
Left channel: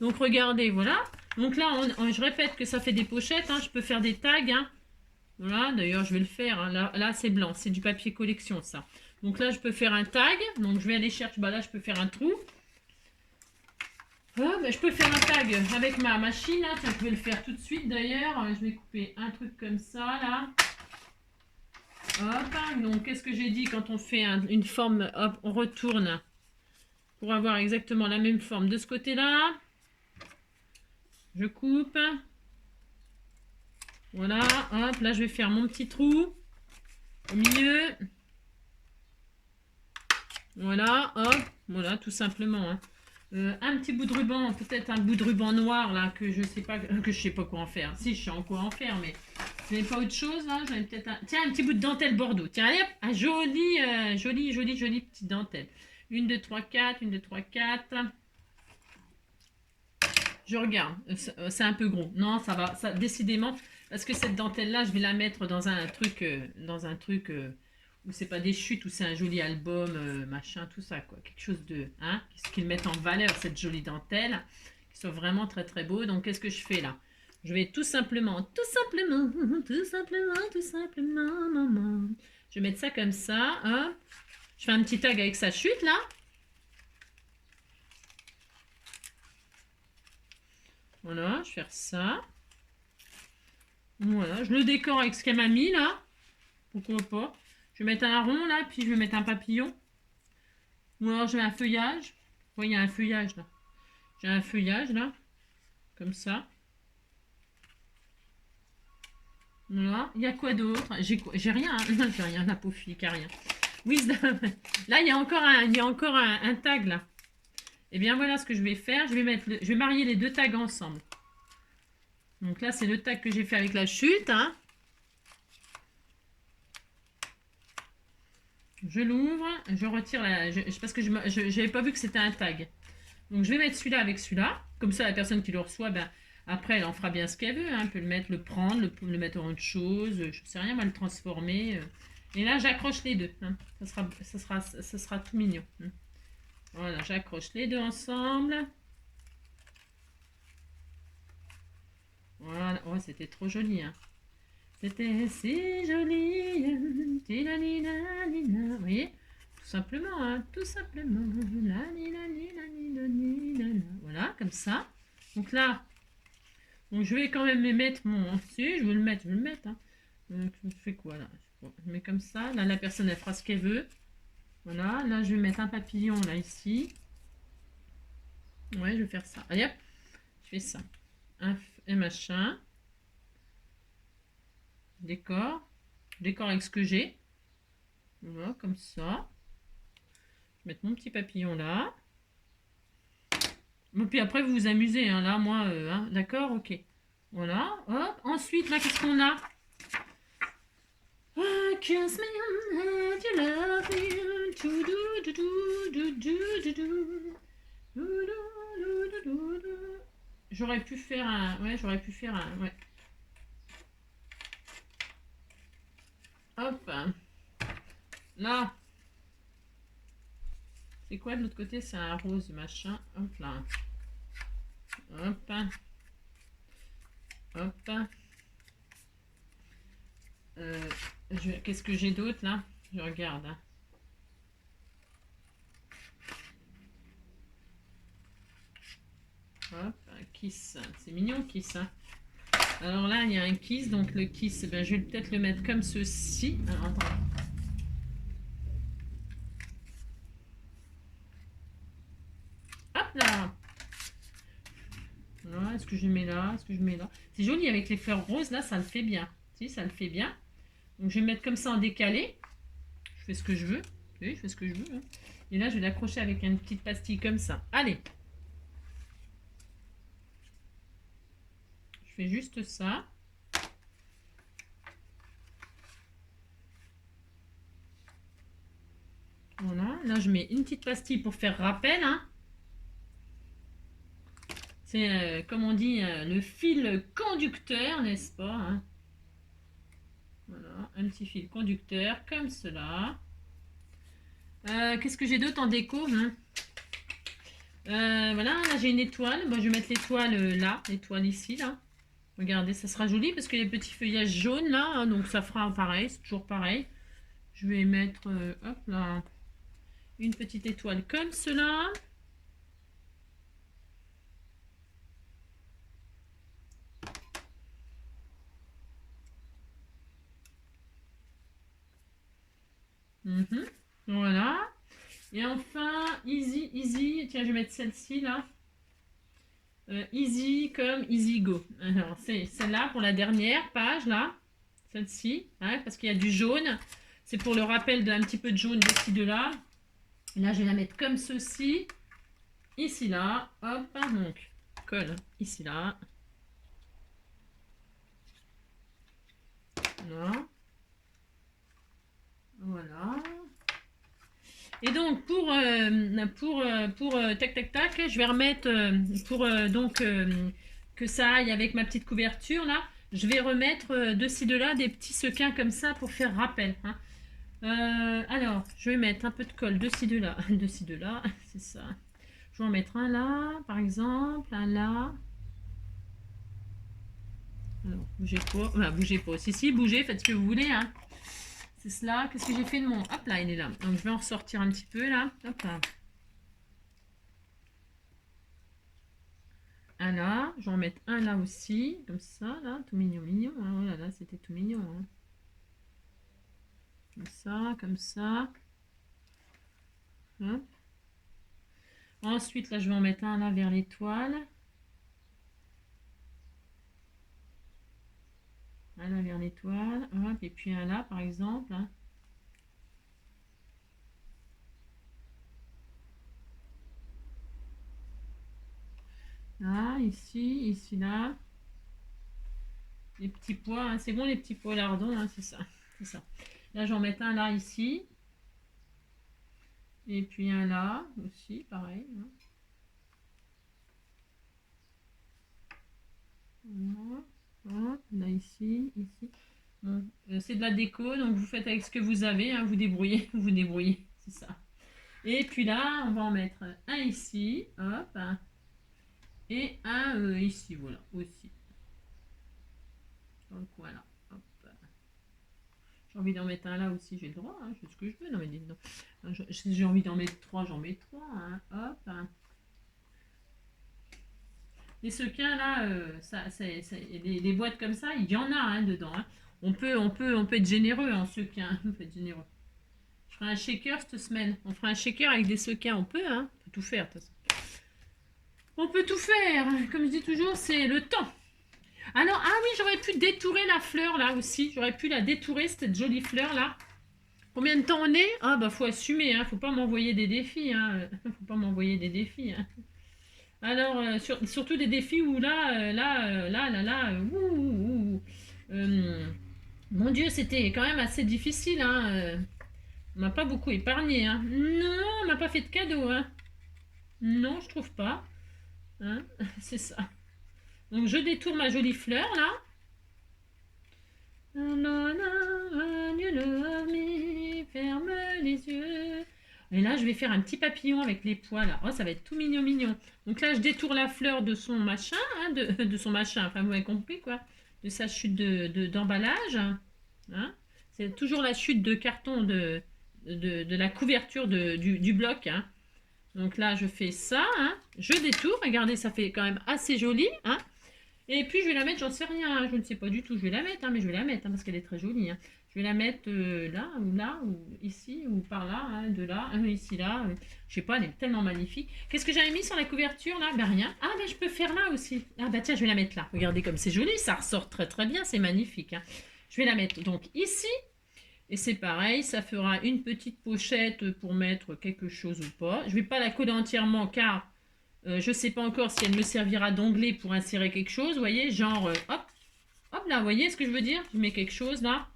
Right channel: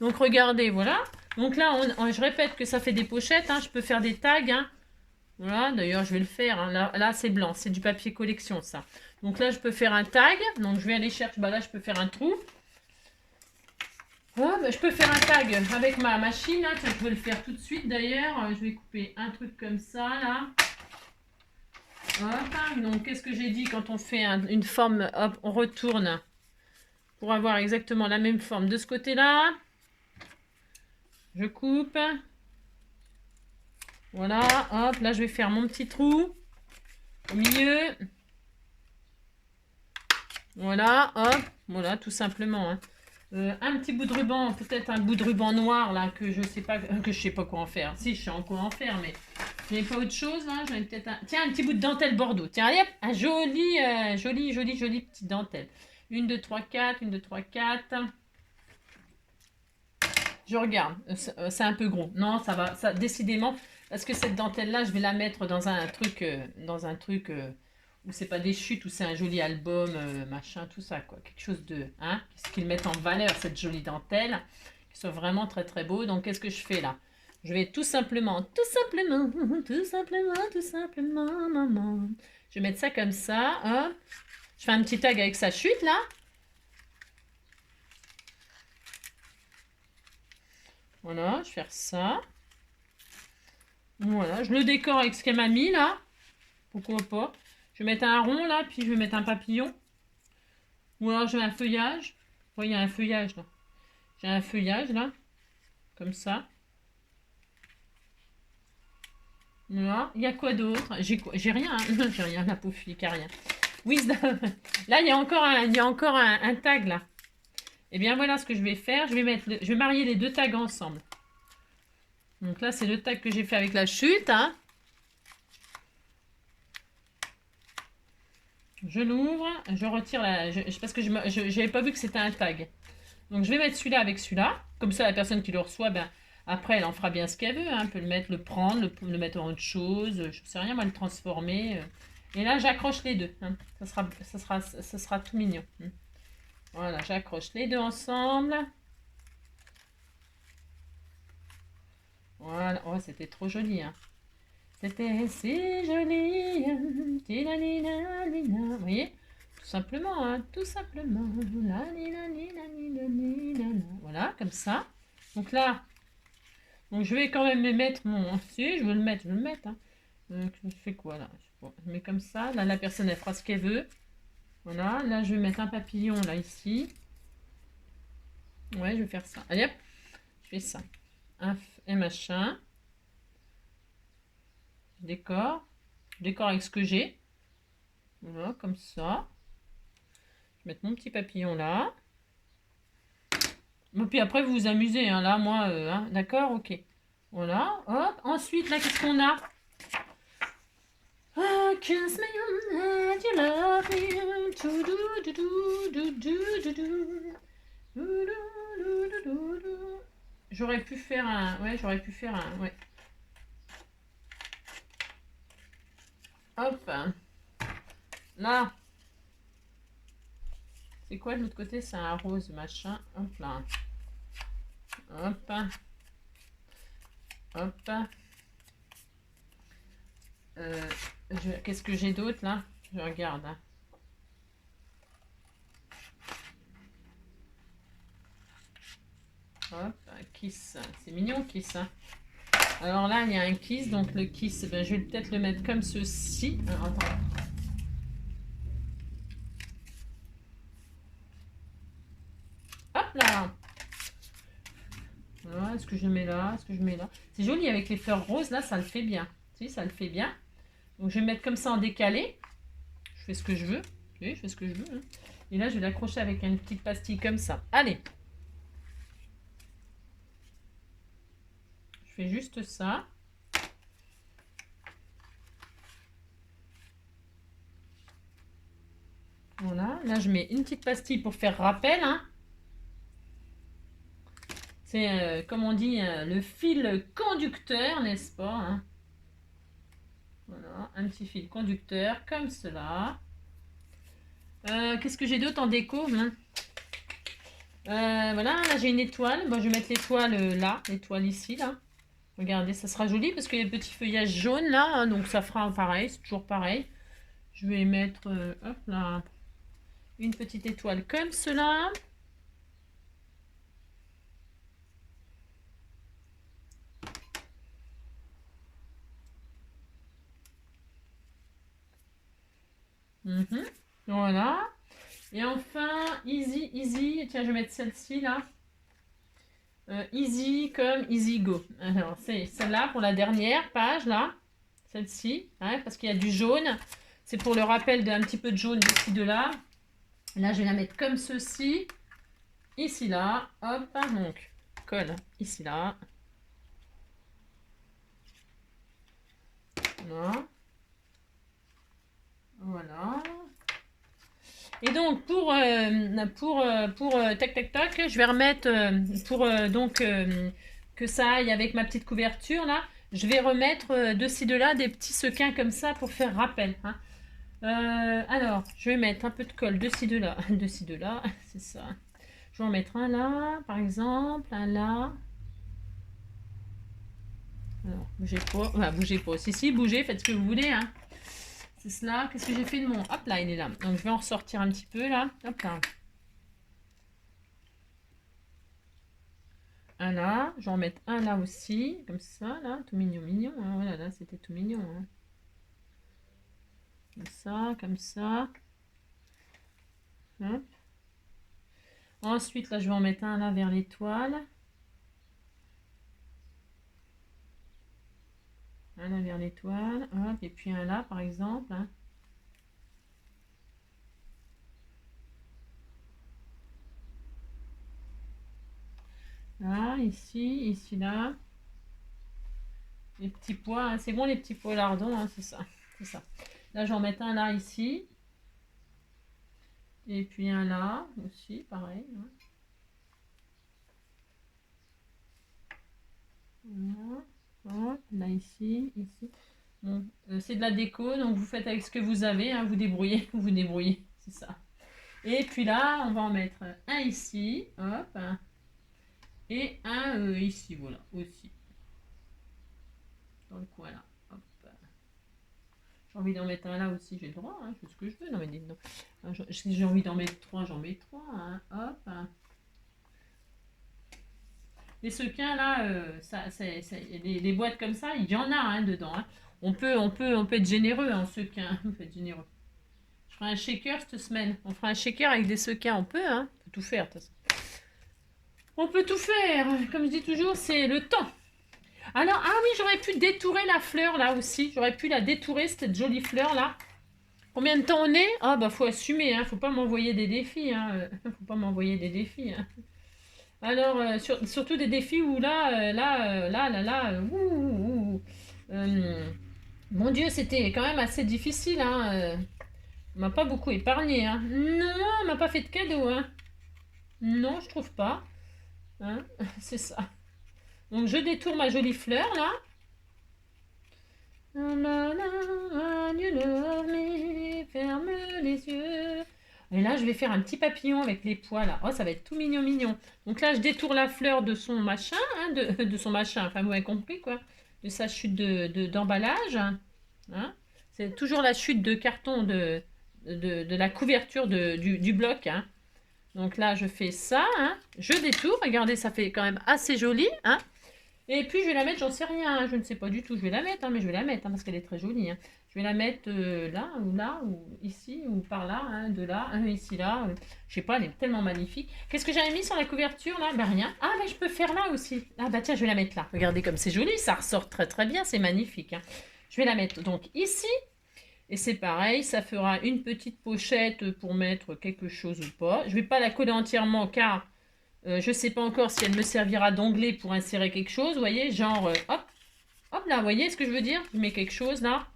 Donc, regardez, voilà. Donc là, je répète que ça fait des pochettes. Hein. Je peux faire des tags. Hein. Voilà, d'ailleurs, je vais le faire. Hein. Là c'est blanc. C'est du papier collection, ça. Donc là, je peux faire un tag. Donc, je vais aller chercher. Bah, là, je peux faire un trou. Ah, bah, je peux faire un tag avec ma machine. Hein. Je peux le faire tout de suite, d'ailleurs. Je vais couper un truc comme ça, là. Hop. Donc, qu'est-ce que j'ai dit quand on fait une forme? Hop, on retourne pour avoir exactement la même forme de ce côté-là. Je coupe. Voilà, hop, là je vais faire mon petit trou au milieu. Voilà, hop, voilà, tout simplement. Hein. Un petit bout de ruban, peut-être un bout de ruban noir là que je sais pas quoi en faire. Si, je sais en quoi en faire, mais je n'avais pas autre chose là. J'avais peut-être tiens, un petit bout de dentelle bordeaux. Tiens, allez hop, un joli petite dentelle. 1, 2, 3, 4, 1, 2, 3, 4. Je regarde, c'est un peu gros. Non, ça va, ça décidément, parce que cette dentelle-là, je vais la mettre dans un truc où c'est pas des chutes, où c'est un joli album, machin, tout ça, quoi. Quelque chose de, hein, qu'ils mettent en valeur cette jolie dentelle, qui soit vraiment très très beau. Donc, qu'est-ce que je fais là? Je vais tout simplement, maman. Je vais mettre ça comme ça, hop. Je fais un petit tag avec sa chute là. Voilà, je vais faire ça. Voilà, je le décore avec ce qu'elle m'a mis là. pourquoi pas. Je vais mettre un rond là, puis je vais mettre un papillon. Ou alors je mets un feuillage. Oui, il y a un feuillage là. J'ai un feuillage là, comme ça. Voilà. Il y a quoi d'autre? J'ai rien, hein. J'ai rien, la pauvre fille qui a rien. Wisdom. Là, il y a encore un tag là. Et bien voilà ce que je vais faire. Je vais marier les deux tags ensemble. Donc là, c'est le tag que j'ai fait avec la chute. Hein. Je l'ouvre, je retire parce que je n'avais pas vu que c'était un tag. Donc je vais mettre celui-là avec celui-là. Comme ça, la personne qui le reçoit, ben, après, elle en fera bien ce qu'elle veut. Hein. Elle peut le mettre, le prendre, le mettre en autre chose. Je ne sais rien, moi, le transformer. Et là, j'accroche les deux. Hein. Ça sera tout mignon. Hein. Voilà, j'accroche les deux ensemble. Voilà. Oh, c'était trop joli. Hein. C'était si joli. Vous voyez? Tout simplement, hein, tout simplement. Voilà, comme ça. Donc là, donc je vais quand même me mettre mon... Si, je veux le mettre, je vais le mettre. Hein. Donc, je fais quoi là? Je mets comme ça. Là, la personne, elle fera ce qu'elle veut. Voilà, là, je vais mettre un papillon là, ici. Ouais, je vais faire ça. Allez, hop, je fais ça. Un machin. Décor. Décor avec ce que j'ai. Voilà, comme ça. Je vais mettre mon petit papillon là. Et puis après, vous vous amusez. Hein, là, moi, hein, d'accord, ok. Voilà, hop. Ensuite, là, qu'est-ce qu'on a? Kiss me and you love me. J'aurais pu faire un... Ouais, j'aurais pu faire un... Ouais. Hop. Là. C'est quoi de l'autre côté? C'est un rose machin. Hop là. Hop. Hop. Qu'est-ce que j'ai d'autre là? Je regarde. Hein. Hop, un kiss. C'est mignon, kiss. Hein. Alors là, il y a un kiss. Donc le kiss, ben, je vais peut-être le mettre comme ceci. Alors, attends. Hop là. Voilà, est-ce que je mets là? Est-ce que je mets là? C'est joli avec les fleurs roses. Là, ça le fait bien. Si, ça le fait bien. Donc je vais mettre comme ça en décalé. Je fais ce que je veux. Oui, je fais ce que je veux. Hein. Et là, je vais l'accrocher avec une petite pastille comme ça. Allez. Je fais juste ça. Voilà. Là, je mets une petite pastille pour faire rappel. Hein. C'est, comme on dit, le fil conducteur, n'est-ce pas? Hein. Voilà, un petit fil conducteur comme cela. Qu'est-ce que j'ai d'autre en déco? Hein? Voilà, là j'ai une étoile. Bon, je vais mettre l'étoile là, l'étoile ici, là. Regardez, ça sera joli parce qu'il y a des petits feuillages jaunes là, hein, donc ça fera pareil, c'est toujours pareil. Je vais mettre, hop là, une petite étoile comme cela. Voilà. Et enfin, easy, easy. Tiens, je vais mettre celle-ci là. Easy comme easy go. Alors, c'est celle-là pour la dernière page là. Celle-ci, hein, parce qu'il y a du jaune. C'est pour le rappel d'un petit peu de jaune ici, de là. Là, je vais la mettre comme ceci. Ici, là. Hop, donc, colle ici, là. Voilà. Voilà. Et donc, pour tac, tac, tac, je vais remettre, donc, que ça aille avec ma petite couverture, là, je vais remettre de ci, de là, des petits sequins comme ça pour faire rappel. Hein. Alors, je vais mettre un peu de colle de ci, de là, de ci, de là, c'est ça. Je vais en mettre un là, par exemple, un là. Alors, bougez pas, enfin, bougez pas. Si, bougez, faites ce que vous voulez, hein. C'est cela. Qu'est-ce que j'ai fait de mon... Hop là, il est là. Donc, je vais en ressortir un petit peu, là. Hop là. Un là. Je vais en mettre un là aussi. Comme ça, là. Tout mignon, mignon. Hein. Voilà, là, c'était tout mignon. Hein. Comme ça, comme ça. Hop. Ensuite, là, je vais en mettre un là vers l'étoile. Un là vers l'étoile. Hop. Et puis un là, par exemple. Hein. Là, ici, là. Les petits pois, hein. C'est bon les petits pois lardons, hein, c'est ça. C'est ça. Là, je vais en mettre un là, ici. Et puis un là, aussi, pareil. Hein. Voilà. Hop, là, ici. Bon, c'est de la déco, donc vous faites avec ce que vous avez, hein, vous débrouillez, vous débrouillez, c'est ça. Et puis là, on va en mettre un ici, hop, hein, et un ici, voilà, aussi. Dans le coin là, hop. J'ai envie d'en mettre un là aussi, j'ai le droit, hein, je fais ce que je veux, non mais dites donc. Si j'ai envie d'en mettre trois, j'en mets trois, hein, hop. Hein. Les sequins là, les boîtes comme ça, il y en a hein, dedans. Hein. On peut être généreux en sequins, on peut être généreux. Je ferai un shaker cette semaine. On fera un shaker avec des sequins, on peut, hein. On peut tout faire de toute façon. On peut tout faire. Comme je dis toujours, c'est le temps. Alors, ah oui, j'aurais pu détourer la fleur là aussi. J'aurais pu la détourer, cette jolie fleur là. Combien de temps on est? Ah bah faut assumer, hein. Faut pas m'envoyer des défis, hein. Faut pas m'envoyer des défis, hein. Alors, surtout des défis où mon Dieu, c'était quand même assez difficile, hein. On m'a pas beaucoup épargné, hein. Non, on m'a pas fait de cadeau, hein. Non, je trouve pas. Hein. C'est ça. Donc, je détourne ma jolie fleur, là. You love me, ferme les yeux. Et là, je vais faire un petit papillon avec les pois, là. Oh, ça va être tout mignon, mignon. Donc là, je détourne la fleur de son machin, hein, de son machin, enfin, vous avez compris, quoi. De sa chute d'emballage. Hein. C'est toujours la chute de carton de la couverture du bloc. Hein. Donc là, je fais ça. Hein. Je détourne. Regardez, ça fait quand même assez joli. Hein. Et puis, je vais la mettre, j'en sais rien. Hein. Je ne sais pas du tout. Je vais la mettre, hein, mais je vais la mettre hein, parce qu'elle est très jolie. Hein. Je vais la mettre là, ou ici, ou par là, hein, de là, ici, là. Je sais pas, elle est tellement magnifique. Qu'est-ce que j'avais mis sur la couverture là? Ben rien. Ah, ben je peux faire là aussi. Ah, bah tiens, je vais la mettre là. Regardez comme c'est joli, ça ressort très très bien, c'est magnifique. Hein. Je vais la mettre donc ici. Et c'est pareil, ça fera une petite pochette pour mettre quelque chose ou pas. Je ne vais pas la coller entièrement car je ne sais pas encore si elle me servira d'onglet pour insérer quelque chose. Vous voyez, genre, hop, hop là, vous voyez ce que je veux dire? Je mets quelque chose là,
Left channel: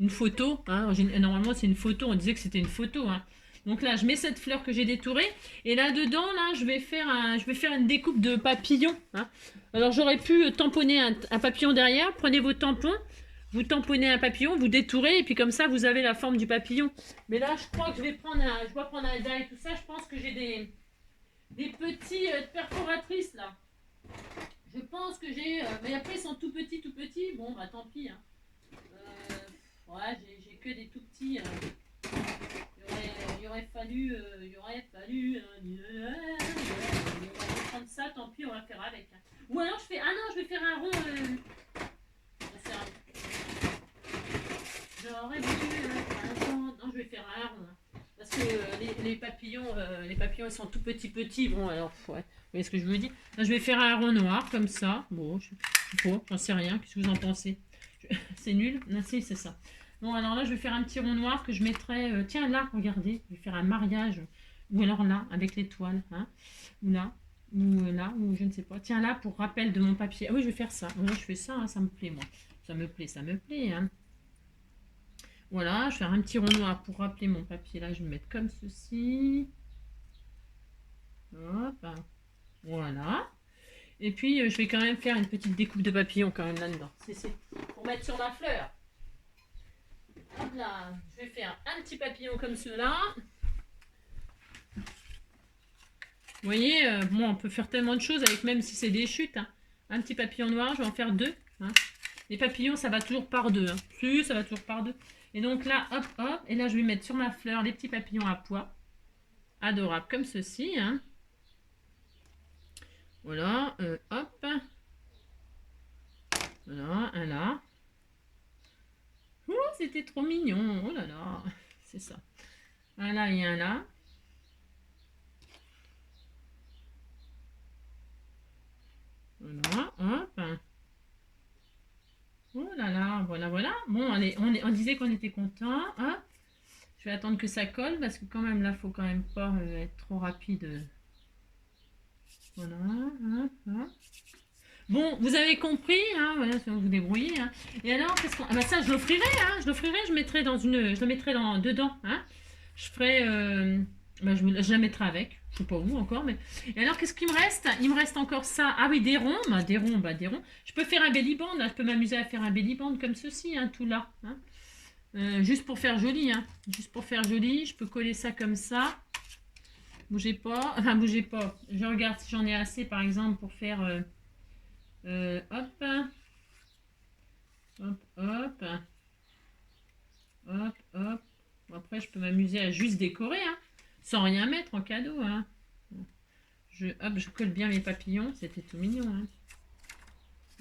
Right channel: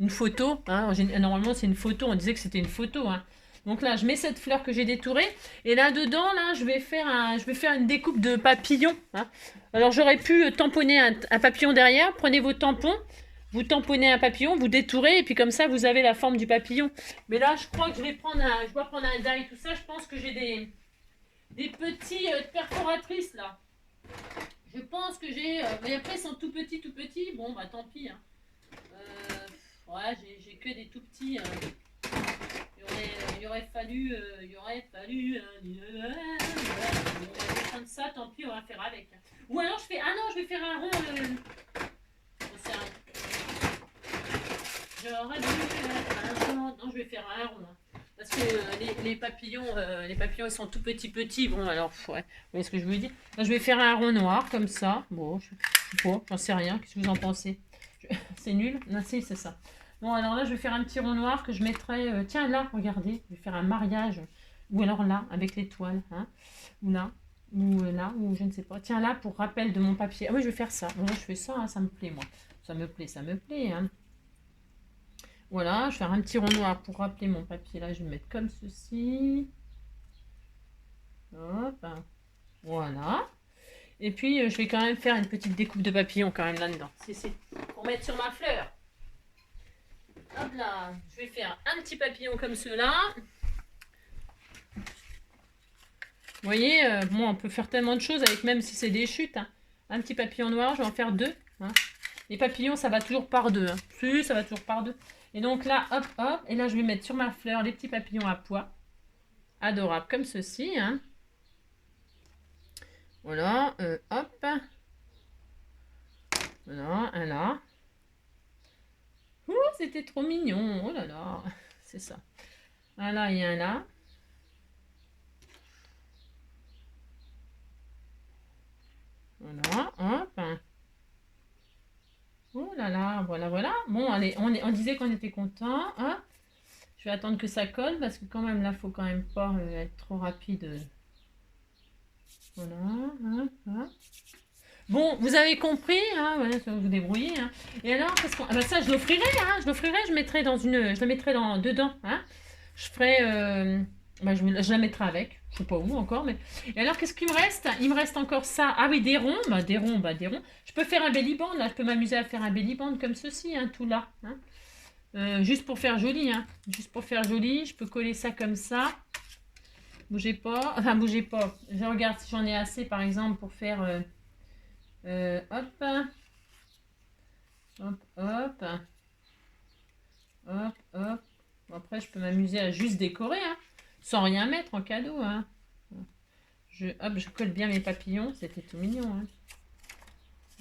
une photo. Hein. Normalement, c'est une photo, on disait que c'était une photo. Hein. Donc là, je mets cette fleur que j'ai détourée. Et là-dedans, là, je vais faire une découpe de papillon. Hein. Alors, j'aurais pu tamponner un papillon derrière. Prenez vos tampons. Vous tamponnez un papillon, vous détourez, et puis comme ça, vous avez la forme du papillon. Mais là, je crois que je vais prendre un die et tout ça. Je pense que j'ai des petits perforatrices, là. Je pense que j'ai... mais après, ils sont tout petits, tout petits. Bon, bah tant pis. Hein. Ouais, j'ai que des tout petits. Il aurait fallu... prendre ça, tant pis, on va faire avec. Ou alors, je vais faire un rond... J'aurais dû faire un rond. Non, je vais faire un rond. Parce que les papillons, ils sont tout petits. Bon, alors, ouais. Vous voyez ce que je veux dire? Là, je vais faire un rond noir, comme ça. Bon, je sais pas, j'en sais rien. Qu'est-ce que vous en pensez? C'est nul? Non, si, c'est ça. Bon, alors là, je vais faire un petit rond noir que je mettrai... tiens, là, regardez. Je vais faire un mariage. Ou alors là, avec l'étoile. Hein, ou là. Ou là, ou je ne sais pas. Tiens, là, pour rappel de mon papier. Ah oui, je vais faire ça. Voilà, je fais ça, hein, ça me plaît, moi. Ça me plaît, hein. Voilà, je vais faire un petit rond noir pour rappeler mon papier. Là, je vais le mettre comme ceci. Hop. Voilà. Et puis, je vais quand même faire une petite découpe de papillon quand même là-dedans. C'est pour mettre sur ma fleur. Hop là. Je vais faire un petit papillon comme cela. Vous voyez, bon, on peut faire tellement de choses avec, même si c'est des chutes. Hein. Un petit papillon noir, je vais en faire deux. Hein. Les papillons, ça va toujours par deux. Hein. Si, ça va toujours par deux. Et donc là, hop, hop. Et là, je vais mettre sur ma fleur les petits papillons à pois. Adorables comme ceci. Hein. Voilà, hop. Voilà, un là. Oh, c'était trop mignon. Oh là là. C'est ça. Un là et un là. Voilà. Hop. Oh là là. Voilà, voilà. Bon, allez, on disait qu'on était content. Hop. Je vais attendre que ça colle parce que quand même là, faut quand même pas être trop rapide. Voilà. Hop, hop. Bon, vous avez compris, hein, voilà, ça va vous débrouiller. Hein. Et alors, qu'est-ce qu'on... Ah bah ça, je l'offrirai, hein, je l'offrirai, je mettrai dans une... Je la mettrai dedans, hein. Je ferai... bah, je la mettrai avec, je sais pas où encore, mais... Et alors, qu'est-ce qu'il me reste? Il me reste encore ça. Ah oui, des ronds, des ronds. Je peux faire un belly band, là, je peux m'amuser à faire un belly band comme ceci, hein, tout là. Hein. Juste pour faire joli, hein. Juste pour faire joli, je peux coller ça comme ça. Bougez pas, enfin, bougez pas. Je regarde si j'en ai assez, par exemple, pour faire... hop, hop, hop, hop, hop. Bon, après, je peux m'amuser à juste décorer, hein, sans rien mettre en cadeau. Hein. Hop, je colle bien mes papillons, c'était tout mignon. Hein.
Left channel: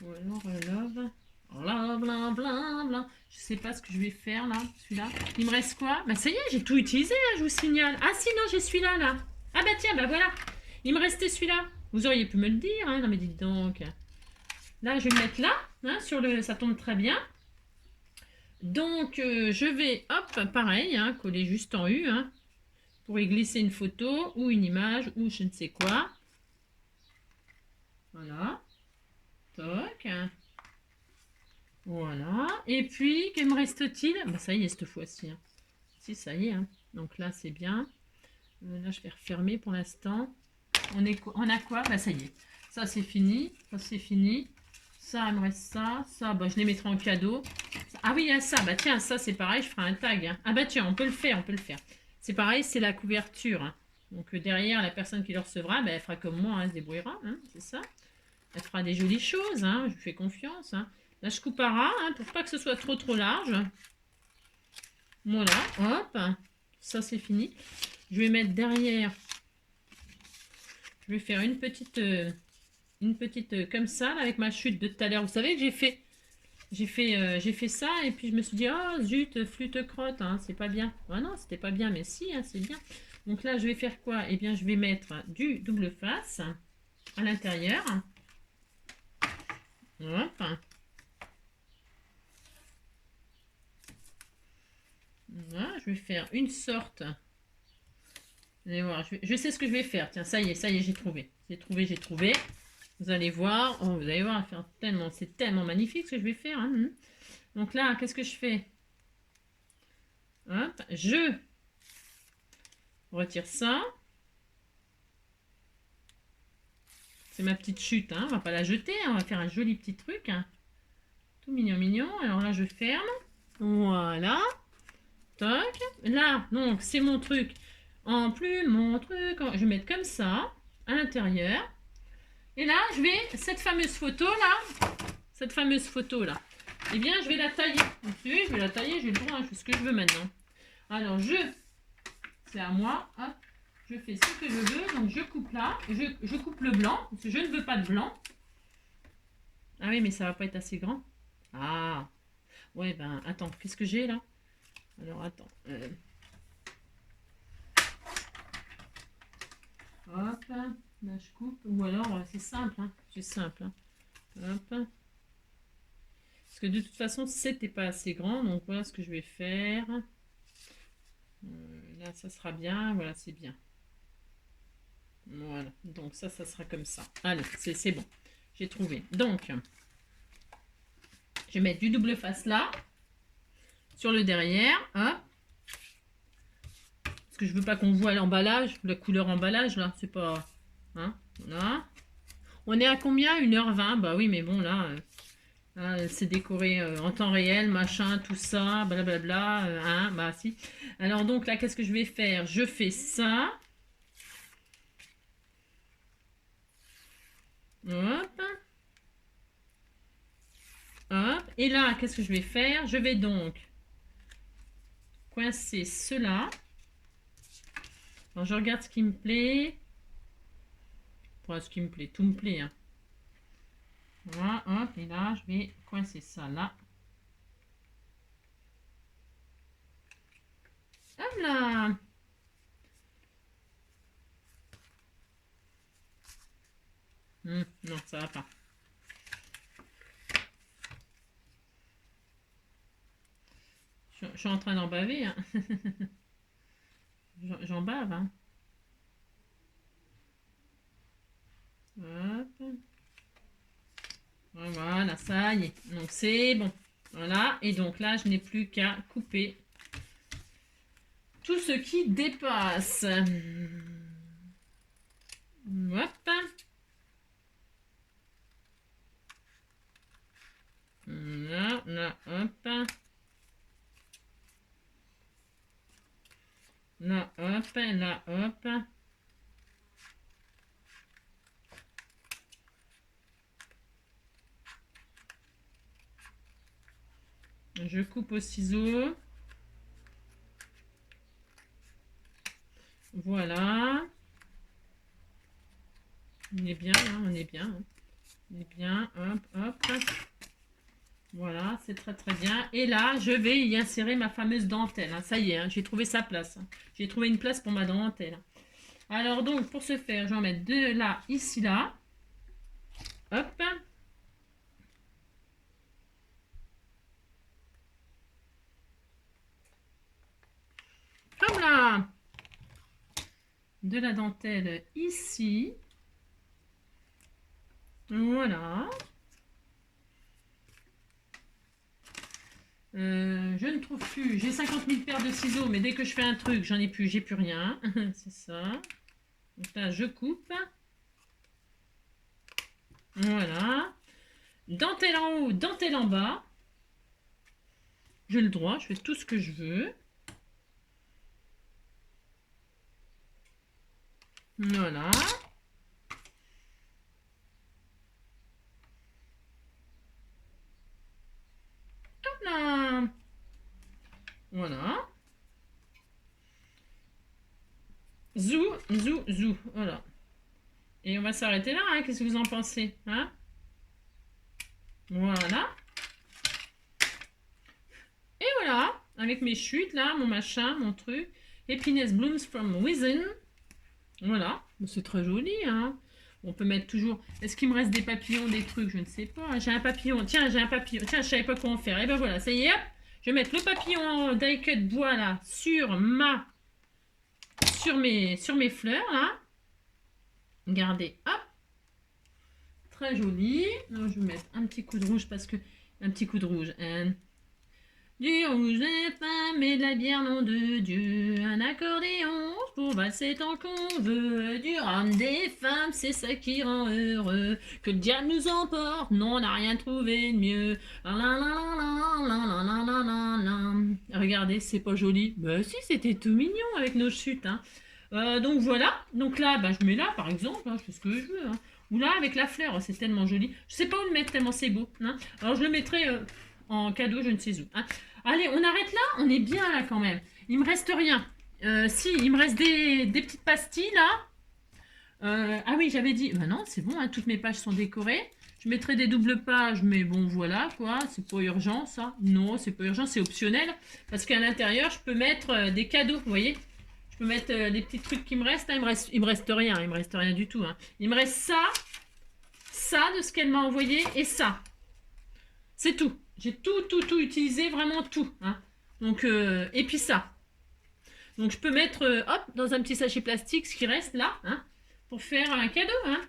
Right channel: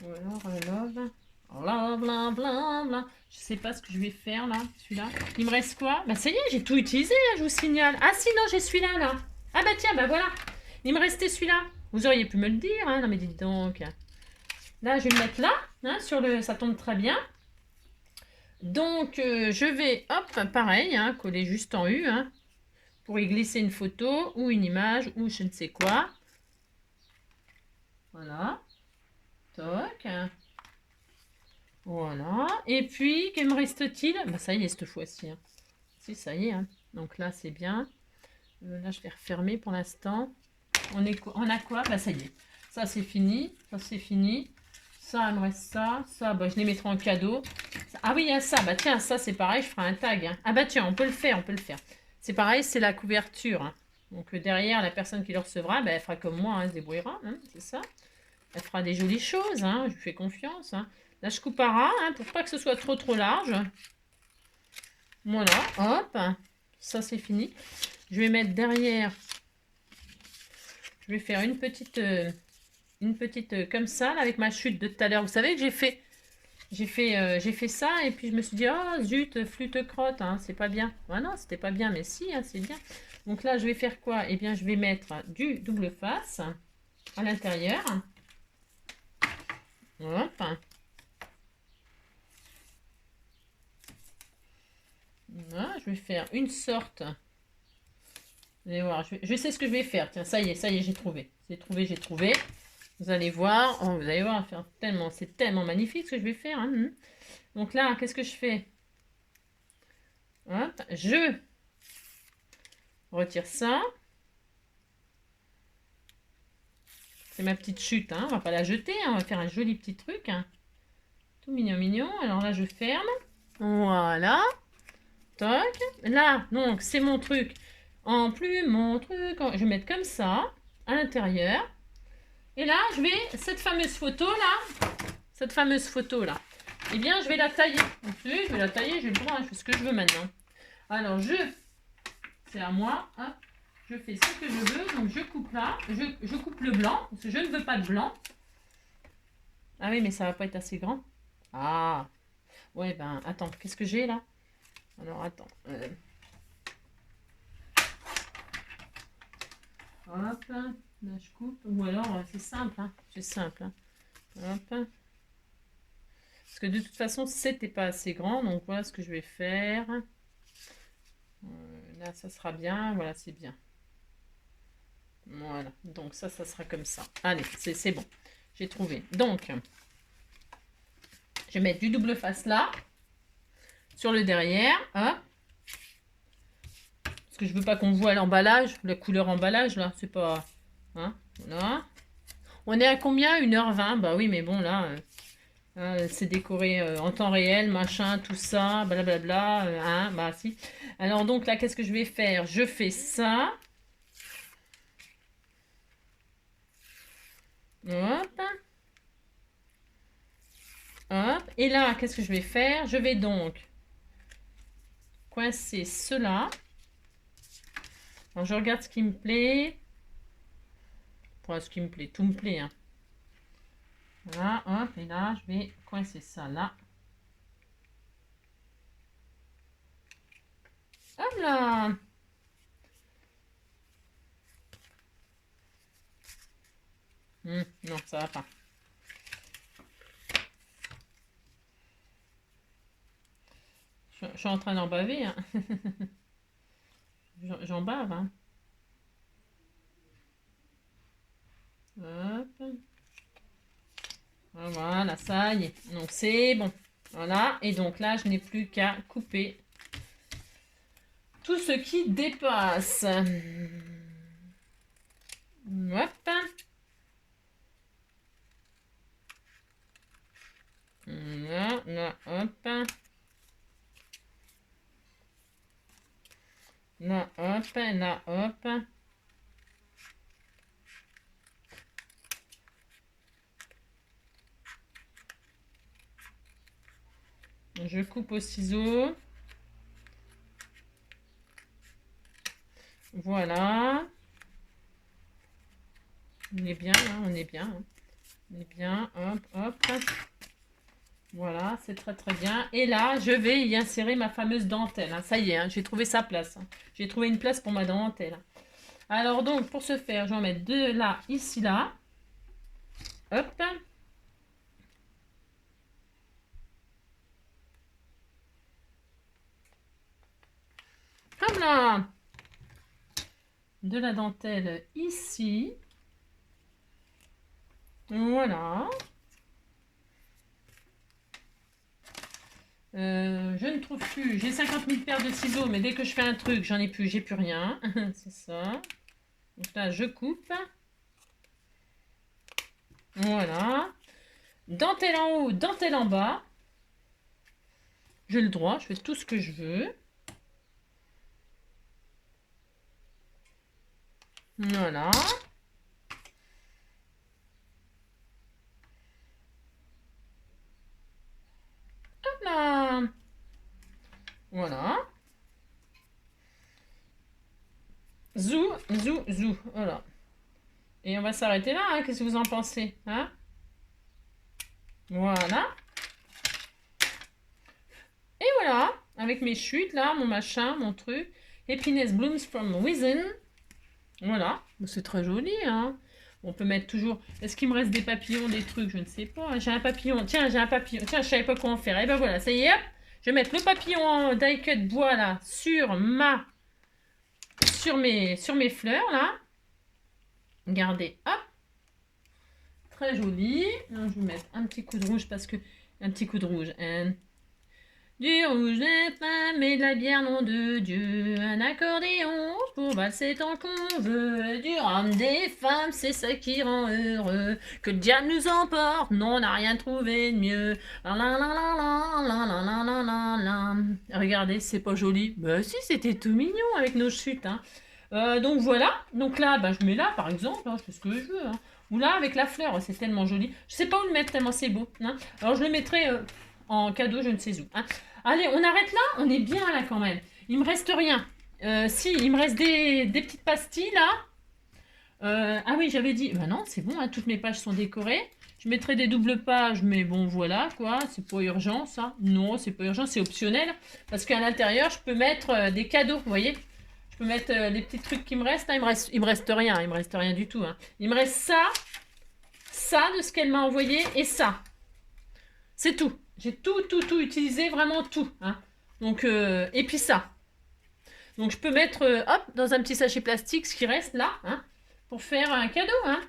Ou alors, love. Love, love, love, love. Je sais pas ce que je vais faire là, celui-là. Il me reste quoi? Bah ça y est, j'ai tout utilisé, là, je vous signale. Ah si, non, j'ai celui-là, là. Ah bah tiens, bah voilà. Il me restait celui-là. Vous auriez pu me le dire, hein. Non mais dites donc. Là, je vais le mettre là, hein, ça tombe très bien. Donc, je vais, hop, pareil, hein, coller juste en U, hein, pour y glisser une photo ou une image ou je ne sais quoi. Voilà. Toc. Voilà. Et puis, que me reste-t-il? Bah, ça y est, cette fois-ci. Hein. Si, ça y est. Hein. Donc là, c'est bien. Là, je vais refermer pour l'instant. On a quoi? Bah, ça y est. Ça, c'est fini. Ça, c'est fini. Ça, il me reste ça. Ça, bah, je les mettrai en cadeau. Ah oui, il y a ça. Bah tiens, ça, c'est pareil. Je ferai un tag. Hein. Ah bah tiens, on peut le faire. On peut le faire. C'est pareil, c'est la couverture. Hein. Donc derrière, la personne qui le recevra, bah, elle fera comme moi. Hein, elle se débrouillera. Hein, c'est ça. Elle fera des jolies choses. Hein. Je lui fais confiance. Hein. Là, je coupe à ras hein, pour pas que ce soit trop large. Voilà. Hop. Ça, c'est fini. Je vais mettre derrière. Je vais faire une petite comme ça, là, avec ma chute de tout à l'heure. Vous savez que j'ai fait ça et puis je me suis dit, oh zut, flûte crotte, hein, c'est pas bien. Ah non, c'était pas bien, mais si, hein, c'est bien. Donc là, je vais faire quoi? Eh bien, je vais mettre du double face à l'intérieur. Hop. Voilà, je vais faire une sorte. Vous allez voir, je sais ce que je vais faire. Tiens, ça y est, j'ai trouvé. J'ai trouvé. Vous allez voir, oh, vous allez voir, c'est tellement magnifique ce que je vais faire. Hein. Donc là, qu'est-ce que je fais? Hop, je retire ça. C'est ma petite chute, hein. On va pas la jeter, hein. On va faire un joli petit truc. Hein. Tout mignon, mignon. Alors là, je ferme. Voilà. Toc. Là, donc, c'est mon truc. En plus, mon truc, je vais mettre comme ça, à l'intérieur. Et là, cette fameuse photo là, eh bien, je vais la tailler. Ensuite, je vais la tailler, j'ai le droit, hein, je fais ce que je veux maintenant. Alors, c'est à moi, hein. Je fais ce que je veux, donc je coupe là, je coupe le blanc, parce que je ne veux pas de blanc. Ah oui, mais ça va pas être assez grand. Ah, ouais, ben, attends, qu'est-ce que j'ai là? Alors, attends. Hop, là, je coupe, ou alors, c'est simple, hein, c'est simple. Hein. Hop. Parce que de toute façon, c'était pas assez grand, donc voilà ce que je vais faire. Là, ça sera bien, voilà, c'est bien. Voilà, donc ça sera comme ça. Allez, c'est bon, j'ai trouvé. Donc, je vais mettre du double face là, sur le derrière, hop. Parce que je veux pas qu'on voit l'emballage, la couleur emballage là, c'est pas... Hein, voilà. On est à combien? 1h20? Bah oui, mais bon là... c'est décoré en temps réel, machin, tout ça, blablabla, hein, bah si. Alors donc là, qu'est-ce que je vais faire? Je fais ça. Hop. Hop. Et là, qu'est-ce que je vais faire? Je vais donc coincer cela. Alors je regarde ce qui me plaît. Enfin, ce qui me plaît, tout me plaît. Hein. Voilà, hop, et là, je vais coincer ça là. Hop là. Non, ça va pas. Je suis en train d'en baver. Hein. J'en bave. Hein. Hop. Voilà, ça y est. Donc c'est bon. Voilà. Et donc là, je n'ai plus qu'à couper tout ce qui dépasse. Hop. Là, là, hop. Là, hop, là, hop. Je coupe au ciseau. Voilà. On est bien, hein, on est bien. Hein. On est bien, hop, hop. Voilà, c'est très très bien. Et là, je vais y insérer ma fameuse dentelle. Hein. Ça y est, hein, j'ai trouvé sa place. Hein. J'ai trouvé une place pour ma dentelle. Alors donc, pour ce faire, je vais en mettre deux là, ici, là. Hop. Comme là. De la dentelle ici. Voilà. Je ne trouve plus. J'ai 50 000 paires de ciseaux, mais dès que je fais un truc, j'en ai plus, j'ai plus rien. C'est ça. Donc là, je coupe. Voilà. Dentelle en haut, dentelle en bas. J'ai le droit, je fais tout ce que je veux. Voilà. Hop là. Voilà. Zou, zou, zou. Voilà. Et on va s'arrêter là. Hein. Qu'est-ce que vous en pensez, hein? Voilà. Et voilà. Avec mes chutes là, mon machin, mon truc. Happiness blooms from within. Voilà. C'est très joli, hein. On peut mettre toujours... Est-ce qu'il me reste des papillons, des trucs? Je ne sais pas. J'ai un papillon. Tiens, j'ai un papillon. Tiens, je savais pas quoi en faire. Et ben voilà, ça y est, hop. Je vais mettre le papillon en die-cut bois là sur mes fleurs là. Regardez, hop. Très joli. Alors, je vais mettre un petit coup de rouge parce que... Un petit coup de rouge. Du rouge des femmes et de la bière, nom de Dieu. Un accordéon pour valser tant qu'on veut. Du rhum des femmes, c'est ça qui rend heureux. Que le diable nous emporte, non, on n'a rien trouvé de mieux. Regardez, c'est pas joli. Bah si, c'était tout mignon avec nos chutes. Hein. Donc voilà. Donc là, bah, je mets là, par exemple. Hein, je fais ce que je veux. Hein. Ou là, avec la fleur, c'est tellement joli. Je sais pas où le mettre tellement c'est beau. Hein. Alors je le mettrai... en cadeau, je ne sais où. Hein. Allez, on arrête là. On est bien là quand même. Il me reste rien. Si, il me reste des petites pastilles là. Ah oui, j'avais dit... Bah non, c'est bon, hein, toutes mes pages sont décorées. Je mettrai des doubles pages, mais bon, voilà, quoi. C'est pas urgent, ça. Non, c'est pas urgent, c'est optionnel. Parce qu'à l'intérieur, je peux mettre des cadeaux, vous voyez. Je peux mettre les petits trucs qui me restent. Hein. Il me reste rien, il me reste rien du tout. Hein. Il me reste ça de ce qu'elle m'a envoyé et ça. C'est tout. J'ai tout utilisé, vraiment tout. Hein. Donc, et puis ça. Donc, je peux mettre, hop, dans un petit sachet plastique, ce qui reste là, hein, pour faire un cadeau. Hein.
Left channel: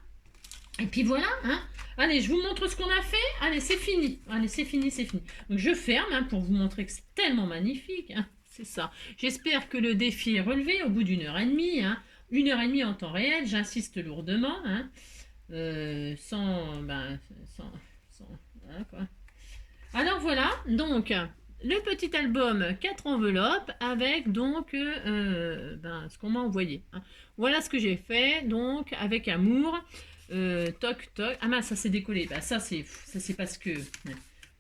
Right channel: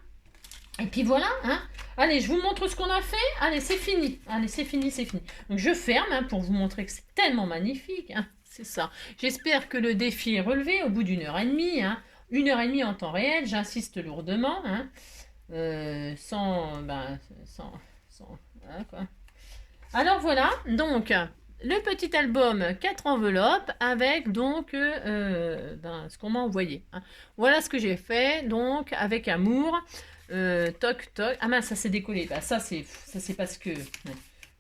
Et puis voilà. Hein. Allez, je vous montre ce qu'on a fait. Allez, c'est fini. Allez, c'est fini, c'est fini. Donc, je ferme hein, pour vous montrer que c'est tellement magnifique. Hein. C'est ça. J'espère que le défi est relevé au bout d'1h30. Hein. 1h30 en temps réel, j'insiste lourdement. Hein. Sans... Voilà, quoi. Alors voilà, donc le petit album 4 enveloppes avec donc ce qu'on m'a envoyé. Hein. Voilà ce que j'ai fait, donc avec amour. Toc toc. Ah mince, ça s'est décollé. Bah, ça c'est parce que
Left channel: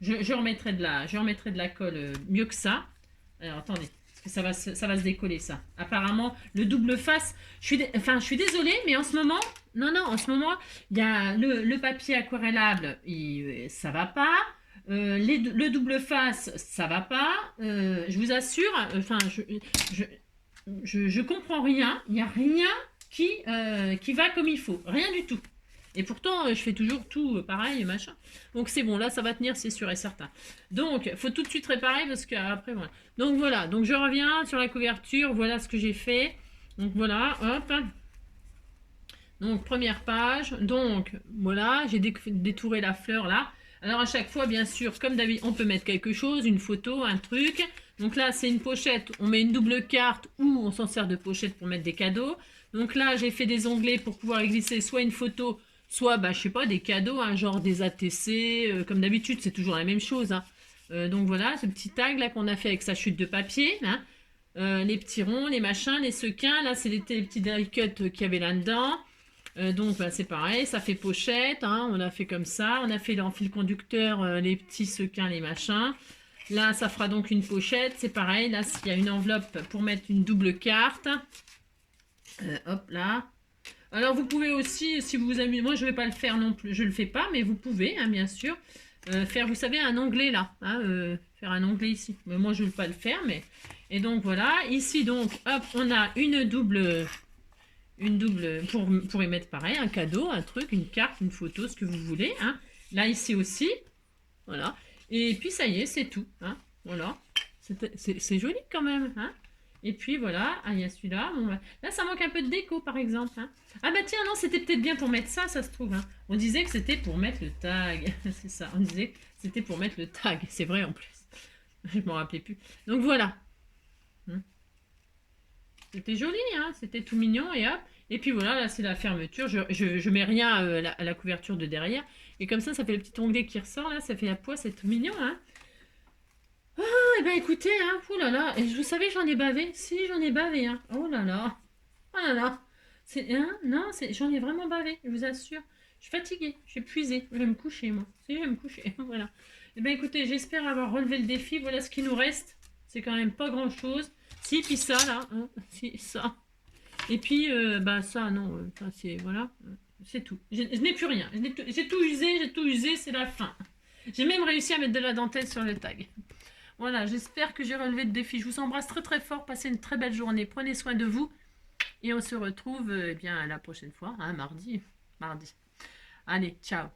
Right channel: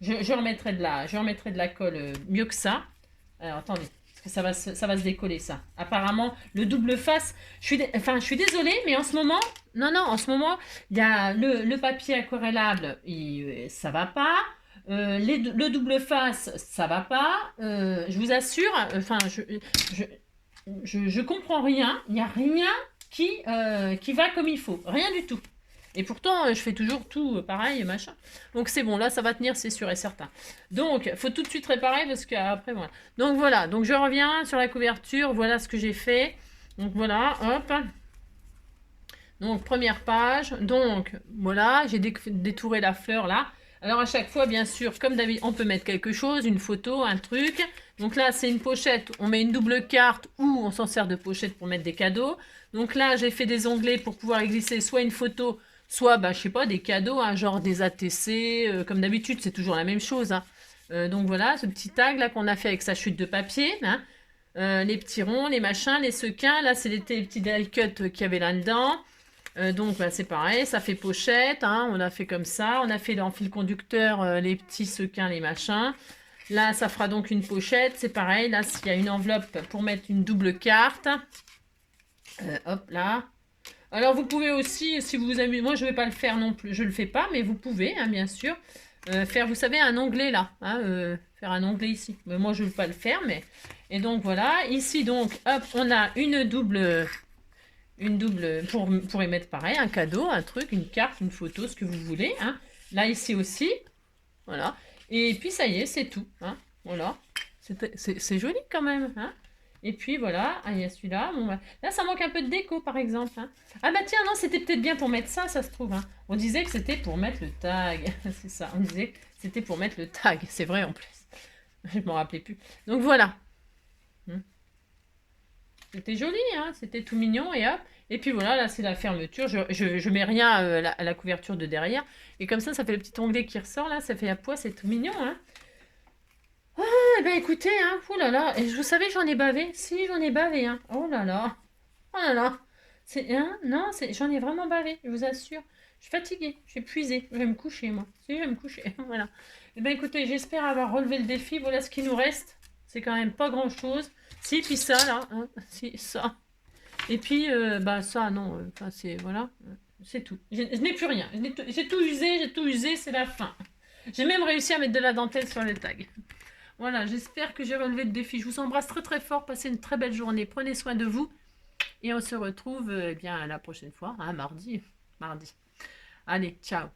je remettrai de la colle mieux que ça. Alors attendez, parce que ça va se décoller ça. Apparemment le double face. Je suis désolée, mais en ce moment, en ce moment il y a le papier aquarellable, ça va pas. Le double face, ça va pas. Je vous assure. je comprends rien. Il n'y a rien qui va comme il faut. Rien du tout. Et pourtant, je fais toujours tout pareil, machin. Donc c'est bon, là, ça va tenir, c'est sûr et certain. Donc, il faut tout de suite réparer parce qu'après, voilà. Donc voilà, donc je reviens sur la couverture. Voilà ce que j'ai fait. Donc voilà, hop. Donc, première page. Donc, voilà, j'ai détouré la fleur là. Alors, à chaque fois, bien sûr, comme d'habitude, on peut mettre quelque chose, une photo, un truc. Donc là, c'est une pochette. On met une double carte ou on s'en sert de pochette pour mettre des cadeaux. Donc là, j'ai fait des onglets pour pouvoir y glisser soit une photo, soit, bah, je sais pas, des cadeaux, hein, genre des ATC. Comme d'habitude, c'est toujours la même chose. Hein. Donc voilà, ce petit tag là qu'on a fait avec sa chute de papier. Hein. Les petits ronds, les machins, les sequins. Là, c'est les petits die cut qu'il y avait là-dedans. Donc bah, c'est pareil, ça fait pochette, hein, on a fait comme ça, on a fait en fil conducteur les petits sequins, les machins. Là, ça fera donc une pochette, c'est pareil, là, il y a une enveloppe pour mettre une double carte. Hop là. Alors vous pouvez aussi, si vous vous amusez, moi je ne vais pas le faire non plus, je ne le fais pas, mais vous pouvez, hein, bien sûr, faire, vous savez, un onglet là, hein, faire un onglet ici. Mais moi je ne vais pas le faire, mais... Et donc voilà, ici donc, hop, on a une double pour y mettre pareil, un cadeau, un truc, une carte, une photo, ce que vous voulez. Hein. Là, ici aussi. Voilà. Et puis, ça y est, c'est tout. Hein. Voilà. C'est joli quand même. Hein. Et puis, voilà. Ah, il y a celui-là. Bon, là, ça manque un peu de déco, par exemple. Hein. Ah, bah tiens, non, c'était peut-être bien pour mettre ça, ça se trouve. Hein. On disait que c'était pour mettre le tag. C'est ça. On disait que c'était pour mettre le tag. C'est vrai, en plus. Je m'en rappelais plus. Donc, voilà. C'était joli, hein, c'était tout mignon et hop. Et puis voilà, là c'est la fermeture. Je mets rien à la couverture de derrière. Et comme ça fait le petit onglet qui ressort là, ça fait à poids, c'est tout mignon, hein. Ah, et ben écoutez, hein, oh là là, et vous savez, j'en ai bavé. Si, j'en ai bavé, hein. Oh là là, oh là là. Hein, non, j'en ai vraiment bavé, je vous assure. Je suis fatiguée, je suis épuisée. Je vais me coucher, moi. Si, je vais me coucher, voilà. Et ben écoutez, j'espère avoir relevé le défi. Voilà ce qui nous reste. C'est quand même pas grand chose. Si, puis ça, là. Hein, si, ça. Et puis, bah ça, non. C'est, voilà. C'est tout. Je n'ai plus rien. J'ai tout usé, c'est la fin. J'ai même réussi à mettre de la dentelle sur le tag. Voilà, j'espère que j'ai relevé le défi. Je vous embrasse très très fort. Passez une très belle journée. Prenez soin de vous. Et on se retrouve eh bien la prochaine fois, hein, mardi. Allez, ciao.